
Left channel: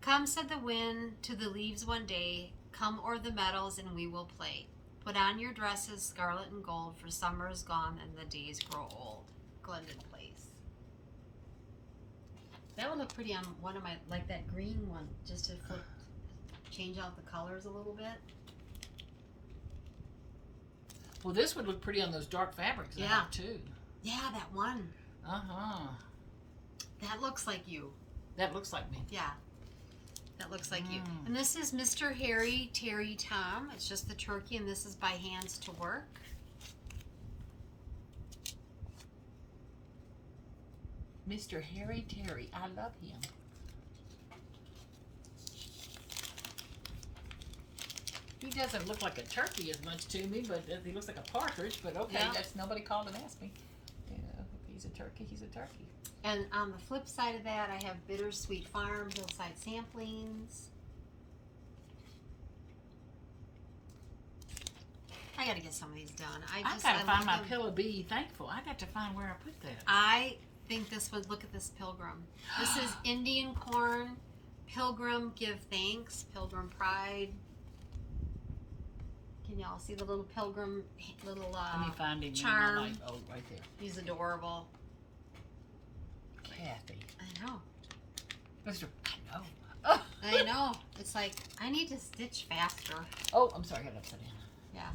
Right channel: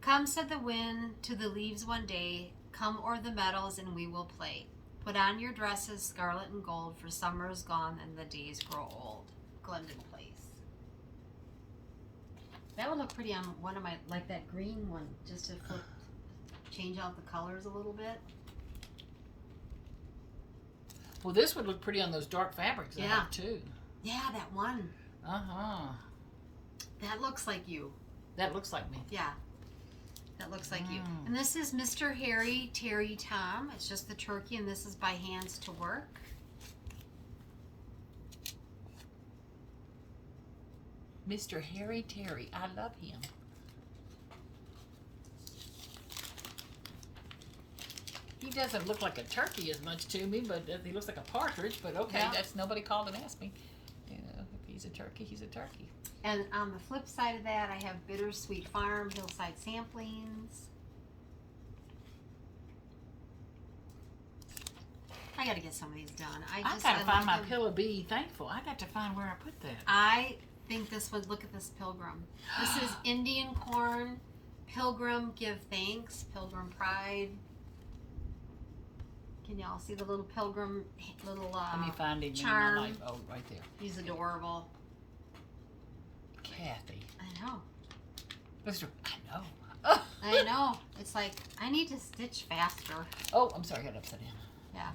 "Come," said the wind to the leaves one day. "Come o'er the meadows and we will play. Put on your dresses, scarlet and gold, for summer is gone and the days grow old." Glendon Place. That would look pretty on one of my, like that green one, just to flip, change out the colors a little bit. Well, this would look pretty on those dark fabrics, I Yeah. think, too. Yeah, that one. Uh-huh. That looks like you. That looks like me. Yeah. That looks like you. Mm. And this is Mr. Harry Terry Tom. It's just the turkey, and this is by Hands to Work. Mr. Harry Terry. I love him. He doesn't look like a turkey as much to me, but he looks like a partridge. But okay, Yeah. that's nobody called and asked me. You know, if he's a turkey, he's a turkey. And on the flip side of that, I have Bittersweet Farm Hillside Samplings. I gotta get some of these done. I gotta find my them. pillow. Be thankful. I got to find where I put that. I think this would look at this pilgrim. This is Indian corn, Pilgrim Give Thanks, Pilgrim Pride. Can y'all see the little pilgrim, little Let me find him. charm. In my life. Oh, right there. He's adorable. Kathy. I know. Mr. I know. Oh. I know. It's like, I need to stitch faster. Oh, I'm sorry. I got it upside down. Yeah.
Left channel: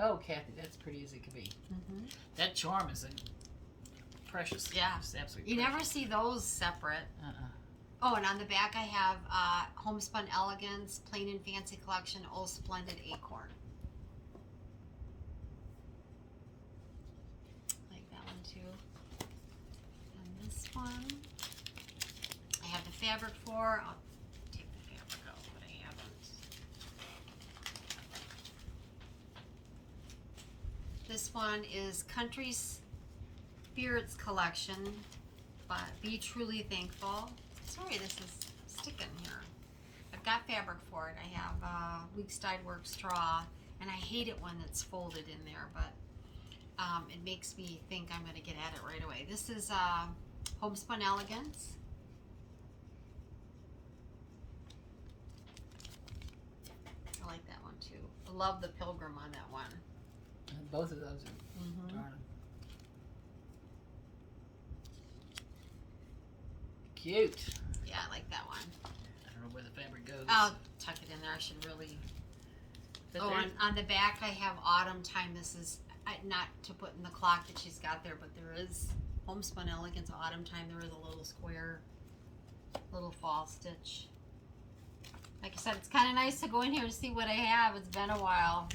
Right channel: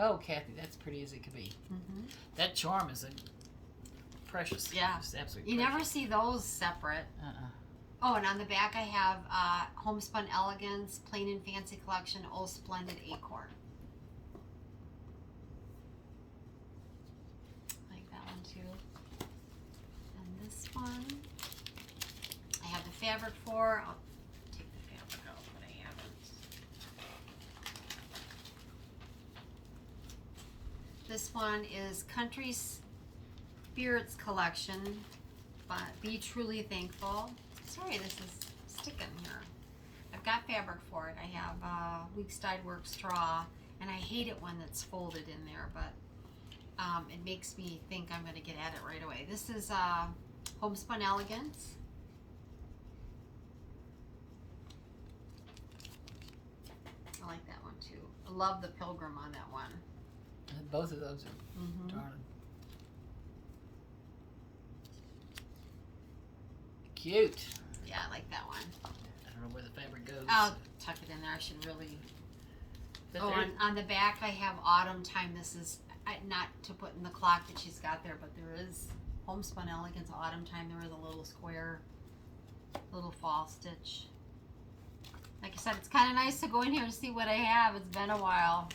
Oh, Kathy, that's pretty as it could be. Mm-hmm. That charm is precious. Yeah. It's absolutely You precious. never see those separate. Oh, and on the back I have Homespun Elegance, Plain and Fancy Collection, Oh Splendid Acorn. Like that one too. And this one, I have the fabric for. I'll take the fabric out, but I haven't. This one is Country Spirits Collection, but Be Truly Thankful. Sorry, this is sticking here. I've got fabric for it. I have Weeks Dyed Work straw, and I hate it when it's folded in there, but it makes me think I'm going to get at it right away. This is Homespun Elegance. I like that one too. I love the Pilgrim on that one. And both of those are darn cute. Yeah, I like that one. I don't know where the fabric goes. I'll tuck it in there. I should really. But Oh, on the back I have Autumn Time. This is not to put in the clock that she's got there, but there is Homespun Elegance Autumn Time. There is a little square, little fall stitch. Like I said, it's kind of nice to go in here and see what I have. It's been a while.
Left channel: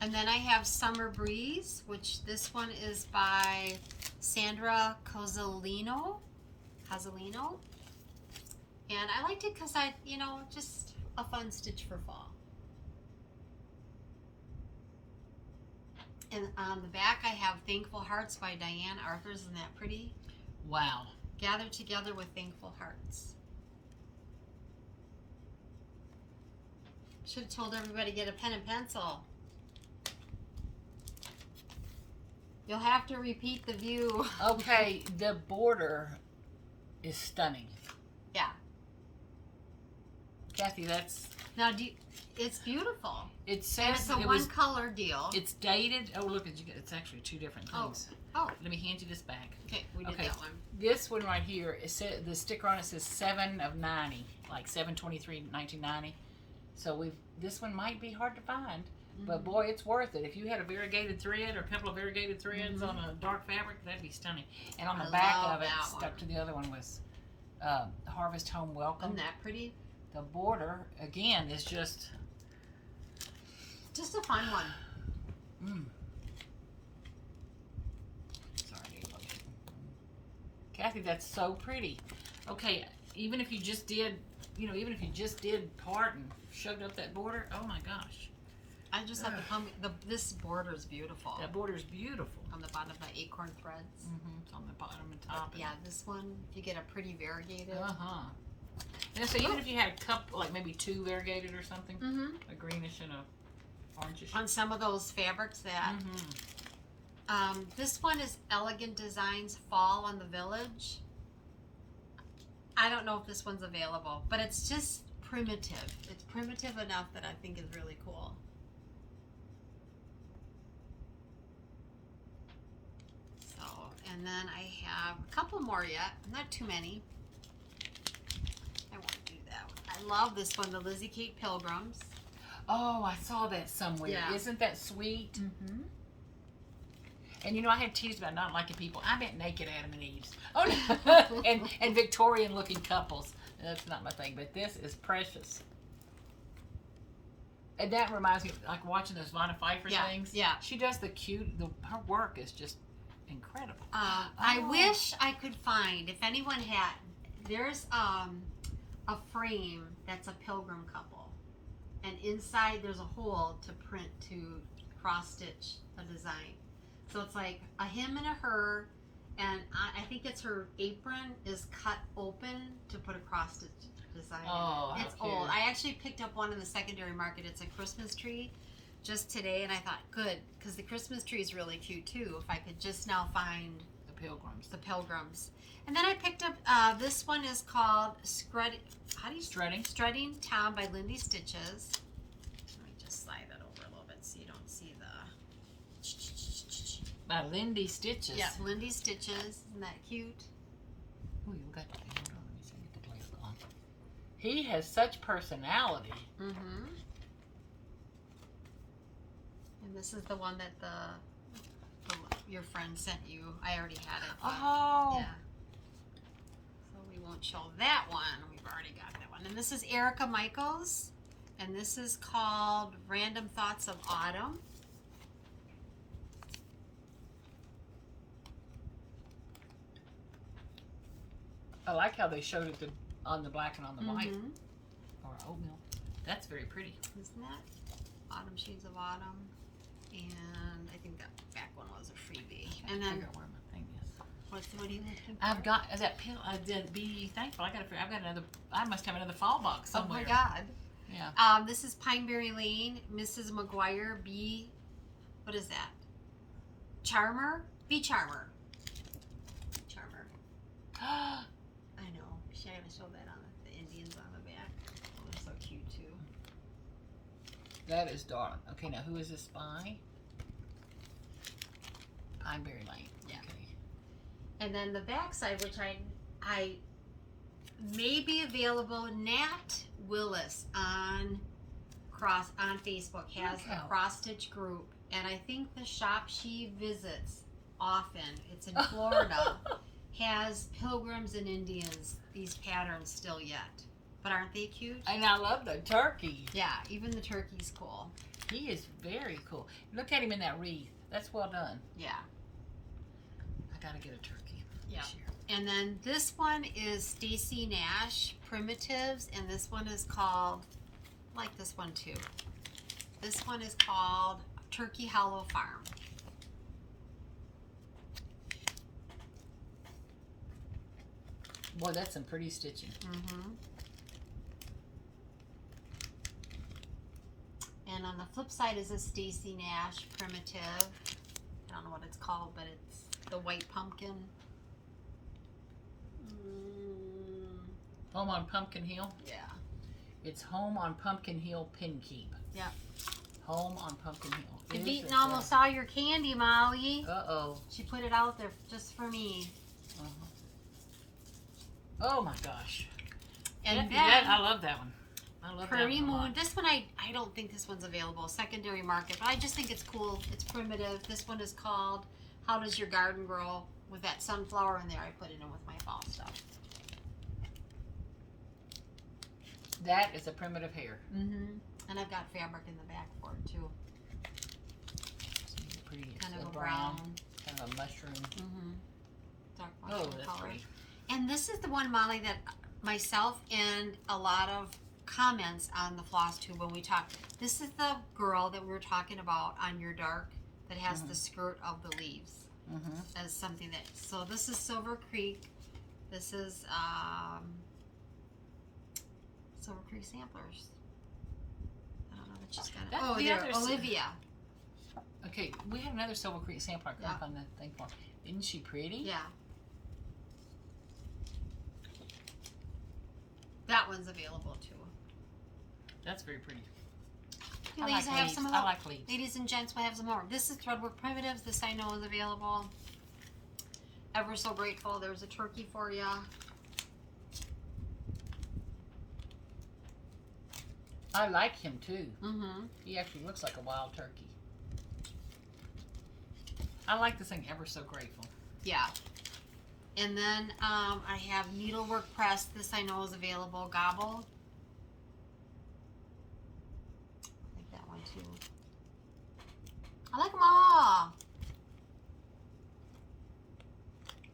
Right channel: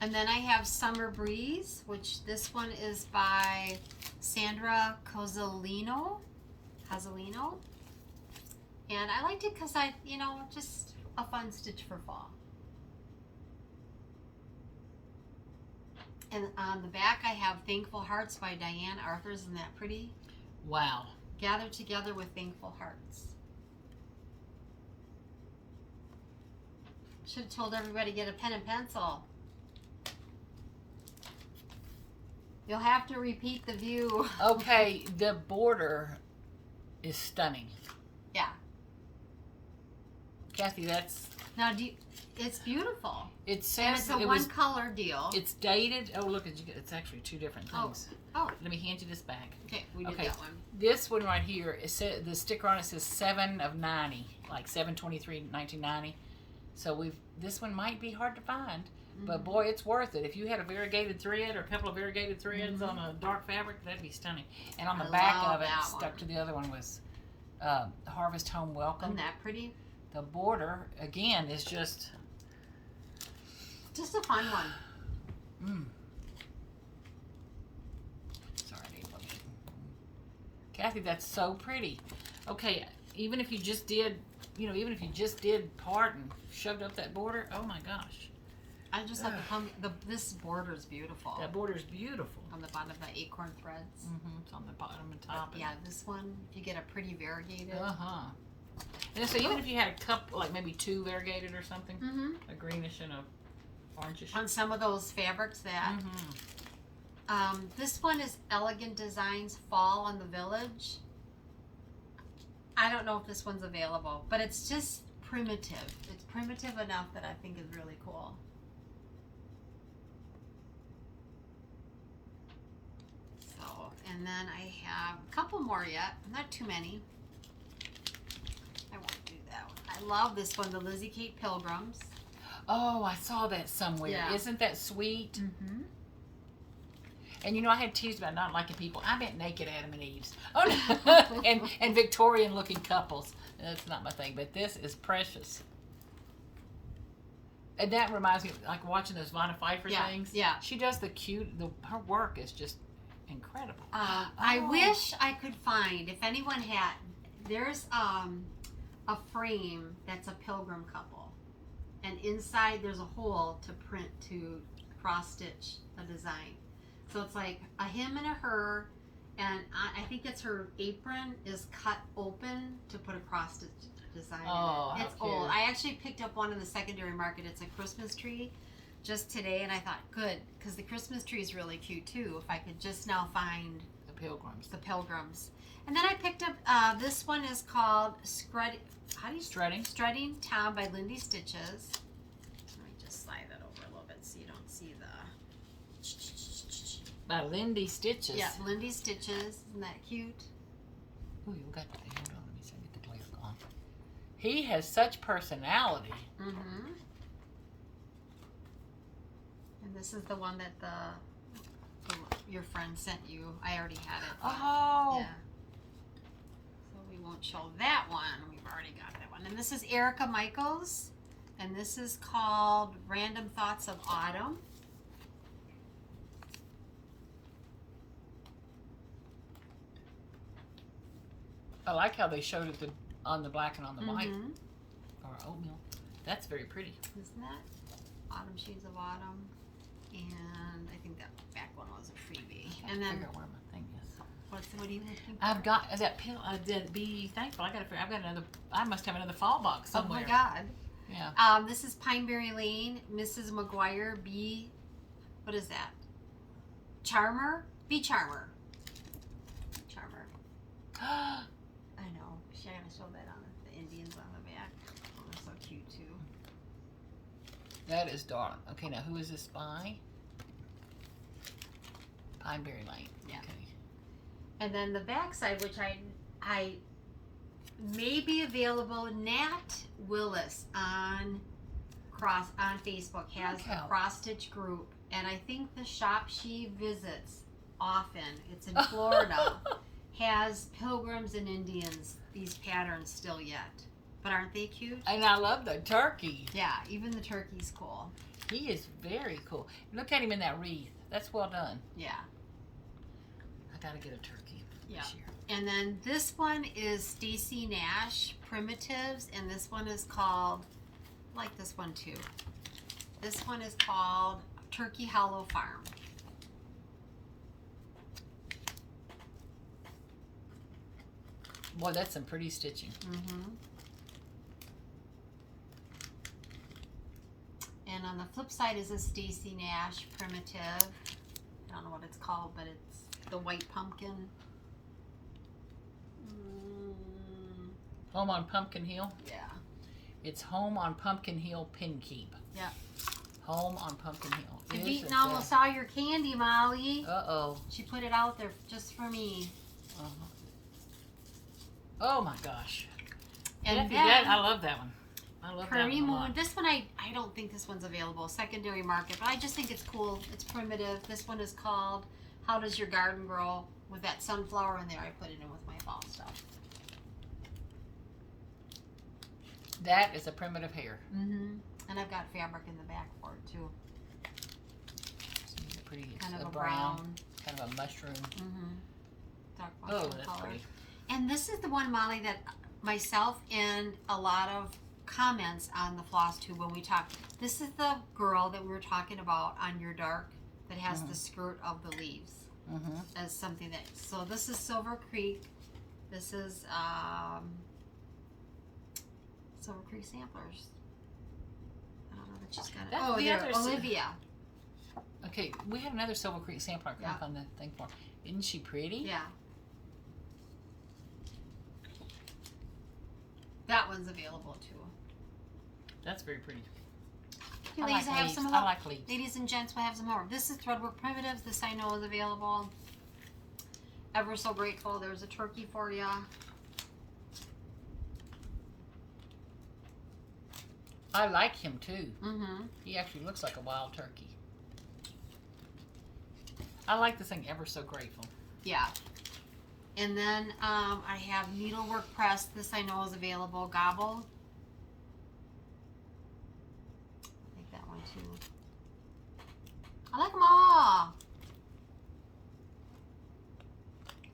And then I have Summer Breeze, which this one is by Sandra Cozzolino. And I liked it because just a fun stitch for fall. And on the back I have Thankful Hearts by Diane Arthurs. Isn't that pretty? Wow. Gather together with thankful hearts. Should have told everybody to get a pen and pencil. You'll have to repeat the view. Okay, the border is stunning. Yeah. Kathy, that's... Now, it's beautiful. It says And it's a one-color deal. It's dated. Oh, look, it's actually two different things. Oh. Let me hand you this back. Okay, we did that one. This one right here, the sticker on it says 7 of 90, like 7/23/1990. So this one might be hard to find, but boy, it's worth it. If you had a variegated thread or a couple of variegated threads on a dark fabric, that'd be stunning. And on the back of it, stuck to the other one, was Harvest Home Welcome. Isn't that pretty? The border, again, is just a fun one. Sorry, April. Kathy, that's so pretty. Okay, even if you just did, part and shoved up that border, oh my gosh. I just have this border is beautiful. That border is beautiful. On the bottom of the acorn threads. It's on the bottom and top. Yeah, this one, if you get a pretty variegated. And so even if you had a couple, like maybe 2 variegated or something, a greenish and a orangish. On some of those fabrics that. This one is Elegant Designs Fall on the Village. I don't know if this one's available, but it's just primitive. It's primitive enough that I think is really cool. So, and then I have a couple more yet, not too many. I won't do that one. I love this one, the Lizzie Kate Pilgrims. Oh, I saw that somewhere. Yeah. Isn't that sweet? And I had teased about not liking people. I meant naked Adam and Eves. Oh no, and Victorian-looking couples. That's not my thing, but this is precious. And that reminds me, like watching those Vanna Pfeiffer things. Yeah. She does her work is just incredible. I wish I could find, if anyone had, there's a frame that's a pilgrim couple, and inside there's a hole to cross-stitch a design. So it's like a him and a her, and I think it's her apron is cut open to put a cross-stitch design in it. It's old. I actually picked up one in the secondary market. It's a Christmas tree just today, and I thought, good, because the Christmas tree is really cute too, if I could just now find the pilgrims. And then I picked up, this one is called Strutting Tom by Lindy Stitches. Let me just slide that over a little bit so you don't see the... By Lindy Stitches. Yeah, Lindy Stitches. Isn't that cute? Oh, you got that. Hold on, let me see. Get the place on. He has such personality. And this is the one that your friend sent you. I already had it. Oh. Yeah. So we won't show that one. We've already got that one. And this is Erica Michaels. And this is called Random Thoughts of Autumn. I like how they showed it on the black and on the white. Mm-hmm. Or oatmeal. That's very pretty. Isn't that? Autumn Shades of Autumn. And I think that back one was a freebie. And then I figure out where my thing is. What are you looking for? I've got that pill. I did be thankful. I've got another. I must have another fall box Oh somewhere. my God. Yeah. This is Pineberry Lane, Mrs. McGuire B. What is that? Charmer? B Charmer. Charmer. I know. She's gonna show that on the Indians on the back. Oh, they're so cute too. That is darling. Okay, now who is this by? Pineberry Lane. Yeah. Okay. And then the back side, which I may be available. Nat Willis on Facebook has a cross stitch group, and I think the shop she visits often, it's in Florida, has Pilgrims and Indians, these patterns still yet. But aren't they cute? And I love the turkey. Yeah, even the turkey's cool. He is very cool. Look at him in that wreath. That's well done. Yeah. I gotta get a turkey this year. And then this one is Stacy Nash Primitives, and this one is called, I like this one too. This one is called Turkey Hollow Farm. Boy, that's some pretty stitching. Mm-hmm. And on the flip side is a Stacy Nash Primitive. I don't know what it's called, but it's the white pumpkin. Home on Pumpkin Hill. Yeah. It's Home on Pumpkin Hill Pin Keep. Yep. Home on Pumpkin Hill. I've eaten almost all your candy, Molly. Uh-oh. She put it out there just for me. Uh-huh. Oh my gosh. And then I love that one. I love Prairie that one a Moon. lot. This one I don't think this one's available. Secondary market, but I just think it's cool. It's primitive. This one is called How Does Your Garden Grow? With that sunflower in there, I put it in with my fall stuff. That is a primitive hair. Mm-hmm. And I've got fabric in the back for it too. It's pretty. It's Kind of a brown. Kind of a mushroom. Mm-hmm. Dark Oh, mushroom that's color. pretty. And this is the one, Molly, that myself and a lot of comments on the Flosstube when we talked. This is the girl that we were talking about on your dark that has the skirt of the leaves as something that. So this is Silver Creek. This is Silver Creek Samplers. I don't know that she's got it. That's Oh, the there, other Olivia. Okay, we have another Silver Creek sampler Yeah. on the thing for. Isn't she pretty? Yeah. That one's available too. That's very pretty. You I ladies like have leaves. some of I those. like leaves. Ladies and gents, we'll have some more. This is Threadwork Primitives. This I know is available. Ever so grateful. There's a turkey for you. I like him too. Mm-hmm. He actually looks like a wild turkey. I like this thing Ever So Grateful. Yeah. And then I have Needlework Press. This I know is available. Gobble. I like that one too. I like them all.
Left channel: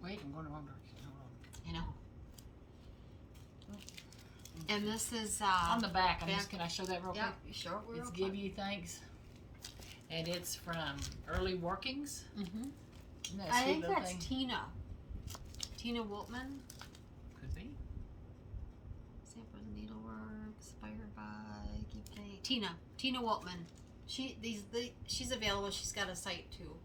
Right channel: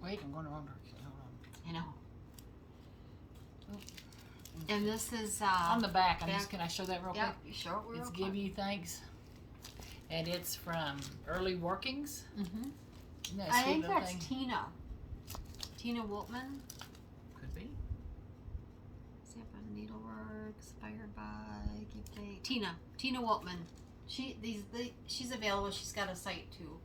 Wait, I'm going the wrong direction. Hold I know. And this is on. On the back, back. can I show that real yeah, quick? you sure? It's Give You Thanks. And it's from Early Workings. Mm-hmm. Isn't that a I sweet think little that's thing? Tina Woltman. Could be. Sample the Needlework, inspired by Give Thanks. Tina Woltman. She's available. She's got a site too.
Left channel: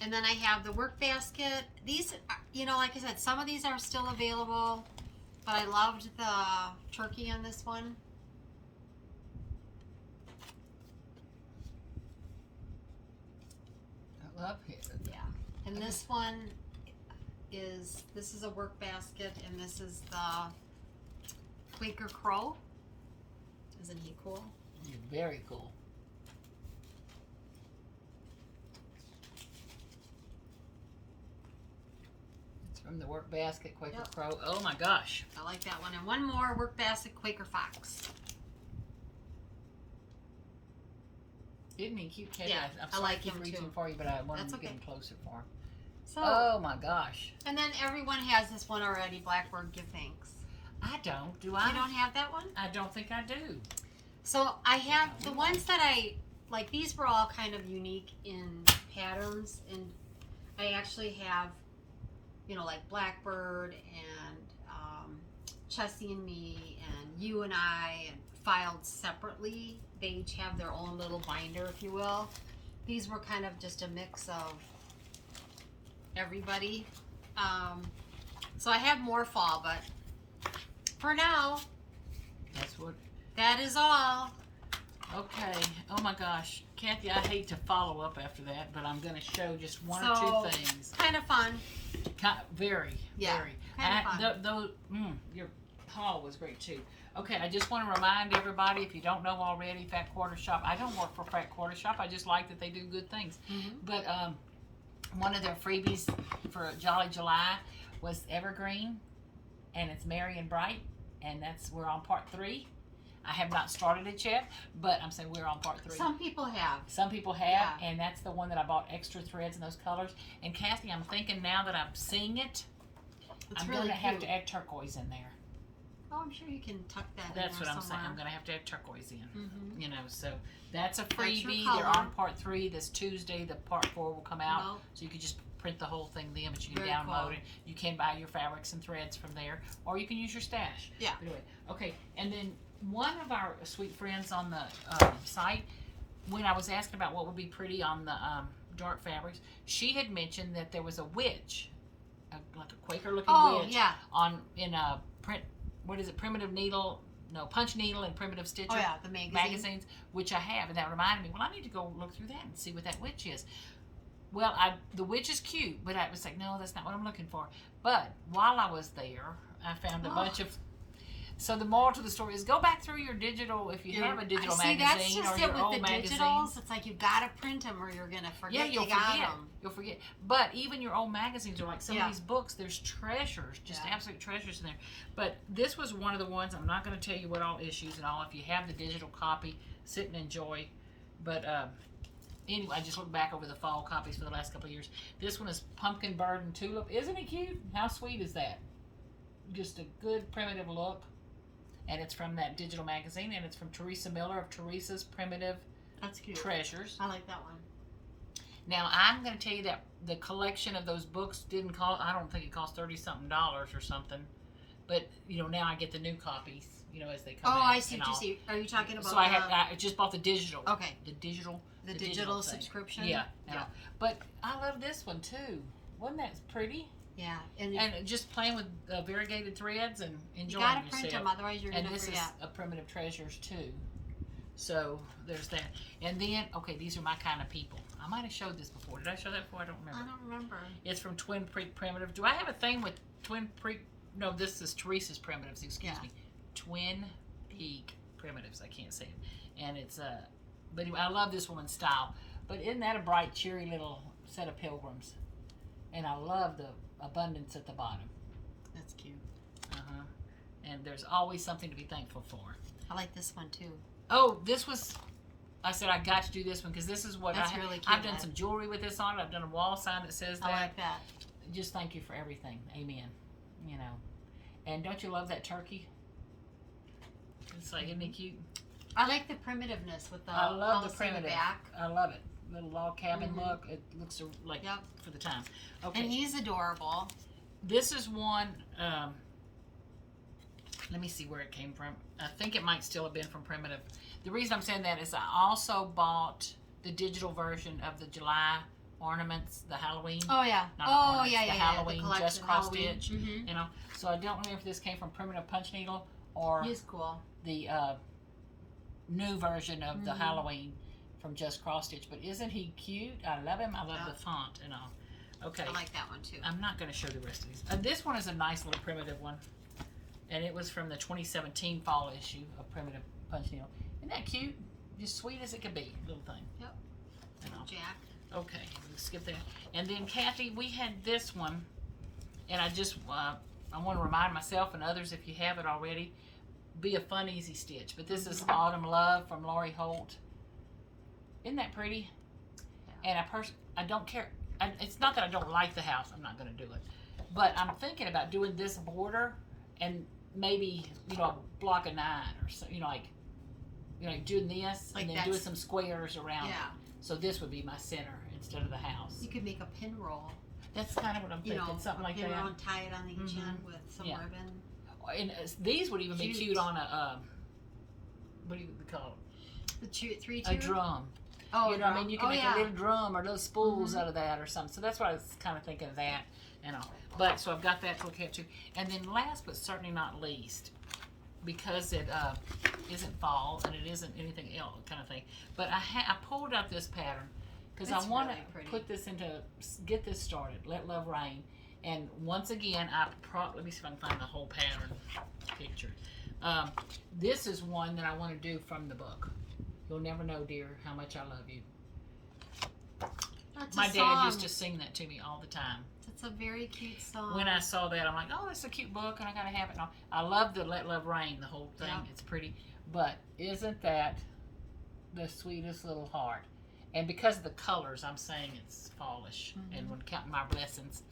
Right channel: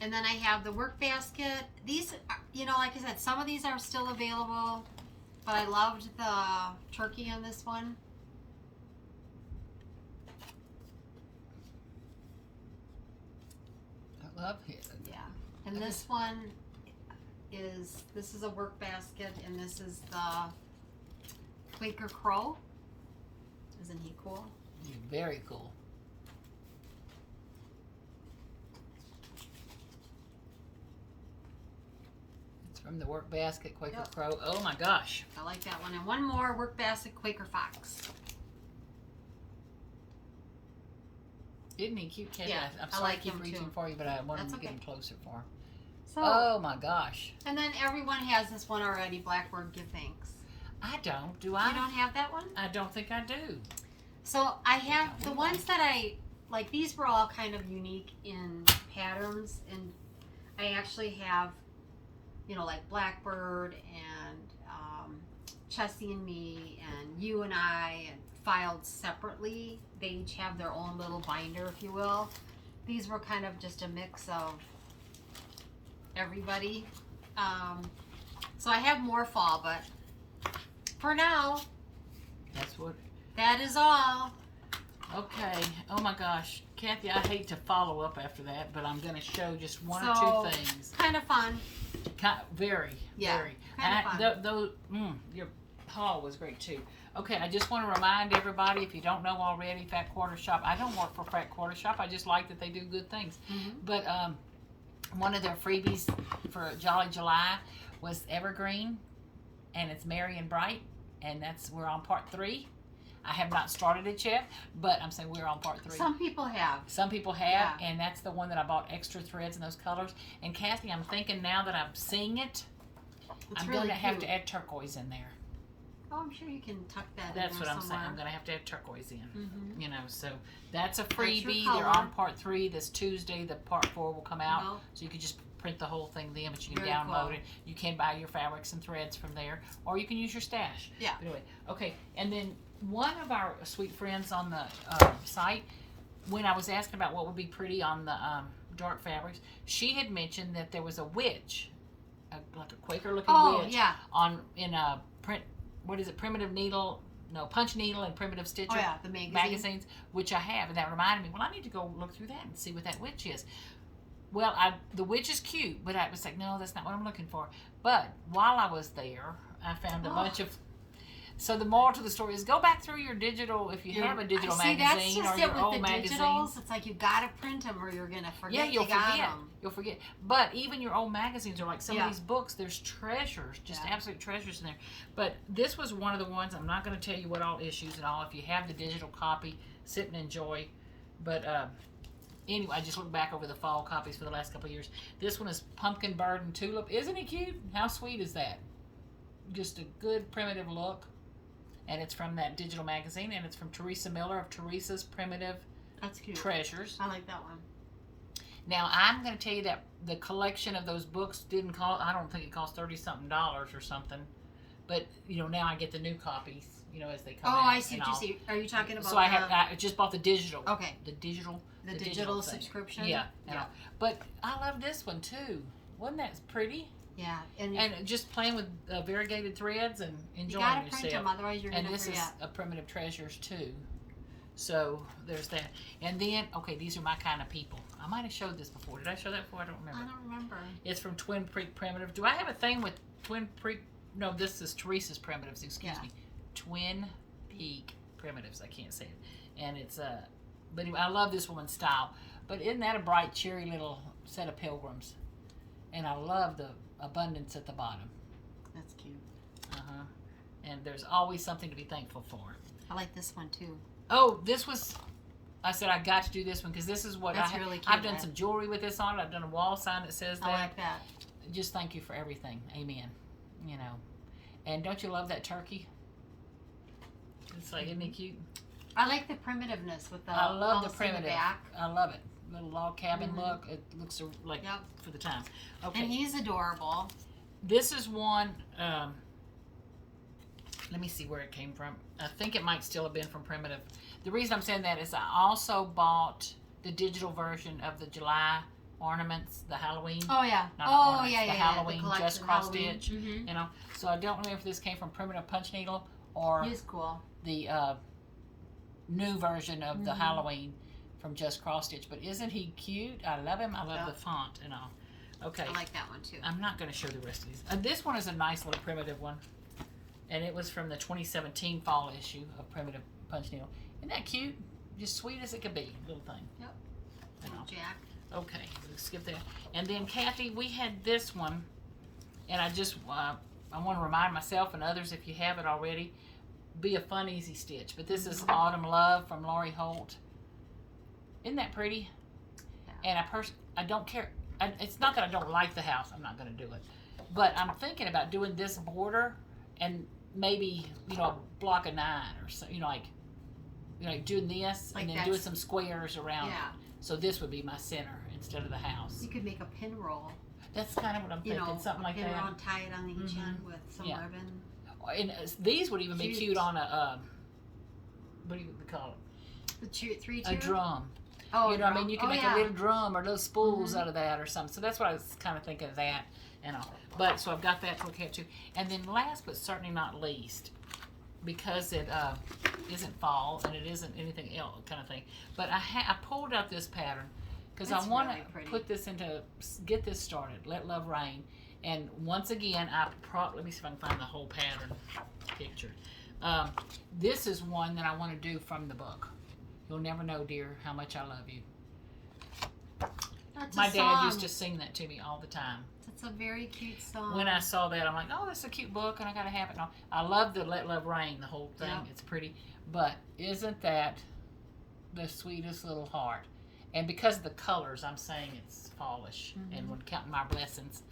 And then I have the work basket. These, like I said, some of these are still available, but I loved the turkey on this one. I love it. Yeah. And this one this is a work basket, and this is the Quaker Crow. Isn't he cool? He's very cool. From the Work Basket, Quaker Yep. Crow. Oh my gosh. I like that one. And one more work basket, Quaker Fox. Isn't he cute, Katie? Yeah, I'm I sorry like I keep him reaching too. for you, but I wanted That's to get okay. him closer for him. So, Oh my gosh. and then everyone has this one already, Blackbird Give Thanks. I don't. Do I? You don't have that one? I don't think I do. So I have the ones that I like. These were all kind of unique in patterns, and I actually have, you know, like Blackbird and Chessie and me and you and I, and filed separately. They each have their own little binder, if you will. These were kind of just a mix of everybody. So I have more fall, but for now, that is all. Okay. Oh my gosh, Kathy, I hate to follow up after that, but I'm going to show just one or two things. Kind of fun. Very. Kind of fun. Your haul was great too. Okay, I just want to remind everybody, if you don't know already, Fat Quarter Shop. I don't work for Fat Quarter Shop. I just like that they do good things. But one of their freebies for Jolly July was Evergreen, and it's Merry and Bright, and we're on part 3. I have not started it yet, but I'm saying we're on part 3. Some people have. Some people have, and that's the one that I bought extra threads in those colors. And Kathy, I'm thinking now that I'm seeing it, I'm really going to have cute. to add turquoise in there. Oh, I'm sure you can tuck that That's in what there I'm saying. somewhere. I'm going to have to add turquoise in. You know, so that's a That's your freebie. color. They're on part 3 this Tuesday. The part 4 will come out. Well, So you can just print the whole thing then, but you can Very download cool. it. You can buy your fabrics and threads from there, or you can use your stash. Yeah. But anyway, okay. And then one of our sweet friends on the site, when I was asking about what would be pretty on the dark fabrics, she had mentioned that there was a witch, like a Quaker looking witch, in a print. What is it? Primitive needle? No, Punch Needle and Primitive Stitcher. Oh yeah, the magazines, which I have, and that reminded me. Well, I need to go look through that and see what that witch is. Well, the witch is cute, but I was like, no, that's not what I'm looking for. But while I was there, I found a bunch of. So the moral to the story is go back through your digital, if you have a digital magazine that's just or your it with old the magazine. digitals. It's like you gotta print them or you're gonna forget. Yeah, you'll you got forget. them. You'll forget. But even your old magazines are like some Yeah. of these books. There's treasures, just Yeah. absolute treasures in there. But this was one of the ones. I'm not going to tell you what all issues and all. If you have the digital copy, sit and enjoy. But anyway, I just looked back over the fall copies for the last couple of years. This one is Pumpkin Bird and Tulip. Isn't it cute? How sweet is that? Just a good primitive look. And it's from that digital magazine, and it's from Teresa Miller of Teresa's Primitive That's cute. Treasures. I like that one. Now, I'm going to tell you that the collection of those books didn't cost, I don't think it cost $30-something or something. But, you know, now I get the new copies, you know, as they come out. Oh, I see what you see. Are you talking about So I just bought the digital. Okay. The digital digital thing. subscription? Yeah. Yeah. But I love this one, too. Wasn't that pretty? Yeah. And just playing with variegated threads and you enjoying gotta yourself. print them, otherwise you're And gonna this forget. is a Primitive Treasures, too. So there's that. And then, okay, these are my kind of people. I might have showed this before. Did I show that before? I don't remember. I don't remember. It's from Twin Creek Primitive. Do I have a thing with Twin Creek? No, this is Teresa's Primitives. Excuse me. Twin Peak Primitives. I can't say it. And it's but anyway, I love this woman's style. But isn't that a bright, cheery little set of pilgrims? And I love the abundance at the bottom. That's cute. And there's always something to be thankful for. I like this one too. Oh, this was. I said I got to do this one because this is what That's really cute. I've done some jewelry with this on it. I've done a wall sign that says that. I like that. Just thank you for everything. Amen. You know. And don't you love that turkey? It's like, isn't it cute? I like the primitiveness with the I love the house in primitive. back. I love it. Little log cabin look. It looks like for the time. Okay. And he's adorable. This is one. Let me see where it came from. I think it might still have been from Primitive. The reason I'm saying that is I also bought the digital version of the July ornaments, the Halloween. Oh yeah. Not Oh ornaments, yeah, the yeah. Halloween the just cross stitch. Mm-hmm. You know, so I don't know if this came from Primitive Punch Needle or He's cool. the new version of the Halloween from Just Cross Stitch. But isn't he cute? I love him. I love the font and all. Okay. I like that one too. I'm not going to show the rest of these. This one is a nice little primitive one. And it was from the 2017 fall issue of Primitive Punch Needle. Isn't that cute? Just sweet as it could be. Little thing. Yep. You know. Jack. Okay. Let's skip that. And then, Kathy, we had this one. And I just, I want to remind myself and others, if you have it already, be a fun, easy stitch. But this is Autumn Love from Lori Holt. Isn't that pretty? Yeah. And I don't care. It's not that I don't like the house. I'm not going to do it. But I'm thinking about doing this border and maybe, you know, a block of 9 or so, like doing this Like and then doing some squares around it. So this would be my center instead of the house. You could make a pin roll. That's kind of what I'm you thinking, know, something like pin that. around, tie it on each end with some Yeah. ribbon. And these would even be Cute. cute on a, what do you call it? The 3/2? A drum. Oh, You know, I mean, you can make yeah. a little drum or those spools out of that or something. So that's what I was kind of thinking of that and all. But so I've got that for cat too. And then last but certainly not least, because it isn't fall and it isn't anything else kind of thing. But I pulled out this pattern because I It's want really to pretty. put this into, get this started. Let Love Rain. And once again, let me see if I can find the whole pattern picture. This is one that I want to do from the book. You'll never know, dear, how much I love you. That's My a dad song. used to sing that to me all the time. It's a very cute song. When I saw that, I'm like, oh, that's a cute book, and I gotta have it. And I love the Let Love Rain, the whole thing. Yeah. It's pretty, but isn't that the sweetest little heart? And because of the colors, I'm saying it's fallish. And when counting my blessings,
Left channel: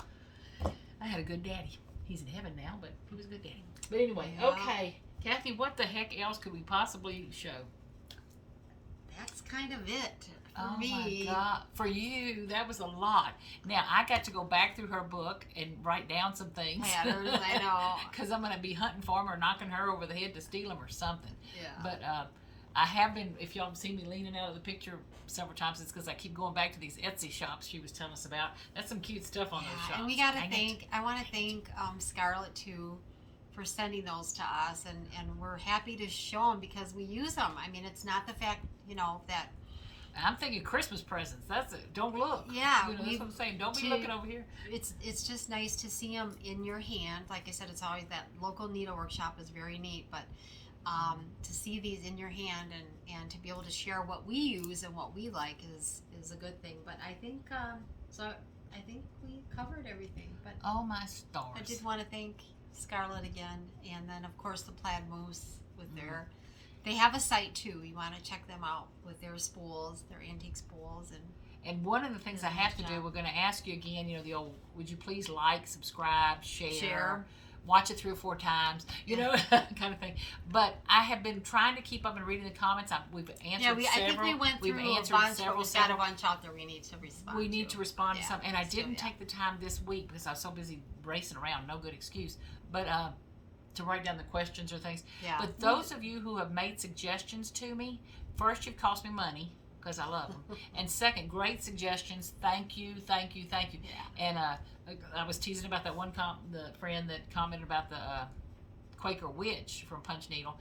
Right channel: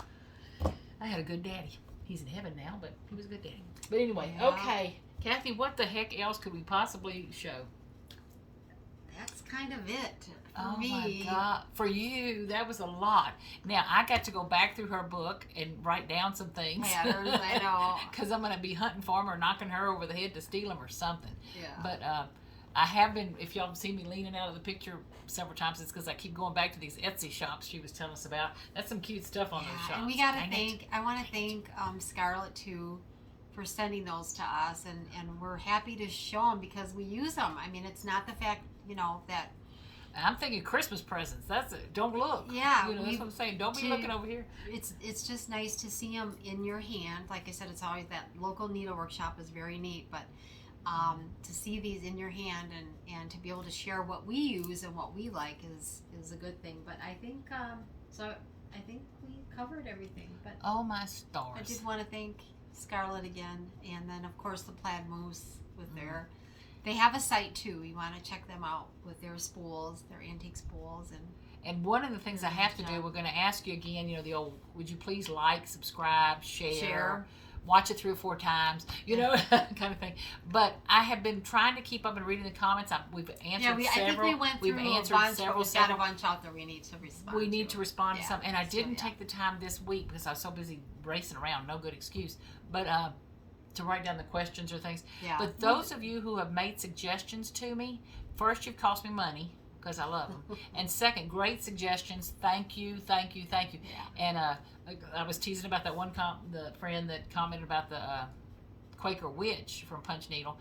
I had a good daddy. He's in heaven now, but he was a good daddy. But anyway, Yeah. okay, Kathy, what the heck else could we possibly show? That's kind of it for Oh me. my God. For you, that was a lot. Now, I got to go back through her book and write down some things. Patterns, I know. Because I'm going to be hunting for them or knocking her over the head to steal them or something. Yeah. But I have been, if y'all have seen me leaning out of the picture several times, it's because I keep going back to these Etsy shops she was telling us about. That's some cute stuff on those shops. And we got to Dang it. I want to thank Scarlett too for sending those to us, and we're happy to show them because we use them. I mean, it's not the fact, you know, that. I'm thinking Christmas presents. That's it. Don't look. Yeah, You know, that's what I'm saying. Don't be looking over here. It's just nice to see them in your hand. Like I said, it's always that local needlework shop is very neat, but to see these in your hand and to be able to share what we use and what we like is a good thing. But I think I think we covered everything. But Oh, my stars. I did want to thank Scarlett again, and then of course the Plaid Moose with their. They have a site too. You want to check them out with their spools, their antique spools, And one of the things I have to do, we're going to ask you again, you know, the old, would you please like, subscribe, share, watch it 3 or 4 times, you know, kind of thing. But I have been trying to keep up and reading the comments. We've answered I think we went through a bunch, but we've got a bunch out there we need to respond We need to respond to Yeah, some. And I so, didn't yeah. take the time this week because I was so busy racing around, no good excuse. But to write down the questions or things. Yeah. But those of you who have made suggestions to me, first, you've cost me money because I love them. And second, great suggestions. Thank you, thank you, thank you. Yeah. And I was teasing about that one the friend that commented about the Quaker Witch from Punch Needle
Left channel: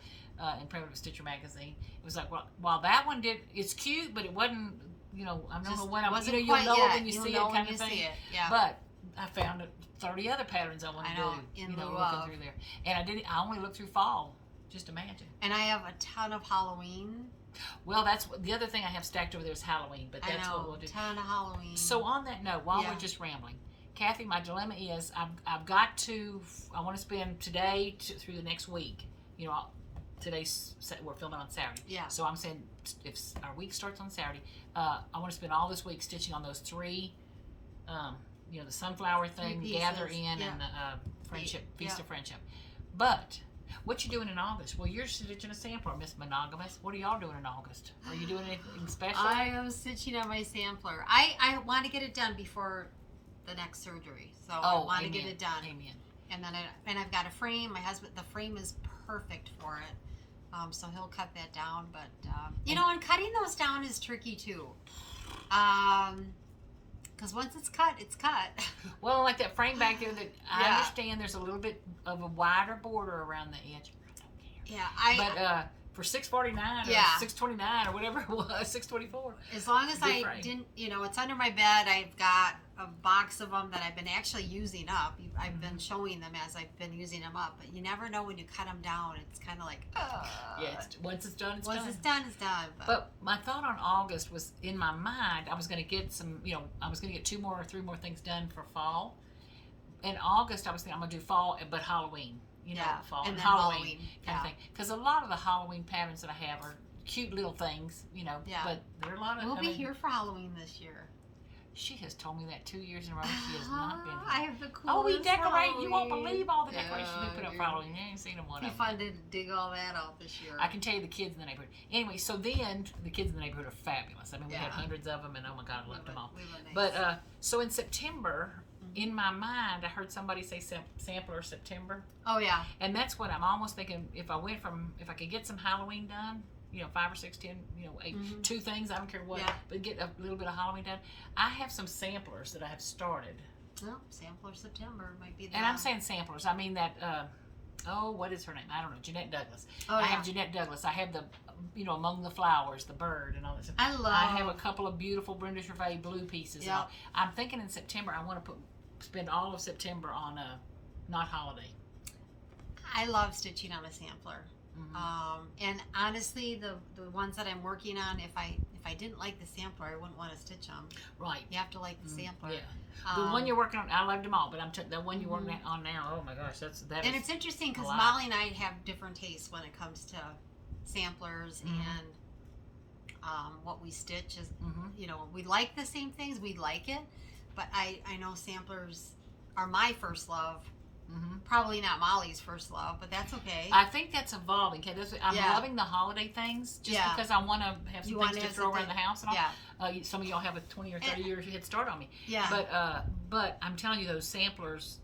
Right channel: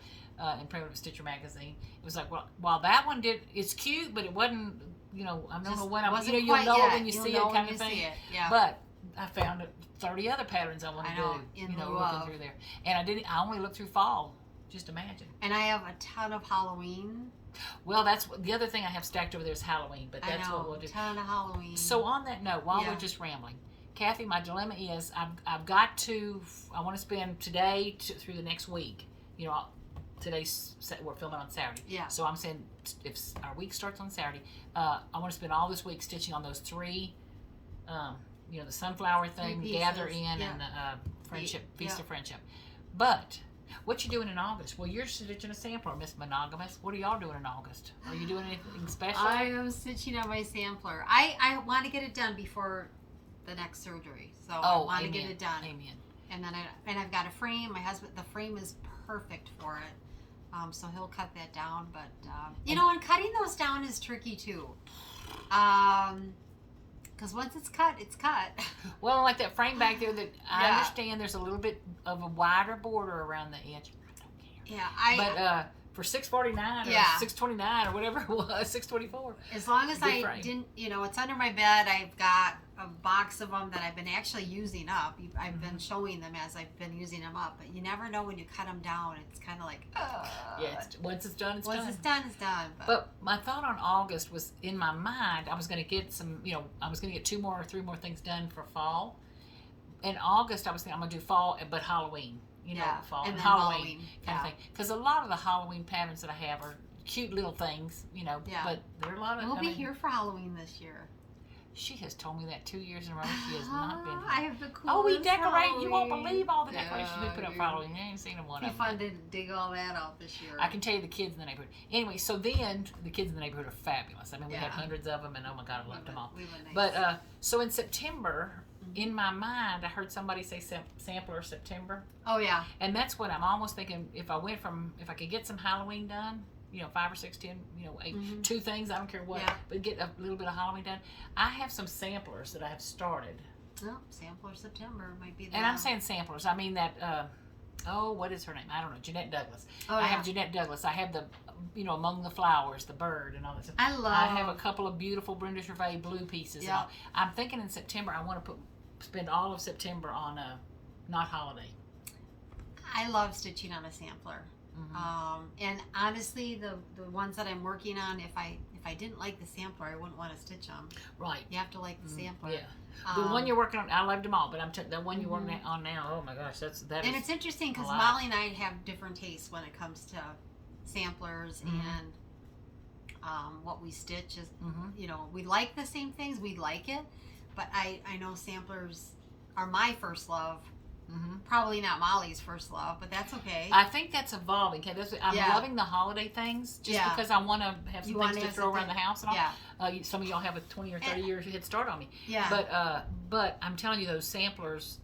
in Primitive Stitcher magazine. It was like, well, while that one it's cute, but it wasn't, you know, I don't know when you'll know it when you see it kind of thing. Yeah. But I found 30 other patterns I want to do. in you know, lieu looking of. through there. And I only looked through fall. Just imagine. And I have a ton of Halloween. Well, that's the other thing I have stacked over there is Halloween, but that's what we'll do. Ton of Halloween. So on that note, while Yeah. we're just rambling, Kathy, my dilemma is I want to spend today through the next week. You know, we're filming on Saturday. Yeah. So I'm saying if our week starts on Saturday, I want to spend all this week stitching on those 3, you know, the sunflower thing, pieces, gather in, yeah. and the friendship, feast Yeah. of friendship. But what you doing in August? Well, you're stitching a sampler, Miss Monogamous. What are y'all doing in August? Are you doing anything special? I am stitching on my sampler. I want to get it done before the next surgery, so I want to get it done. Amen. And then I've got a frame. My husband, the frame is perfect for it, so he'll cut that down. But you know, and cutting those down is tricky too, because once it's cut, it's cut. Well, like that frame back there, that I Yeah. understand there's a little bit of a wider border around the edge. Yeah, But for $6.49 or Yeah. $6.29 or whatever it was, $6.24. as long as Good I frame. didn't, you know, it's under my bed. I've got a box of them that I've been actually using up. I've been showing them as I've been using them up. But you never know when you cut them down. It's kind of like, Yeah, once it's done, it's once done. it's done, it's done. But my thought on August was, in my mind, I was going to get some, you know, I was going to get 2 more or 3 more things done for fall. In August, I was thinking I'm going to do fall, but Halloween. You know, fall and and then Halloween kind of yeah. thing. Because a lot of the Halloween patterns that I have are cute little things, you know. Yeah. But there are a lot of. We'll I be mean, here for Halloween this year. She has told me that 2 years in a row. She has not been. I have the coolest Oh, we decorate. You won't Halloween. believe all the decorations we Yeah, put up for you- Halloween. I ain't seen them one It'd of be them. fun to dig all that out this year. I can tell you the kids in the neighborhood. Anyway, so then the kids in the neighborhood are fabulous. I mean, we had Yeah. hundreds of them, and oh my God, I loved them all. We were nice. But so in September, in my mind, I heard somebody say sampler September. Oh yeah. And that's what I'm almost thinking. If I could get some Halloween done, 5 or 6, 10, 8, 2 things, I don't care what, but get a little bit of Halloween done. I have some samplers that I have started. Oh, sampler September might be. And I'm saying samplers. I mean that. What is her name? I don't know. Jeanette Douglas. Oh, I have Jeanette Douglas. I have the, Among the Flowers, the bird, and all that stuff. I have a couple of beautiful Brenda Gervais blue pieces. Yeah. I'm thinking in September I want to spend all of September on not holiday. I love stitching on a sampler. And honestly, the ones that I'm working on, if I didn't like the sampler, I wouldn't want to stitch them. Right. You have to like the sampler. Yeah. The one you're working on, I loved them all, but the one you're working on now, oh my gosh, that and is it's interesting because Molly and I have different tastes when it comes to samplers and what we stitch. Is we like the same things, we like it, but I know samplers are my first love. Probably not Molly's first love, but that's okay. I think that's evolving. Okay, I'm loving the holiday things just because I want to have some things to throw around the house and all. Some of y'all have a 20 or 30 year head start on me. But I'm telling you, those samplers,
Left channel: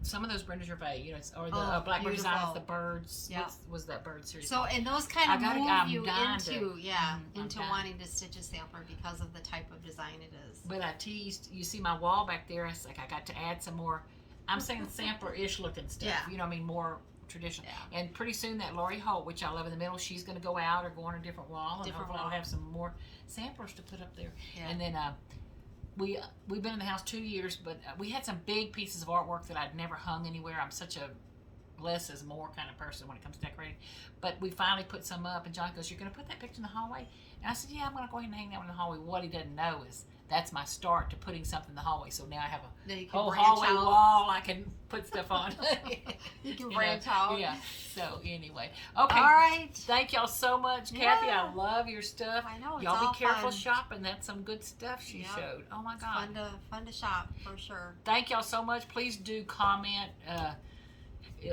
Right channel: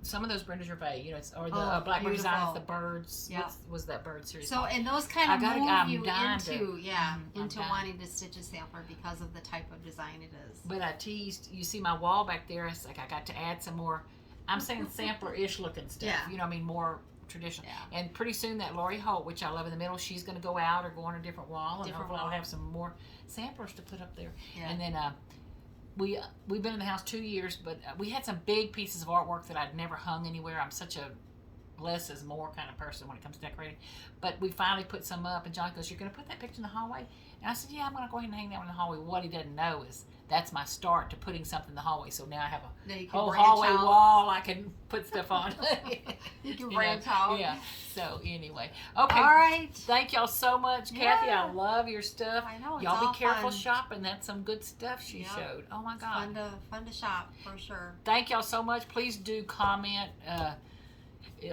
some of those Brenda Gervais, or the Blackbird designs, the birds. What was that bird series? So, and those kind of move you into wanting to stitch a sampler because of the type of design it is. But I teased, you see my wall back there, it's like I got to add some more. I'm saying sampler-ish looking stuff. More traditional. And pretty soon that Lori Holt, which I love in the middle, she's going to go out or go on a different wall, and hopefully I'll have some more samplers to put up there. And then we've been in the house 2 years, but we had some big pieces of artwork that I'd never hung anywhere. I'm such a less is more kind of person when it comes to decorating. But we finally put some up, and John goes, "You're going to put that picture in the hallway?" And I said, "Yeah, I'm going to go ahead and hang that one in the hallway." What he doesn't know is that's my start to putting something in the hallway. So now I have a whole hallway wall I can put stuff on. You can branch out. Yeah. So anyway. Okay. All right. Thank y'all so much, Kathy. I love your stuff. I know. Y'all be careful shopping. That's some good stuff she showed. Oh my God. Fun to shop for sure. Thank y'all so much. Please do comment.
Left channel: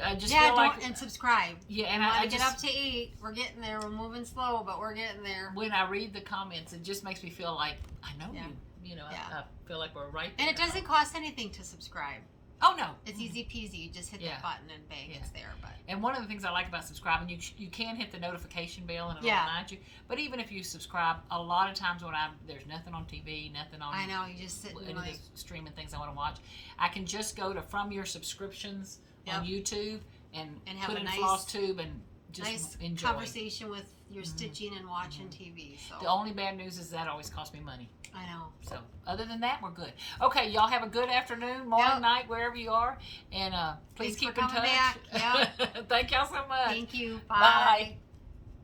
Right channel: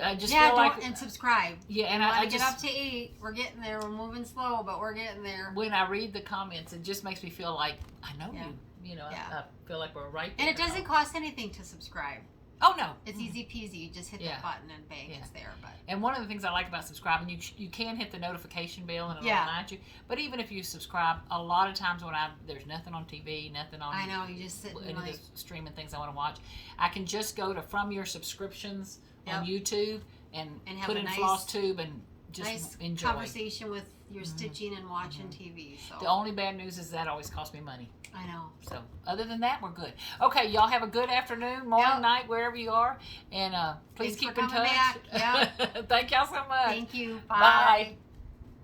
I just feel like and subscribe. Yeah, and I get up to 8. We're getting there. We're moving slow, but we're getting there. When I read the comments, it just makes me feel like I know you. I feel like we're right there. And it doesn't cost anything to subscribe. Oh no, it's easy peasy. You just hit the button and bang, it's there. But and one of the things I like about subscribing, you can hit the notification bell and it'll remind you. But even if you subscribe, a lot of times when there's nothing on TV, nothing on. I know, you just sit and the streaming things I want to watch. I can just go to from your subscriptions on YouTube and put in Flosstube and just enjoy. Conversation with your stitching and watching TV. So the only bad news is that always costs me money. I know. So other than that, we're good. Okay, y'all have a good afternoon, morning, night, wherever you are, and please keep in touch. Back. Thank y'all so much. Thank you. Bye.